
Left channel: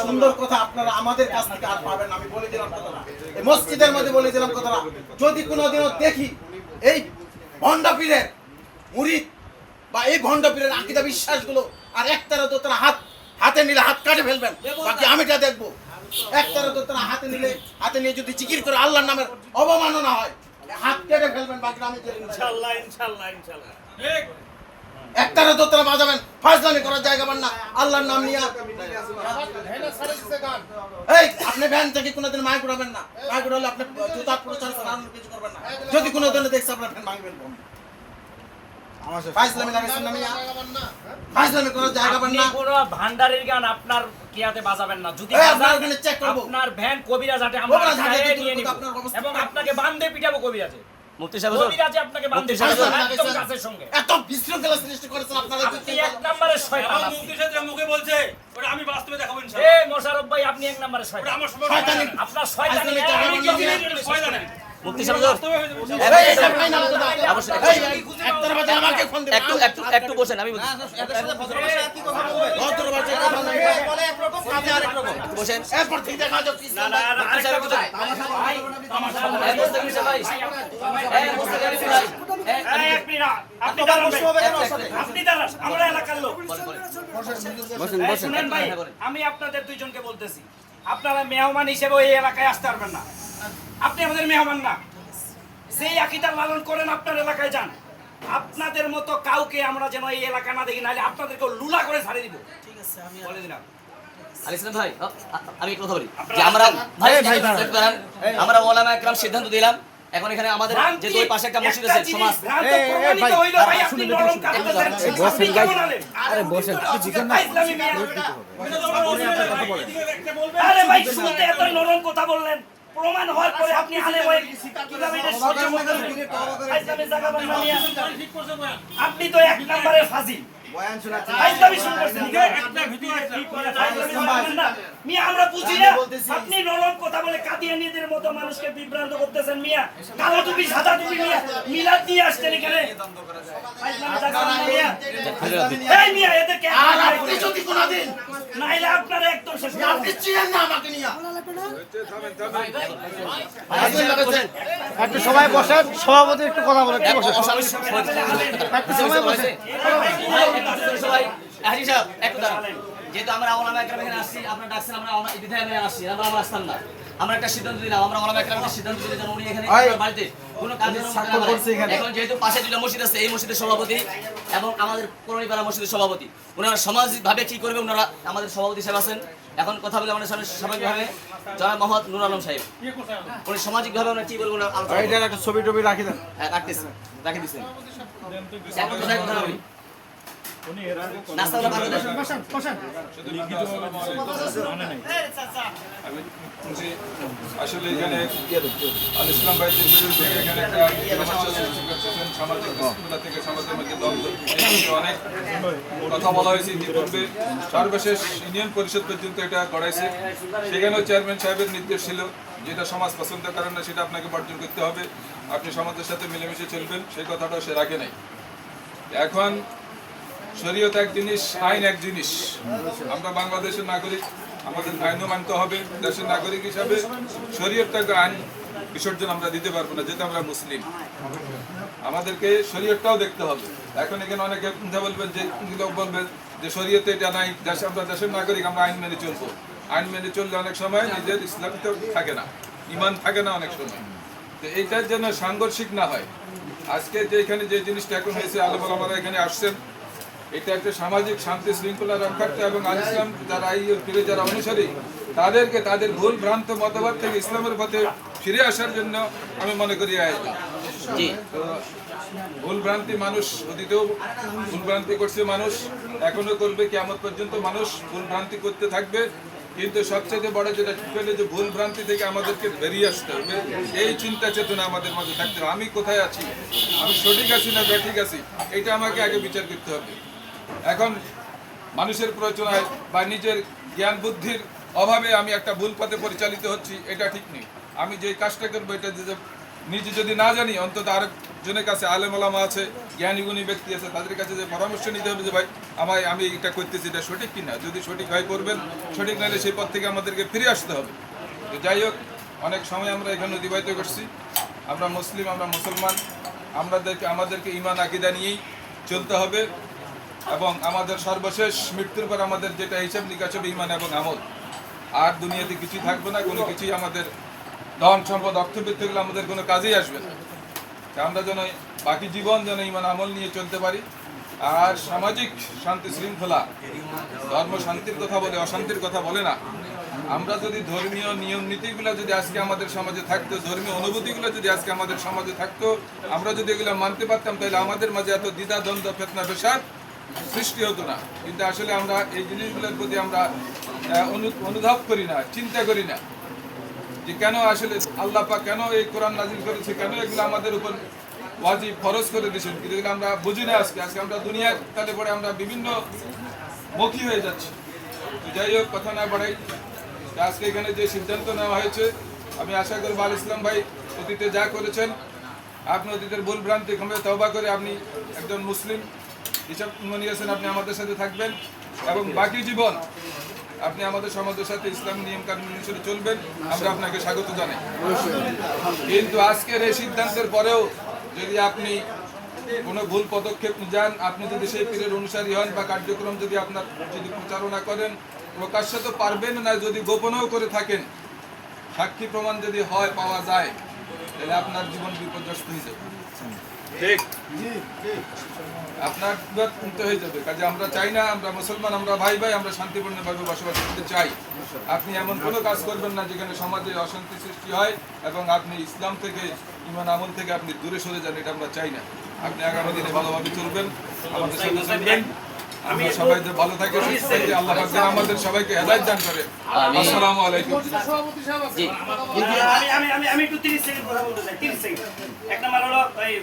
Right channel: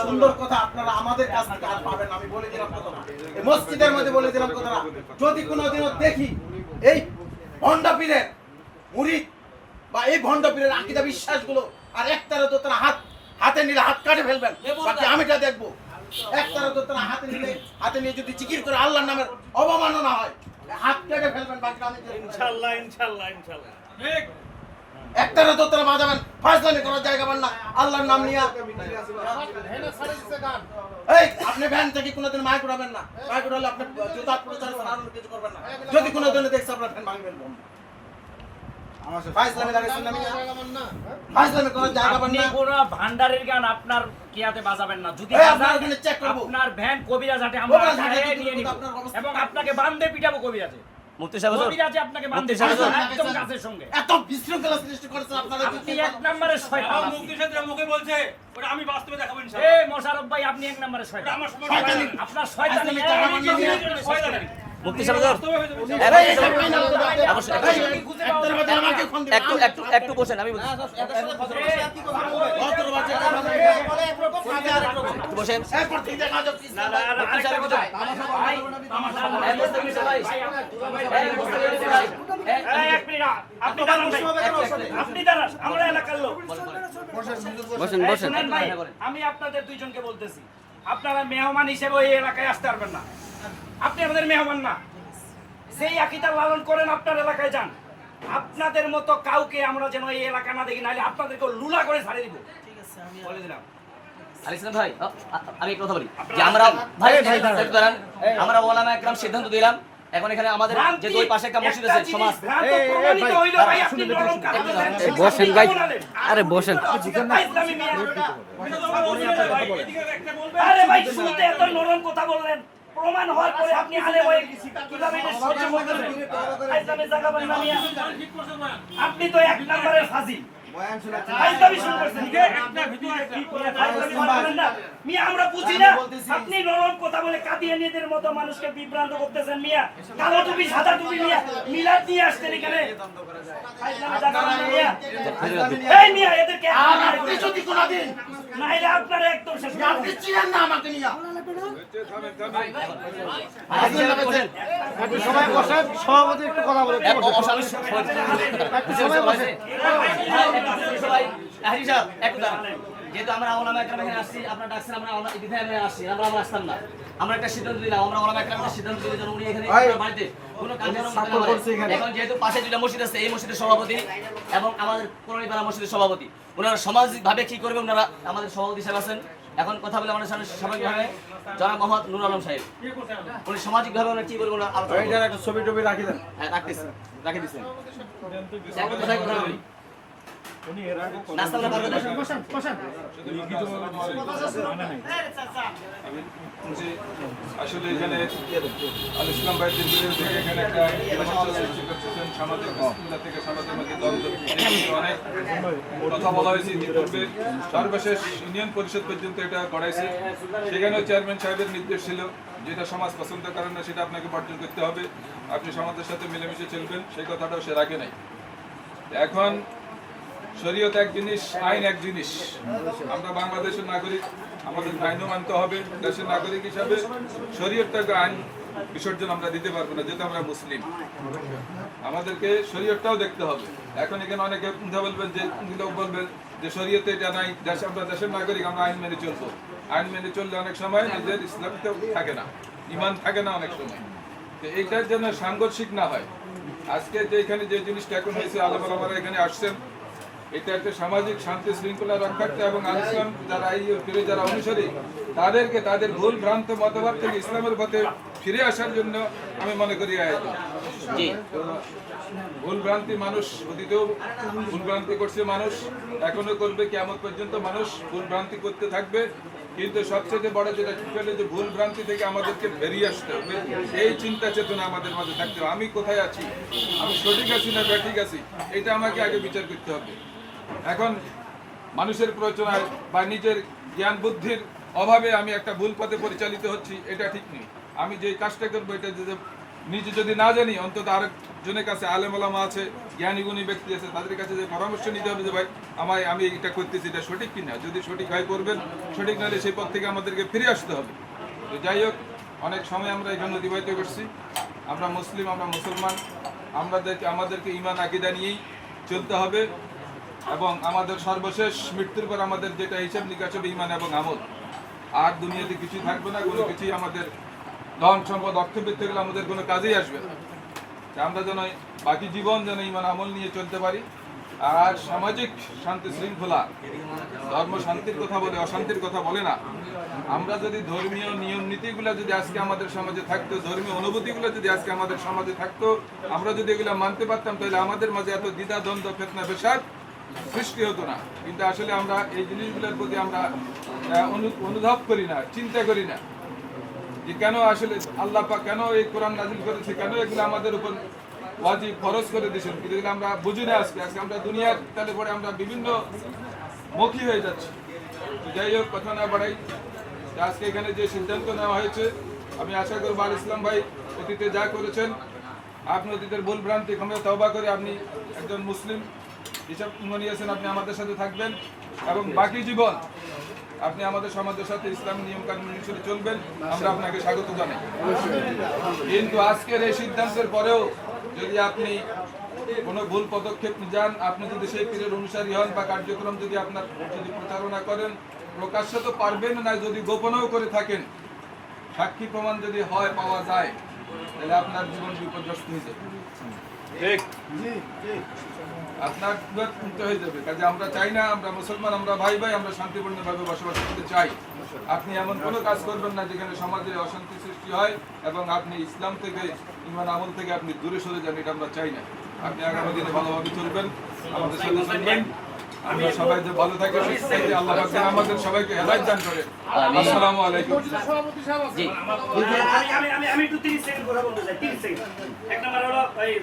সুন্দর কথা আপনারা আমাদের কাছ থেকে আর পাবেন না। আমি বলে দিলাম কথাটা, এই মসজিদের মধ্যে বলে দিলাম কথাটা। যদি কোনোদিনও দেখি এই ভণ্ড পীরের মুরিদ বা এই ভণ্ড পীরের আকীদা বিশ্বাসগুলো আর একতারা তো তারা হাতে নিলে হাত কাটে ফেলবেন, বাকি আমিটা দেখবো। একতারা তো তারা হাতে নিয়ে যদি জিকির করে আল্লাহর নামের অবমাননা হয়, হাত কেটে ফেলবেন, বাকি আমি ইনশাআল্লাহ ইনশাআল্লাহ ইনশাআল্লাহ। একটারা তো তারা বাজাবেন, ফাজলামি করার জায়গা পান না আল্লাহর নাম নিয়ে। এই আপনি ভ্যান থেকে কোনোদিন মাইক উঠাবেন না, মাইক উঠালে আপনি জুতা প্রচার করার কিছু করবেন না। যদি কোনোদিন দেখছে আপনার ভ্যান ভাঙবেন বন্ধ। ফাজলামি লাগাইছেন না মিয়া, ফাজলামি করার জায়গা পান আপনি না। কোন ভান্ডারের গান আপনার কিয়াতে বাজাবেন না। যদি এই, আপনার বাজান, ওখানে check করবো। আপনার ভ্যান কবিরাজ হাটে আমরা কবিরাজ হাটে গায়ে কি নিয়ে নিব আপনার অবস্থা এবং আপনাকে বান্ধে পিটাবো কবিরাজে। মুফতি সাহেব হুজুর, কবিরাজে আপনাকে বান্ধে মুফতি সাহেব হুজুর। একদম কাছের সঙ্গে। এত বিশৃঙ্খলা সৃষ্টি করেছেন আপনারা। আপনি এক নম্বরের শয়তান। মুফতি সাহেব যে মুখে বলছে ওটা আমি বাস্তবে দেখাবো ইনশাআল্লাহ। এই মোশাররফ ভাই আপনি এক নম্বরের শয়তান। আমার শয়তানি। আপনার শয়তানি শয়তানি শয়তানি। মুফতি সাহেব হুজুর, একটু বসেন, আমি বলছি। বসেন। না না না, আরেকটা কথা ভাই, এই মোস্তাকিম সাহেব ভাই, এই মোস্তাকিম ভাই, এই এক মিনিট, আপনি দাঁড়ান ভাই। আপনি দাঁড়ান, আমরা এলাকার লোক। এই শুনেন ভাই, আমি আপনাদের দুইজনকে বলতেছি, আপনারা মেহমান হিসেবে এই এলাকায় আসতে পারবেন না। আপনি আমাদের মেহমান না। যেই আকীদা লালন করেন আপনার এলাকায় যান। আপনাদের মতো কাউকে আমরা যেন এই এলাকা না দেখি, নাহলে আপনাদেরকে লুলা করে ছাড়িয়ে দিব। ঠিক আছে, আমি বলে দিলাম। আল ইসলাম ভাই, আমি একটা কথা বলি যে আমরা আমরা ওলামা একরাম সিদ্ধান্ত দিলাম, এখন এখানে আমাদের যে দুই পাশে একটা মসজিদ আছে সমাজ। ভ্রান্ত প্রমাণিত হইলো ভাই, আপনি নরম কাটতেছেন। বসেন ভাই, আরে বসেন। ইসলামী মিয়া। আরে ভাই শুনতে এত নরম কথা বললেন, প্রমাণ হওয়ার পরে আপনি আলেম হয়ে কিভাবে এটা সহ্য করতেছেন? ইসলামী জায়গা বান্না নিয়া আপনি তো এক নম্বরের ফাজিল। বয়ান শোনাচ্ছি। ইসলামী শুরু করছেন কি? আপনার ভিতরে কি করে মিয়া আমরা বুঝি না। আপনি নরম কথা বলে কাদিয়ানীদের মতো মানুষকে বিভ্রান্ত করতেছেন মিয়া। কালো টুপি সাদা টুপি মিয়া মিলাদ নিয়ে আসছেন এখানে। ইসলামী জায়গা বান্না নিয়া। এই মিয়া এদেরকে আপনি যদি কোনোদিন নাইলে আপনারা একদম শেষ করে আপনি চিনেন না আমাকে নিয়ে আপনি সবাই বসেন, সভাপতি একটু কথা বলে। যেহেতু আমরা ওলামা একরাম এখানে আসছি, আপনারা ডাকছেন, আমরা বিধায় আসছি, আমরা আসতাম না। আমরা একটা সিদ্ধান্ত দিলাম, আমরা ওলামা একরামের সিদ্ধান্ত দিলে যেন উনি এখানে বাড়িতে কোনো কাজ যেন করতে না পারে। এখন যেহেতু পাশে দুটো মসজিদ আছে, এই মসজিদের সভাপতি এবং আমাদের পুরনিপাড়া মসজিদের সভাপতি, ওনারা সামাজিকভাবে কি করবে, ওনারা আমাদের সভাপতি সাহেব আছেন। এখন কথা বলে আমাদের সামনে স্বাভাবিকভাবে জনাব মোহাম্মদ নুর আলম সাহেব, উনি সামাজিকভাবে ওনারা কি বলবেন আলোচনা একটা ছবি টবি রাখি দেন। রাখতেছেন, রাখে দিচ্ছেন। কথা বলি নাস্তাগুলো ভালো করে বসেন বসেন আমি যে আসলে এখানে আল ইসলাম ভাইদের বিরুদ্ধে থেকে এখানে একটা সমস্যা সৃষ্টি করতেছেন সামাজিক বিশৃঙ্খলা থেকে সমাজের মধ্যে দ্বন্দ্ব এই বিষয়ে অনেক কথা বলা হয়েছে ইতিপূর্বে সর্বশেষ ইউনিয়ন পরিষদ পর্যন্ত এটা গড়াইছে সেখানেও চেয়ারম্যান সাহেবের নির্দেশ ছিল যেটা সমাজ পছন্দ করে না সেটা আপনাকে বর্জন করতে হবে, আপনি সমাজের সাথে মিলেমিশে চলবেন, সেই কথাটাও সে রাখে নাই। এখন শরীয়ত এক জিনিস, আইন এক জিনিস। আমরা বাংলাদেশের নাগরিক, আমাদের আইনও মানতে হবে। দেশের নাগরিক হিসাবে শরীয়তটাকে আইন বিসর্জন আমরা দিতে পারবো না, যেহেতু আমরা মুসলিম। আমাদেরকে শরীয়তটাও দেখতে হবে। এখন এখানে অনেকে কথা বলবেন যে লোক বলবেন যে শরীয়তে এটা নাই, দেশে আমরা দেশের নাগরিক, আমরা আইন মেনে চলবো। আইন মেনে চললে অনেক সময় নিজের ইসলামটা থাকে না, ইমান থাকে না অনেক সময়। তো এইটার জন্য সাংঘর্ষিক না হয়। আজকে যে এখানে যে জিনিসটা এখন হয়েছে, আলেমরা এখানে আসছেন, এটা একটা সামাজিক শান্তি শৃঙ্খলা রক্ষার্থে এবং আল ইসলাম যারা এই পীরের যারা অনুসারী তাদেরকে তাদের ভুল ভ্রান্ত মতবাদ থেকে ইসলামের পথে ফিরে আসার জন্য আমি মনে করি আয়োজন। তো ভুল ভ্রান্তি মানুষ অতীতেও ভুল ভ্রান্তি করছে, মানুষ এখনো করবে, কিয়ামত পর্যন্ত মানুষ ভুল ভ্রান্তি করতে থাকবে। কিন্তু সবচেয়ে বড় যেটা পেলে যে ভুল ভ্রান্তি থেকে আমাদেরকে বেরিয়ে আসতে হবে, এই চিন্তা চেতনা আমাদের মাঝে থাকতে হবে। আমি কোথায় আছি, আমি সঠিক আছি না ব্যাঠিক আছি, এটা আমাকে আগে বিচার করতে হবে। এখন মানুষের প্ররোচনায় বা নিজের জ্ঞান বুদ্ধির অভাবে আমি একটা ভুল পথে পরিচালিত হচ্ছি, এটা ঠিক নেই। আমি যে কাজটা করবো এটা নিজে যদি না জানি, অন্তত আরেকজনের কাছে আলেম ওলামা আছে, জ্ঞানী গুণী ব্যক্তি আছে, তাদের কাছে যে পরামর্শ নিতে হবে যে ভাই আমি এটা করতেছি, এটা সঠিক কিনা। যদি সঠিক হয় করবেন, সঠিক নাহলে সেই পথ থেকে আমাদেরকে ফিরে আসতে হবে। তো যাই হোক, অনেক সময় আমরা এখানে অতিবাহিত করছি। আমরা মুসলিম, আমরা মুসলমান, আমাদেরকে ঈমান আকীদা নিয়েই চলতে হবে এবং আমাদের সর্বশেষ মৃত্যুর পর আমাদের যেটা হিসাব নিকাশ হবে ঈমান এবং আমল। আর দুনিয়াতে কিছুই থাকবে না, কোনো কিছুই আমাদের ধন সম্পদ অর্থবৃত্তিগুলো আমাদের কোনো কাজেই আসবে না। আমরা যেন বাকি জীবন যেন ঈমান আমল নিয়ে চলতে পারি। আর সামাজিক শান্তি শৃঙ্খলা, ধর্ম শান্তির কথা বলে, অশান্তির কথা বলে না। আমরা যদি ধর্মীয় নিয়ম নীতিগুলো যদি আজকে আমাদের সমাজে থাকতো, ধর্মীয় অনুভূতিগুলো যদি আজকে আমাদের সমাজে থাকতো, আমরা যদি এগুলো মানতে পারতাম, তাহলে আমাদের মাঝে এত দ্বিধা দ্বন্দ্ব ফেতনা ফেসাদ সৃষ্টি হতো না। কিন্তু আসলে আমরা এই জিনিসগুলোর প্রতি আমরা অনুধাব করি না, চিন্তা করি না যে কেন আসলে আল্লাহ পাক কেন এই কোরআন নাজিল করেছে, কেন এগুলো আমাদের উপর ওয়াজিব ফরজ করে দিয়েছেন, কিন্তু এগুলো আমরা বুঝি না। আজকে আমরা দুনিয়ার তালে পরে আমরা বিভিন্ন মুখী হয়ে যাচ্ছি। তো যাই হোক, কথা না বাড়াই, আজকে এখানে যে সিদ্ধান্ত নেওয়া হয়েছে, আমি আশা করব আল ইসলাম ভাই অতীতে যা করেছেন, আপনি অতীতের ভুল ভ্রান্তি ক্ষমা তওবা করে আপনি একজন মুসলিম হিসাব নিয়েছেন, আপনি আমাদের সাথে থাকবেন এবং বাকি জীবন আপনি আমাদের সমাজের সাথে ইসলামী নিয়ম কানুন অনুসারে চলবেন। আমরা আপনাকে স্বাগত জানাই। কিন্তু আজকের এই সিদ্ধান্তের পরেও যদি আপনি কোনো ভুল পদক্ষেপ যান, আপনি যদি সেই পীরের অনুসারী হন বা কার্যক্রম যদি আপনার যদি প্রচারণা করেন, প্রকাশ্যে তো পারবেন না, যদি গোপনেও করে থাকেন, সাক্ষী প্রমাণ যদি হয় পাওয়া যায়, তাহলে আপনার জীবন বিপর্যস্ত হয়ে যাবে। ঠিক, আপনার হয়ে যাবে। কাজে আমরা চাই না, আমরা মুসলমান, আমরা ভাই ভাই, আমরা শান্তিপূর্ণভাবে বসবাস করতে চাই। আপনি এমন কোনো কাজ করবেন না যেখানে সমাজে অশান্তি সৃষ্টি হয় এবং আপনি ইসলাম থেকে, ঈমান আমল থেকে আপনি দূরে সরে যান, এটা আমরা চাই না। আপনি আগামী দিনে ভালোভাবে চলবেন, আমাদের সাথে চলবেন। আমরা সবাই যে ভালো থাকে, সুস্থ থাকে, আল্লাহ পাক যেন আমাদের সবাইকে হেদায়েত দান করে। আসসালামু আলাইকুম। জি, আমি একটু 30 সেকেন্ড কথা বলতে চাই। 30 সেকেন্ড। এক নাম্বার হলো এই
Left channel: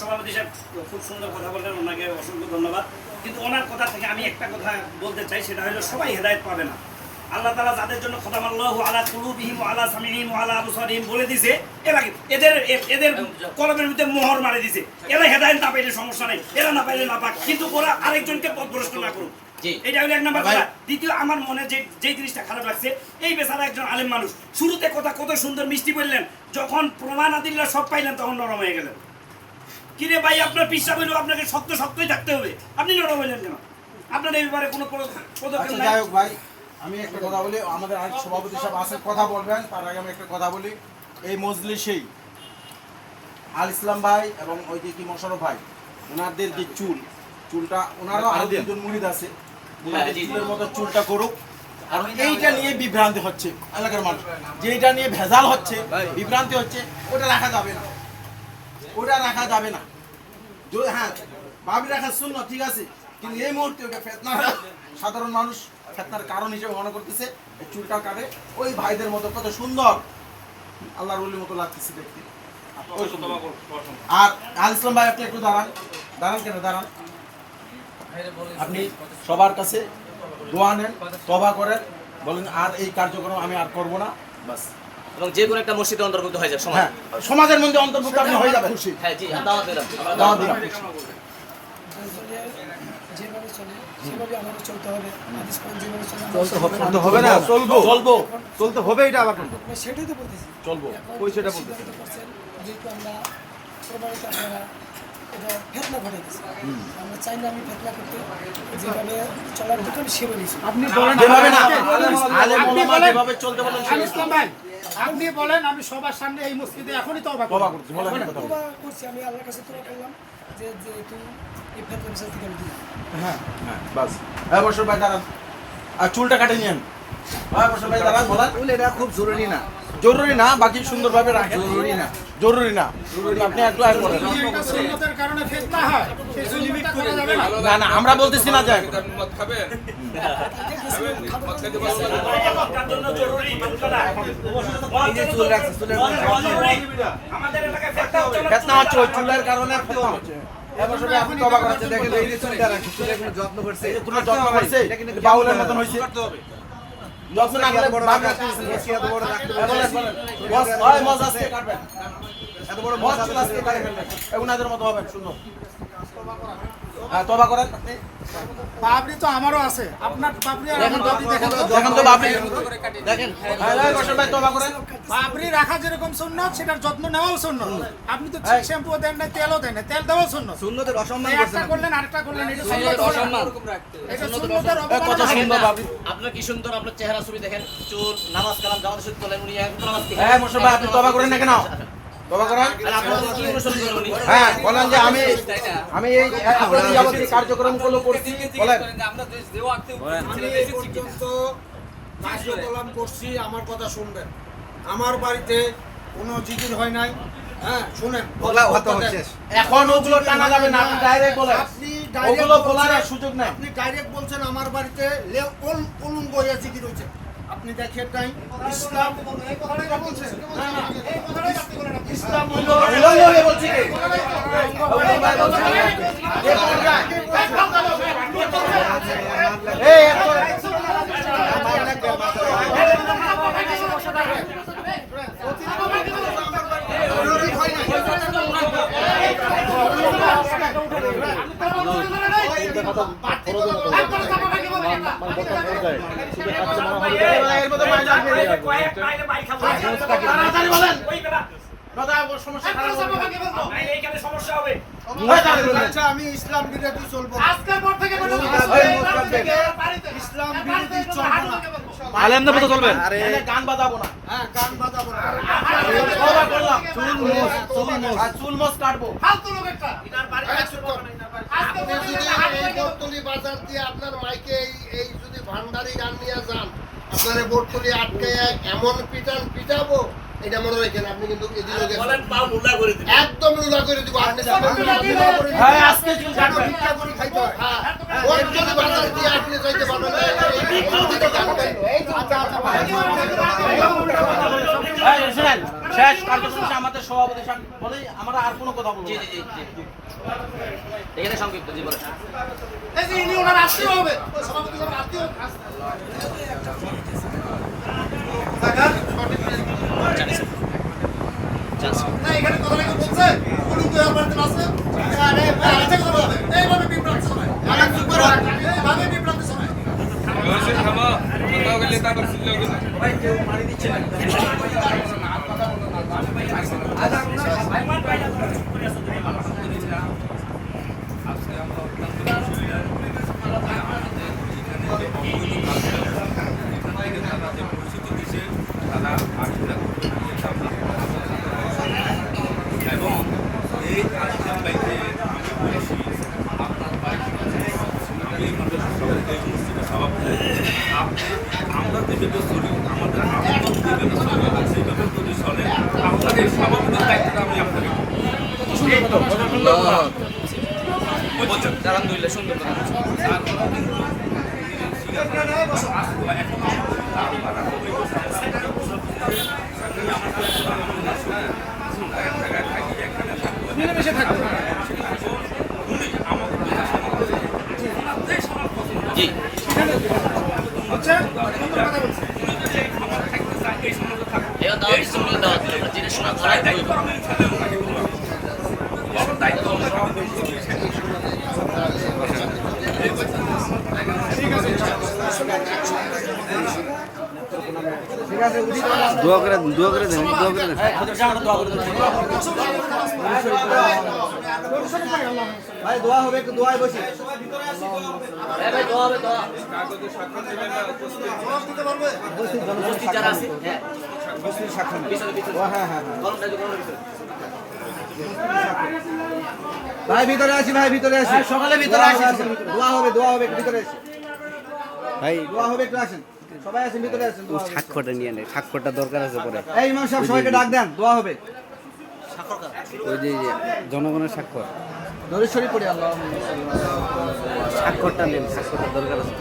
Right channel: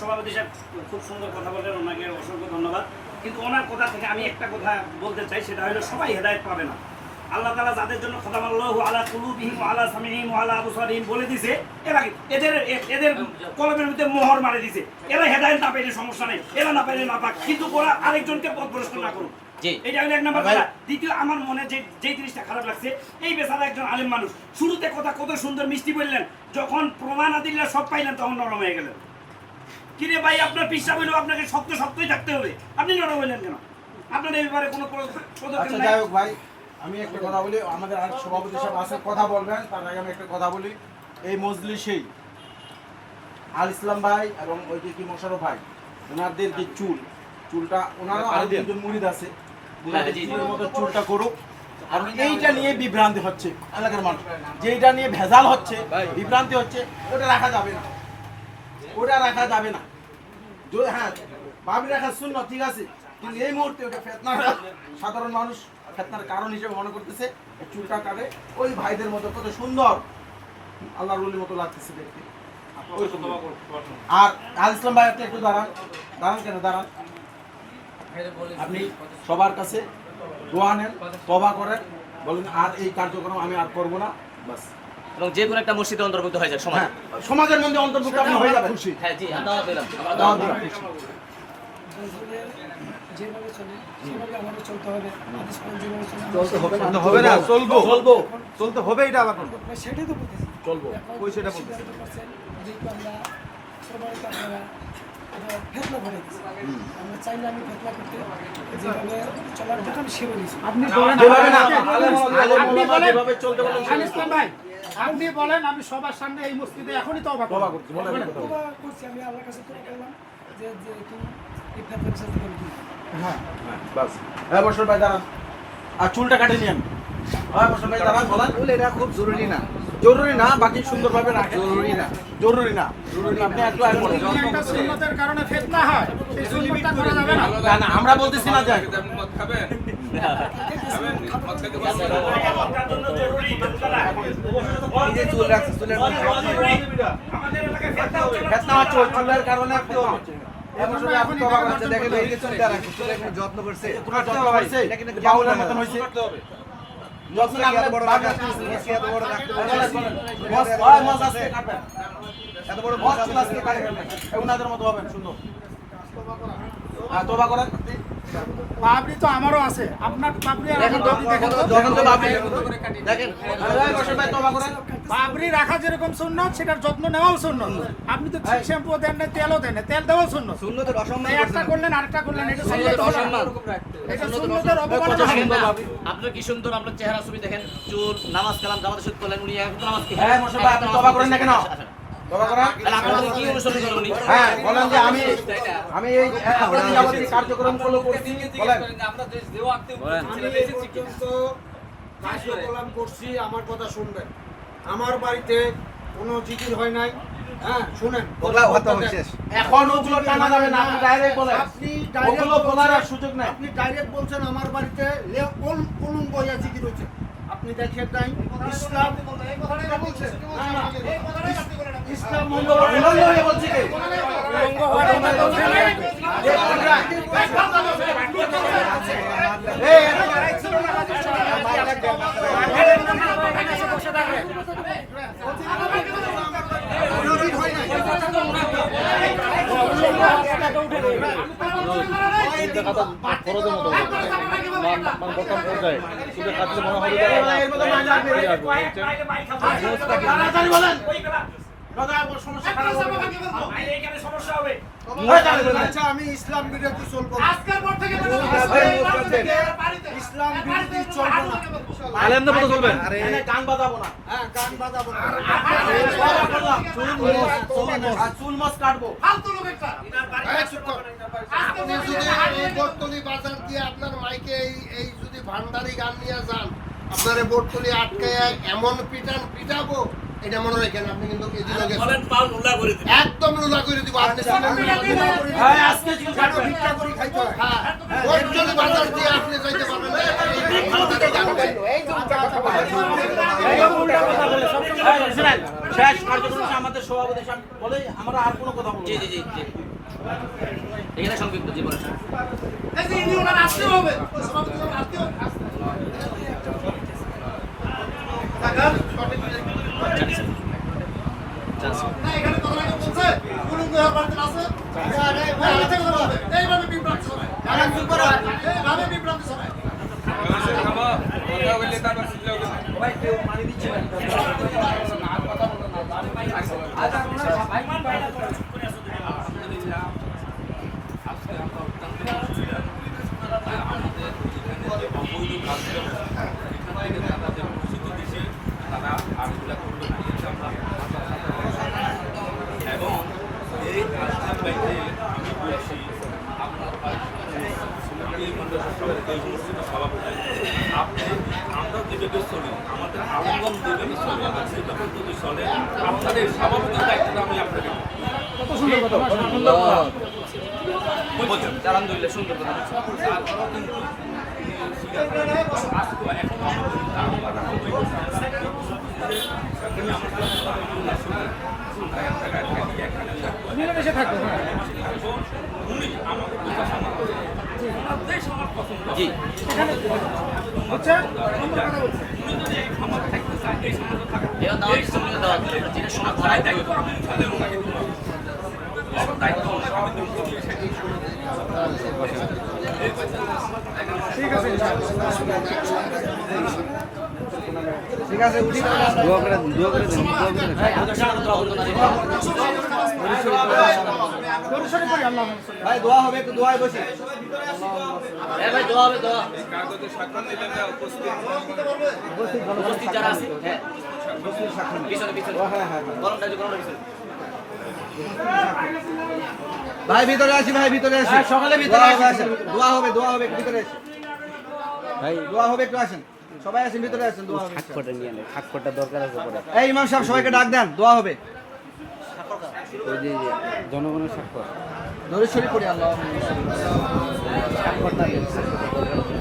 সভাপতি সাহেব খুব সুন্দর কথা বললেন, ওনাকে অসংখ্য ধন্যবাদ। কিন্তু ওনার কথা থেকে আমি একটা কথা বলতে চাই, সেটা হলো সবাই হেদায়েত পাবে না। আল্লাহ তাআলা যাদের জন্য খতামাল্লাহু আলা কুলুবিহিম ওয়া আলা সামিহিম ওয়া আলা আবসারিহিম বলে দিয়েছে, এরা এদের কলমের মধ্যে মোহর মারি দিয়েছে। এরা হেদায়েত না পেলে সমস্যা নেই, এরা না পাইলে না পাক, কিন্তু ওরা আরেকজনকে পথভ্রষ্ট না করুক। এটা হলো এক নাম্বার কথা। দ্বিতীয়, আমার মনে যে জিনিসটা খারাপ লাগছে, এই বেচারা একজন আলেম মানুষ, শুরুতে কথা কত সুন্দর মিষ্টি বললেন, যখন প্রমাণ আদিল্লা সব পাইলেন তখন নরম হয়ে গেলেন। কিরে ভাই, আপনার পিসা বলল আপনাকে শক্তই থাকতে হবে, আপনি নরম হইলেন কেন? আপনার এই ব্যাপারে কোনো পদক্ষেপ নাই? যাই হোক ভাই, আমি একটা কথা বলি, আমাদের আরেক সভাপতি সাহেব আছে, কথা বলবেন, তার আগে আমি একটা কথা বলি। এই মজলিসেই আল ইসলাম ভাই এবং ওই যে কি মোশাররফ ভাই, ওনাদের যে চুলটা ওনারও আরো দুজন মুরিদ আছে, চুলের মতো চুলটা করুক। আর এইটা নিয়ে বিভ্রান্তি হচ্ছে এলাকার মানুষ, যেটা নিয়ে ভেজাল হচ্ছে, বিভ্রান্তি হচ্ছে, ওটা রাখা যাবে না, ওটা রাখা যাবে না। হ্যাঁ, ভাবি রাখা শূন্য, ঠিক আছে, কিন্তু এই মুহূর্তে ওটা ফেতনা, সাধারণ মানুষ ফেতনার কারণ হিসেবে মনে করতেছে। এই চুলটা কাটে ওই ভাইদের মতো কত সুন্দর আল্লাহর ওলির মতো লাগতেছে দেখতে। ওই সুন্দর। আর আল ইসলাম ভাই আপনি একটু দাঁড়ান, কেন দাঁড়ান। আপনি সবার কাছে দোয়া নেন, তওবা করেন, বলেন আর এই কার্যক্রম আমি আর করব না, বাস। এবং যে কোনো একটা মসজিদে অন্তর্ভুক্ত হয়ে যায় সমাজ। হ্যাঁ, সমাজের মধ্যে অন্তর্ভুক্ত আপনি হয়ে যাবেন। হ্যাঁ জি, দাওয়াত দিলাম। দাওয়াত দিলাম। যেভাবে চলে সেভাবে আমাদের চলতে হবে। হাদিস কোরআন যেভাবে চলে চলতে হবে না, চলতে হবে, এটা আবার করব। সেটাই তো বলতেছি, চলবো, এখন ওই সেটা বলতেছি। সিদ্ধান্ত করছেন, যেহেতু আমরা প্রমাণিত আপনারা এটা ফেতনা ঘটাইতেছি, আমরা চাই না আমি ফেতনা করতে, যেভাবে চলার দোকান সেভাবে আপনি বলেন যেভাবে চলতে বলেন আল ইসলাম ভাই, আপনি বলেন আমি সবার সামনে এই মসজিদে এখনই তওবা করব। তওবা করছি, আমি আল্লাহর কাছে তওবা করলাম যে যেহেতু এই ফেতনা বিচার থেকে আমি দূরে। হ্যাঁ, বাস। হ্যাঁ, বসর ভাই দাঁড়ান। আর চুলটা কাটে নিয়েন। হ্যাঁ, বসর ভাই দাঁড়ান, বলেন। এটা খুব জরুরি না, জরুরি না, বাকি সুন্দরভাবে রাখেন। জরুরি না। আপনি একটু আর বলেন। এটা সুন্নতের কারণে ফিতনা হয়, এই সুন্নতটা করা যাবে না। না, আমরা বলতেছি না যে চুল রাখছে, চুলের মধ্যে ফেতনা হচ্ছে, ওই চুলের কারণে ফেতনা হচ্ছে। দেখেন এই যে চুলটা রাখছে, চুলের কোনো যত্ন করছে, তোমার যত্ন করছে, এটা কিন্তু বাউলের মতন হয়েছে। যত্ন এত বড় রাখা, এত বড় রাখতে এত বড় মজা ওনাদের মতো হবে সুন্দর। হ্যাঁ, তওবা করেন। পাবলি তো আমারও আছে, আপনার পাবলি আর দেখেন তো, আমার দেখেন তো। দেখেন তো আপনি দেখেন বসর ভাই তওবা করেন। পাবলি রাখা যেরকম সুন্নত, সেটার যত্ন নেওয়াও সুন্নত। আপনি তো শ্যাম্পু দেন না, তেলও দেন না, তেল দেওয়াও সুন্নত। সুন্নতের অসম্মান একটা করছেন করলেন আরেকটা করলেন, এটা সুন্নতের অসম্মান। এটা সুন্নতের অবমাননা। আপনার কি সুন্দর, আপনার চেহারা ছবি দেখেন, চুল, নামাজ কালাম যাওয়ার সুদ করলেন, উনি এখন নামাজ কি? হ্যাঁ, বসর ভাই আপনি তওবা করেন না কেন? তওবা করেন। আর আপনাদের কি অনুসরণ করেন উনি? হ্যাঁ, বলেন যে আমি এই কার্যক্রমগুলো করছি, বলেন। আমি এই পর্যন্ত কার্যকলাপ করছি, আমার কথা শুনবেন। আমার বাড়িতে কোনো জিকির হয় নাই। হ্যাঁ, শুনেন, এখন ওগুলো টানা যাবে না, আপনি ডাইরেক্ট বলেন। আপনি ওগুলো বলার আর সুযোগ নাই। আপনি ডাইরেক্ট বলছেন আমার বাড়িতে কলম বইয়া জিকির হয়েছে। আপনি দেখেন নাই ইসলাম, না, না, ইসলাম হলো বলছি কি? খরচের মতো মানে বর্তমান পর্যায়ে শুধু কাটলে মনে হবে আচ্ছা, আমি ইসলাম বিরোধী চলবো না। ইসলাম বিরোধী চলবো না। আলেমদের মতো চলবেন। গান বাজাবো না। হ্যাঁ, গান বাজাবো না। চুল মোস কাটবো। আপনি যদি এই বর্তলি বাজার দিয়ে আপনার মাইকে এই যদি ভান্ডারি গান নিয়ে যান, আপনার এই বর্তলি আটকে এমন পিটাবো, এটা মনে রাখেন। আপনি কিন্তু এদিকে একদম লুলা করে দিব। আপনি হ্যাঁ, আজকে চুল কেন ভিক্ষা করে খাইতে হয়? বর্তলি বাজার দিয়ে আপনি যাইতে পারবেন না। শেষ কার্যক্রম আমাদের সভাপতি বলে আমরা আর কোনো কথা বলবো জি না। জি জি জি। এখানে সংক্ষিপ্ত জীবন। আজকে আমরা অত্যন্ত খুশি যে আমাদের এখানে যে অবৈধ কাজগুলো এখান থেকে তারা যে পরিস্থিতি দিচ্ছে তারা আর সেটা করবে না, এটা আমরা হাজার হাজার ভরসা করি। এবং এই আসলাম বাইতে আমি বলছি আপনার বাইক আমি এই মানুষের সভাপতি, এই মসজিদের সভাপতি, আপনি আমরা যেভাবে চলি, আমাদের আন্দোলন যেভাবে চলে সেইভাবে যদি চলে, আপনার এই সভাপতির দায়িত্বটা আমি আপনাকে কত সুন্দর কথা। বলছেন আলহামদুলিল্লাহ সুন্দর তারপরেও কিন্তু আসতো এখন আমি বলি তার বাগান ওই আমার কথা আমার সঙ্গে আমরা এক জায়গায় থাকি এখানে মিলেমিশে থাকবো। থাকবো উনি আমাকে বোঝা সমাজ ওনার দেশ আমার পছন্দ জি হচ্ছে সুন্দর কথা বলছে। উনি যদি আমার থাকতে চায় এই সমাজে থাকবো এই দাওয়াত দিচ্ছে উনি দাওয়াত দিচ্ছে আমরা জিনিস শোনা ধরাই দেই দায়িত্ব আমি ইনশাআল্লাহ ওনাকে করবো আমার দায়িত্ব ওনাকে আমি করবো ঠিক আছে ঠিক আছে দোয়া করে দেন দোয়া করে দেন দোয়া করে দেন ভাই দোয়া হবে একটু দোয়ায় বসি ভাই দোয়া হবে দোয়া উপস্থিত যারা আছে হ্যাঁ পিছনে পিছনে হ্যাঁ হ্যাঁ গরমটা যে গরমের পিছনে ভাই ভিতরে আসি ভাই ভিতরে আসি সকালে ভিতরে আসি। দোয়া হবে একটু ভিতরে আসি ভাই দোয়া হবে একটু আসেন সবাই আসেন ভিতরে আসেন দোয়া হবে স্বাক্ষরটা নিয়ে নেই স্বাক্ষরটা দরকার আছে পরে এই ইমাম সাহেব সবাইকে ডাক দেন দোয়া হবে ওই যে জনগণের স্বাক্ষর দরুদ শরীফ পড়ি আল্লাহ স্বাক্ষরটা নেই স্বাক্ষরটা দরকার আছে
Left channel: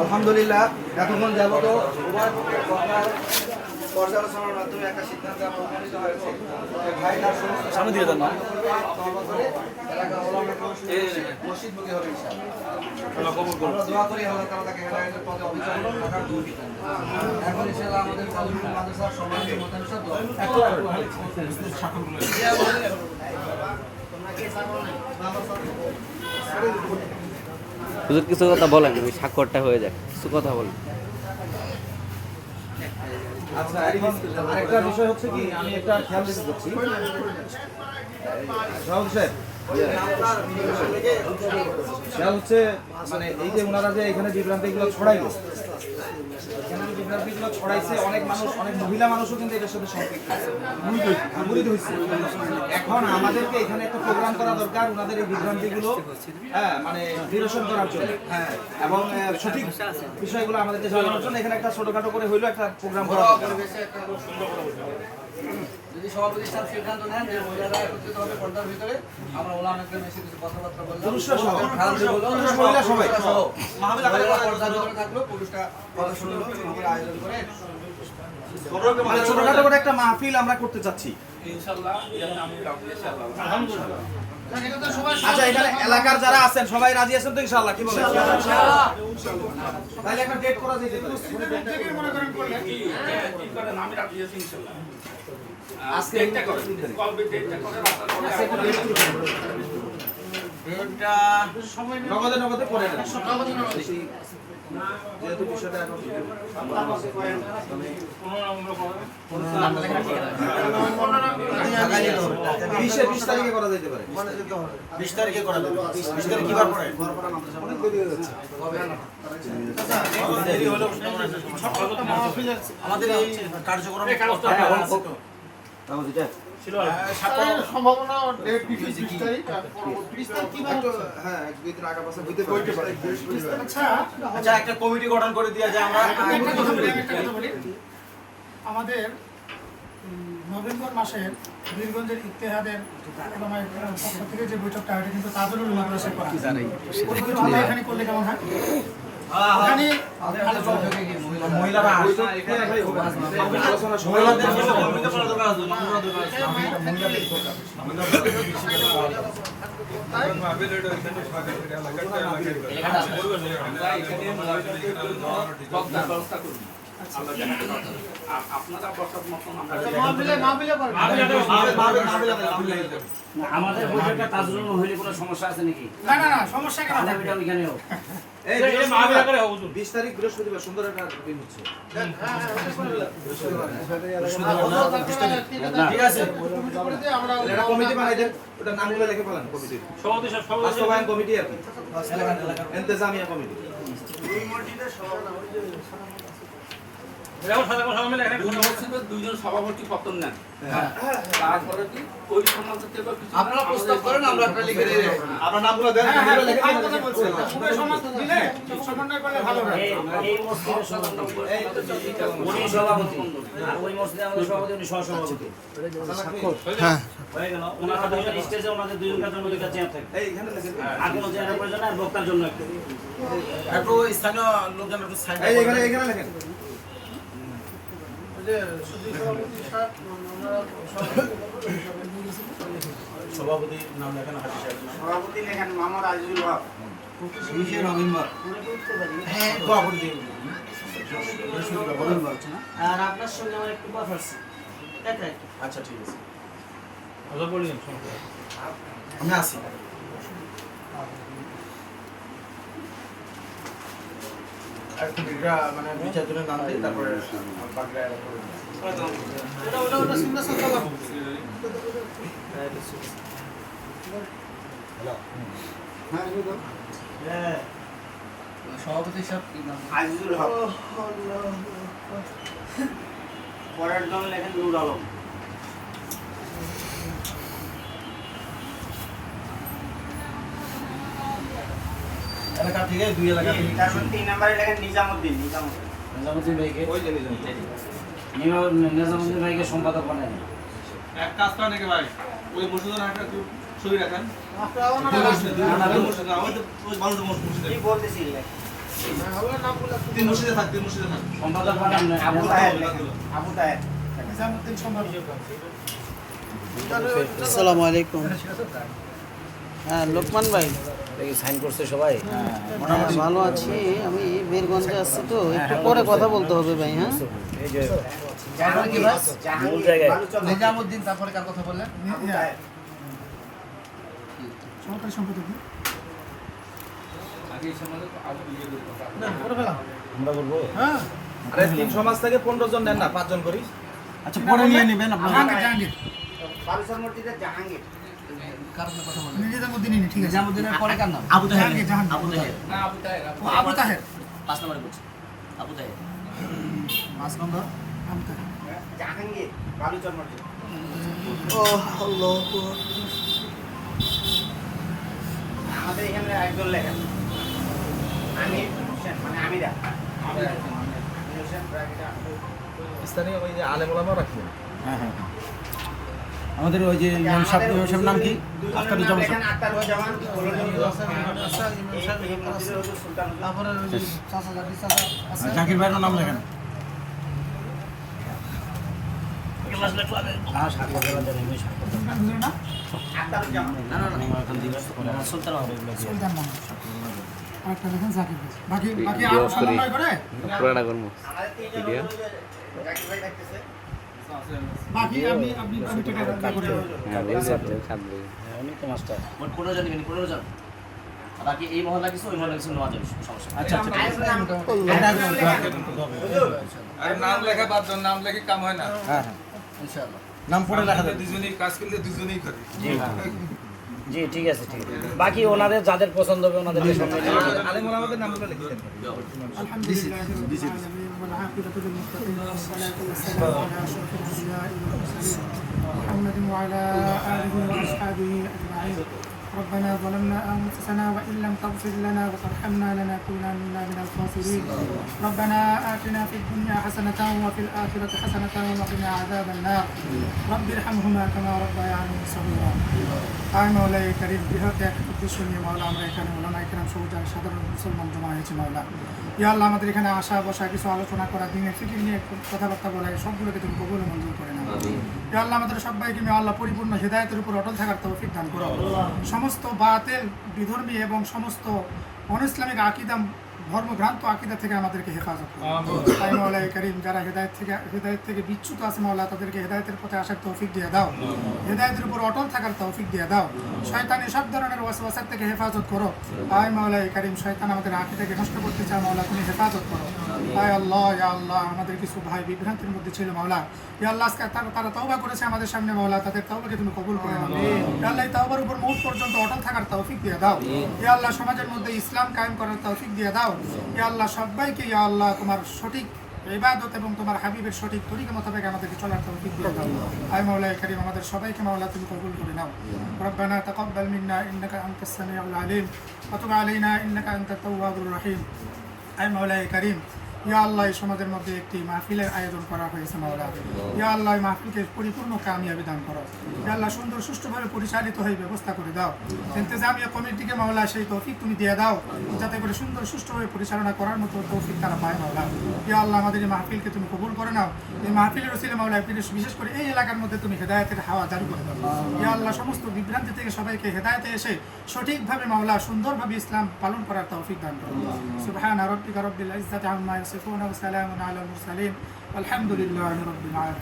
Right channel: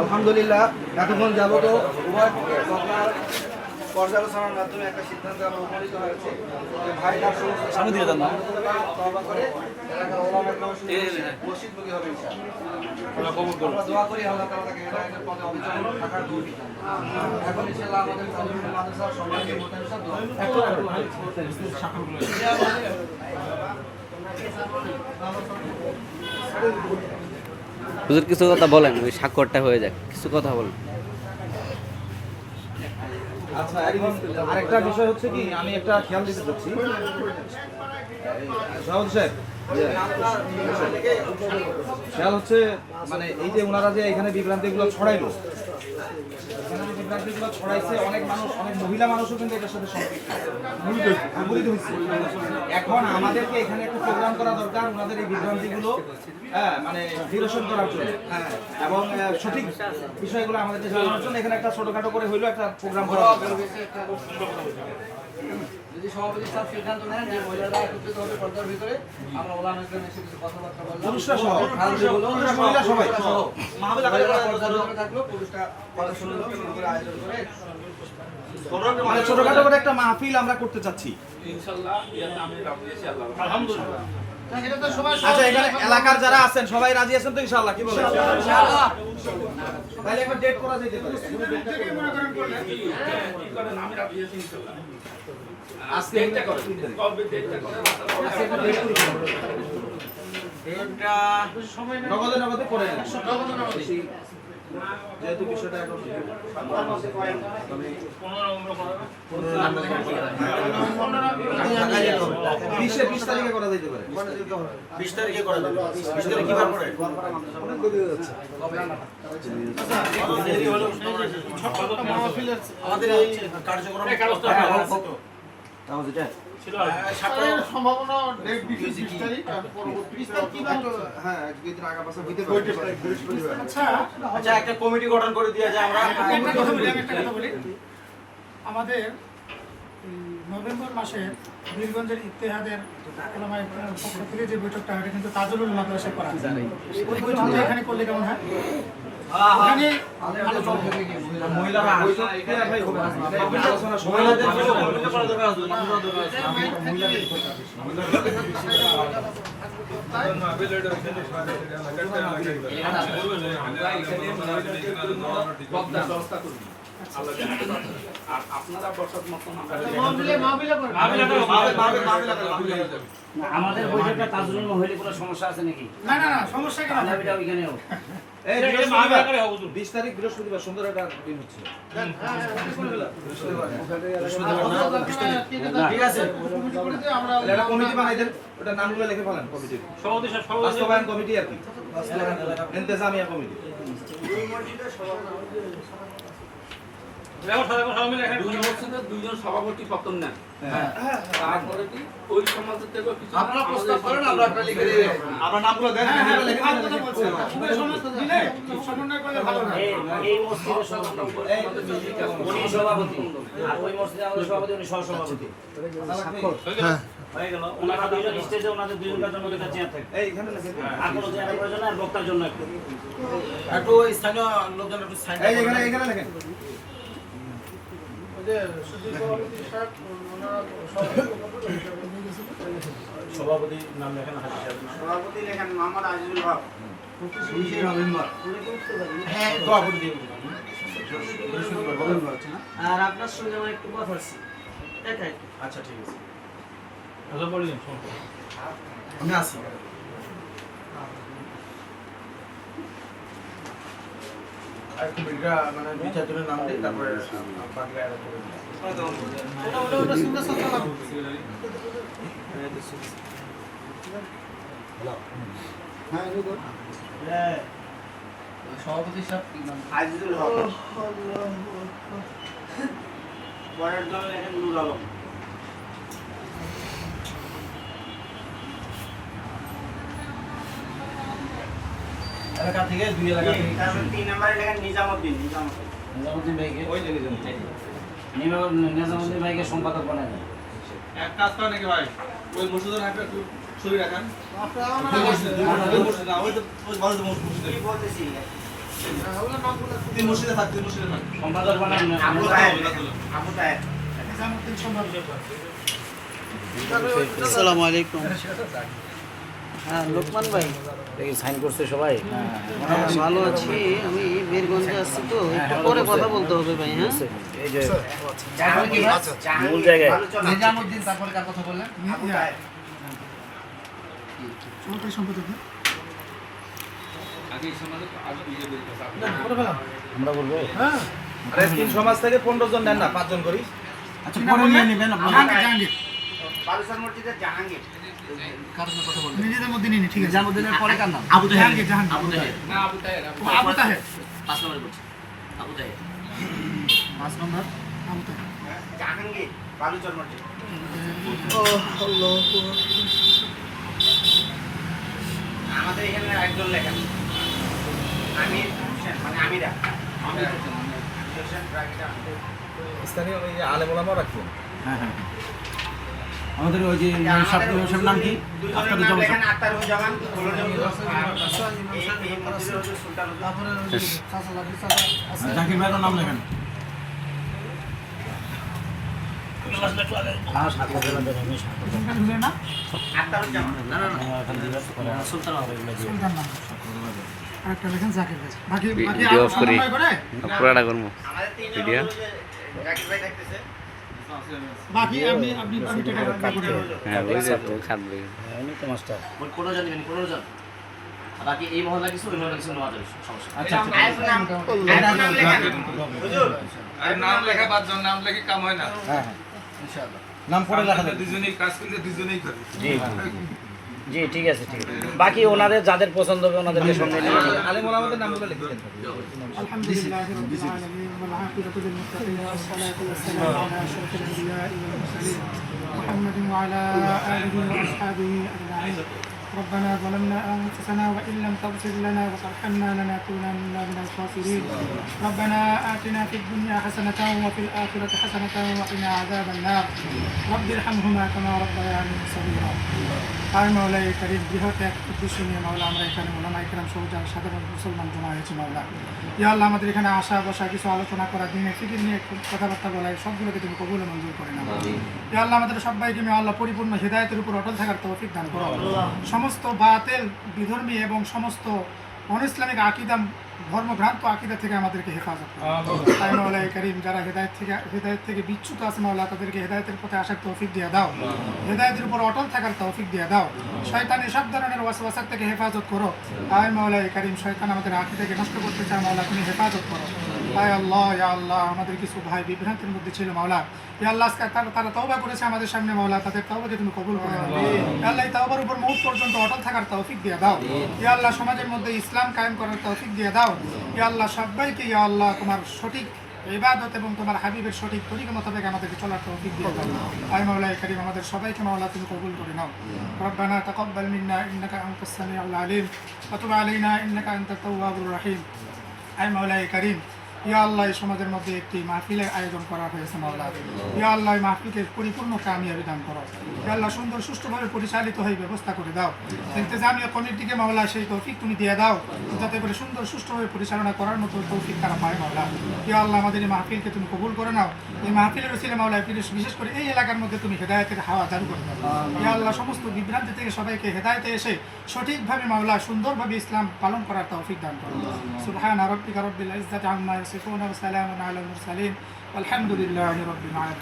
আলহামদুলিল্লাহ এতক্ষণ যাবত পর্যালোচনার মাধ্যমে একটা সিদ্ধান্ত আমরা উপনীত হয়েছে যে ভাই তার সমস্ত সামনে দিয়ে দেন না। এলাকার ওলামাকে মসজিদমুখী হবে ইনশাআল্লাহ। আমরা দোয়া করি আল্লাহ তাআলা তাকে হেদায়েতের পথে অবিচল থাকার তৌফিক দান করুন। এখন ইনশাআল্লাহ আমাদের ফাজিলুল মাদ্রাসার সম্মানিত মোহতামিম সাহেব দোয়া হুজুর কিছু কথা বলেন ওই স্বাক্ষরটা হয়ে যায় কিছু কথা বলেন আচ্ছা এখন আরেকটা বিষয় হচ্ছে কি আমি একটা খেয়াল দিতে চাচ্ছি সভাপতি সাহেব খেয়াল হচ্ছে মানে এই যে ওনারা যে এখানে বিভ্রান্তিগুলো ছড়াইলো এখানে যে বিভ্রান্তিগুলো ছড়াইছে অনেক মানুষ অনেক মহিলা মানুষও কিন্তু এটার সাথে সম্পৃক্ত মুড়িত হয়েছে এখন আমাদেরকে এখানে একটা প্রোগ্রাম করা দরকার ওনাদের এই বিভ্রান্তিগুলো মানে নিরসন করার জন্য এবং সঠিক বিষয়গুলো আমাদেরকে জানানোর জন্য এখানে একটা ছোটখাটো করে হইলো একটা প্রোগ্রাম করা দরকার যদি সভাপতি সাহেব সিদ্ধান্ত নেন যে মহিলারা একত্রিত হবে পর্দার ভিতরে আমরা ওলামা একদম এসে কিছু কথাবার্তা বললাম পুরুষরা সহ পুরুষ মহিলা সবাই মাহফিল আকারে পর্দার ভিতরে থাকলো পুরুষটা কথা শুনলো পুরো আয়োজন করে মানে ছোটখাটো করে একটা মাহফিল আমরা করতে চাচ্ছি ইনশাআল্লাহ আমি রাজি আছি আল্লাহ আচ্ছা এখানে এলাকার যারা আছেন সবাই রাজি আছেন তো ইনশাআল্লাহ কি বলেন ইনশাআল্লাহ তাহলে একটা ডেট করা যেতে পারে আমি রাজি আছি ইনশাআল্লাহ আজকে একটা করে কবে ডেটটা করে ডেটটা সময় নগদে করে নেন যেহেতু বিষয়টা এখন 20 তারিখে করা যেতে পারে 20 তারিখে করা যাবে 20 তারিখ কিবার পড়ে অনেক দেরি হয়ে যাচ্ছে দেরি হলে আমাদের এই কার্যক্রম সম্ভাবনা ডেট 20 তারিখ পরবর্তী 20 তারিখ কিবার হ্যাঁ এক দুই দিন আগা পাশে হইতে পারে আচ্ছা একটা কমিটি গঠন করে দেওয়া যায় আমরা একটা কথা বলি আমাদের নভেম্বর মাসে বীরগঞ্জের ইত্তেহাদের ওলামায়ে কেরামের পক্ষ থেকে যে বৈঠকটা এটা কিন্তু তাজুলুল মাদ্রাসায় করা হয় এখানে করলে কেমন হয় ওখানে মহিলারা আসছে ভাই মহিলাদের ভূমিকা পালন করা দরকার মহিলাদের আপনারা বসার মতন আমাদের বৈঠকটা তাজরুল হইলে কোনো সমস্যা আছে নাকি? না সমস্যা কেন আমরা এটা ওইখানেও এই 20 তারিখ বৃহস্পতিবার সুন্দর একটা দিন হচ্ছে ঠিক আছে একটা কমিটি বানাই দেন ওটা নামগুলো লিখে ফেলেন কমিটির বাস্তবায়ন কমিটি আর কি ইন্তেজামিয়া কমিটি দুই মসজিদের দুইজন সভাপতি পতন নেন, তারপরে কি ওই সমাজের থেকে কিছু আপনারা প্রস্তাব করেন, আমরা একটা লিখে দিয়ে দেব। আপনার নামগুলো দেন। এই মসজিদের সভাপতি উনি সভাপতি, আর ওই মসজিদে আমাদের সভাপতি উনি সহসভাপতি। হয়ে গেল। ওনারা দুইজন স্টেজে, ওনাদের দুইজনের জন্য দুইটা চেয়ার থাকে। আর কোনো চেয়ারের প্রয়োজন নেই, আর বক্তার জন্য একটা। একটু স্থানীয় লোকজন একটু সাইন এই এখানে এখানে লেখেন। সভাপতির নাম লেখেন হাজি সাহেব। সভাপতি লেখেন মোহাম্মদ আজিজুল হক। 20 নভেম্বর। হ্যাঁ, সভাপতি দিন। আর আপনার সঙ্গে আমার একটু কথা আছে। এটাই। আচ্ছা ঠিক আছে। আমি আসি। একটু এটা মানে বিচার জন্য নাম দিই, তারপরে বাকিরা করে দিই। ওটা সুন্দর সুন্দর করো। সভাপতি সাহেব আজিজুল হক। পরের জন লেখেন নুর আলম। এলাকা থেকে 2 এলাকা থেকে। তারপর 3 নম্বরে লেখেন নিজামউদ্দিন। নিজামউদ্দিন ভাইকে নিজামউদ্দিন ভাইকে সম্পাদক বানায় দেন। এক কাজ করেন নাকি ভাই, ওই মসজিদের হাতে একটু ছবি রাখেন। কি বলতেছি? তিন মসজিদে থাক, তিন মসজিদে থাক। সম্পাদক বানান আবু তাহের। আবু তাহের। নিজামউদ্দিন সম্পাদক। আসসালামু আলাইকুম। হ্যাঁ, লোকমান ভাই। দেখি সাইন করছে সবাই। মোটামুটি ভালো আছি। আমি বীরগঞ্জে আছি তো, পরে কথা বলতে হবে ভাই। হ্যাঁ, এই যে এখন কি ভাই মূল জায়গায় নিজামউদ্দিন, তারপরে কার কথা বললেন? আবু তাহের। সভাপতি সম্পাদক। আগে এই সমাজে আগে বিয়ে করতে আমরা বলবো। হ্যাঁ, আরে তিন সমাজ থেকে 15 জন নেন না, 5 জন করি। আচ্ছা পরে নিয়ে নেবেন আপনারা। জাহাঙ্গীর। বালুচর মসজিদের জাহাঙ্গীর। নিজেদের মধ্যে নিয়ে নি, ঠিক আছে। নিজামউদ্দিনের পরে কার নাম? আবু জাহাঙ্গীর। আবু তাহের। না আবু তাহের। ও, আবু তাহের। 5 নম্বরে বলছি আবু তাহের। 5 নম্বর আবু তাহের। জাহাঙ্গীর বালুচর মসজিদ। আমাদের এখানে একজন লেখেন আমির হোসেন, মানে আমিরা। আমির হোসেন ব্রাকেটা। স্থানীয় ওই আলেম ওলামাও রাখবেন। হ্যাঁ হ্যাঁ। আমাদের ওই যে ইমাম সাহেব নাম কি? আখতার লেখেন আখতারুজ্জামান। তারপরে ওই যে চাচা আছে। জাকির ভাইয়ের নাম লেখেন। শুনে না? আখতারুজ্জামান। সুলতান হবে। সুলতান নাম। আরেকটা লেখেন জাকির ভাই। বাকি ভিডিও অফ করি। পুরাটা করব। আমাদের ভিডিও জাকির ভাই দেখতেছে। বাকি আপনি টাকা করে। হ্যাঁ, ওই যে ও খাবে। অনেক তো মাস্টার। ওই 15 জন নেবেন, 15 জন। আর বাকি এই মহল্লা কিছু, ওই মহল্লা কিছু নেওয়া যাবে, সমস্যা নেই। আচ্ছা আচ্ছা। আর নাম লেখা 5 জন, নাম লেখে কাম হয় না। হ্যাঁ হ্যাঁ ইনশাআল্লাহ। নাম পড়ে লেখা যাবে। দুজনেই কাজ করলে দুজনেই করে। জি ঠিক আছে, ঠিক আছে। বাকি ওনাদের যাদের পছন্দ হবে ওনাদের আলেম ওলামাদের নামগুলো লিখে দেন। আলহামদুলিল্লাহ রাব্বিল আলামিন ওয়াল আকিবাতু লিল মুত্তাকিন ওয়াস সালাতু ওয়াস সালামু আলা আশরাফিল আনবিয়া'i ওয়াল মুরসালিন মুহাম্মাদিন ওয়া আলা আলিহি ওয়া আসহাবিহি আজমাইন। ربنا ظلمنا أنفسنا وإن لم تغفر لنا وترحمنا لنكونن من الخاسرين. ربنا آتنا في الدنيا حسنة وفي الآخرة حسنة وقنا عذاب النار. رب ارحمهما كما ربياني صغيرا. আর মাওলা এই কারিম বৃহৎ এক উদ্দেশ্য নিয়ে মাওলা আমরা এখানে ওলামা ইকরাম সহ যারা সাধারণ মুসলমান জমা হয়েছে মাওলা, ইয়া আল্লাহ আমাদের এখানে আসা বসা কিছু আলোচনা করা, দিনের ফিকির নিয়ে কথাবার্তা বলা, এই সবগুলোকে তুমি কবুল মঞ্জুর করে নাও। ইয়া আল্লাহ আমাদের সবাইকে নিয়ে আল্লাহ পরিপূর্ণ হিদায়াতের উপর অটল থাকার তৌফিক দান করো। সমস্ত বাতিল বিধর্মী এবং সমস্ত অনইসলামিক আকীদা ধর্মভ্রান্ত আকীদা থেকে আমাদেরকে হেফাজত করো। তাই মাওলা এই কারিম যারা হেদায়েত থেকে বিচ্যুত আছে মাওলা তাদেরকে হেদায়েতের পথে আসার তৌফিক দিয়ে দাও, হেদায়েতের উপর অটল থাকার তৌফিক দিয়ে দাও। শয়তানি সব ধরনের ওয়াসওয়াসা থেকে হেফাজত করো। আয় মাওলা এই কারিম শয়তান আমাদের আকীদাকে নষ্ট করতে চায় মাওলা তুমি হেফাজত করো। আয় আল্লাহ, ইয়া আল্লাহ আমাদের কিছু ভাই বিভ্রান্তির মধ্যে ছিল মাওলা, ইয়া আল্লাহ আজকে তারা তওবা করেছে আমাদের সামনে মাওলা, তাদের তওবাকে তুমি কবুল করে নাও। ইয়া আল্লাহ এই তওবার উপর মওত পর্যন্ত অটল থাকার তৌফিক দিয়ে দাও। ইয়া আল্লাহ সমাজের মধ্যে ইসলাম কায়েম করার তৌফিক দিয়ে দাও। ইয়া আল্লাহ সবাইকে ইয়া আল্লাহ তোমার সঠিক ইবাদত এবং তোমার হাবিবের সঠিক তরিকা মোতাবেক আমাদেরকে চলার তৌফিক দিয়ে দাও। আয় মাওলা কারীম, আমাদের সবাইকে মাওলা তুমি কবুল করে নাও। রব্বানা তাকাব্বাল মিন্না ইন্নাকা আনতাস সামিউল আলিম ওয়া তুব আলাইনা ইন্নাকা আনতাত তাওয়াবুর রহিম। আয় মাওলা কারীম, ইয়া আল্লাহ, এই সমাজের মধ্যে একটি মাহফিলের আয়োজন করা হয়েছে মাওলা। ইয়া আল্লাহ, এই মাহফিলকে পরিপূর্ণ কামিয়াবি দান করো। ইয়া আল্লাহ, সুন্দর সুষ্ঠুভাবে পরিচালিত হয়ে ব্যবস্থা করে দাও। ইন্তেজামিয়া কমিটিকে মাওলা সেই তৌফিক তুমি দিয়ে দাও, যাতে করে সুন্দর সুষ্ঠুভাবে পরিচালনা করার মতো তৌফিক তারা পায় মাওলা। ইয়া আল্লাহ, আমাদের এই মাহফিলকে তুমি কবুল করে নাও। এই মাহফিলের ওসিলা মাওলা বিশেষ করে এই এলাকার মধ্যে তুমি হেদায়েতের হাওয়া জারি করে দাও। ইয়া আল্লাহ, সমস্ত বিভ্রান্তি থেকে সবাইকে হেদায়েতে এসে সঠিকভাবে মাওলা সুন্দরভাবে ইসলাম পালন করার তৌফিক দান করো। সুবহানা রাব্বিকা রাব্বিল ইজ্জাতি আম্মা ইয়াসিফুন ওয়া সালামুন আলাল মুরসালিন আলহামদুলিল্লাহি রাব্বিল আলামিন।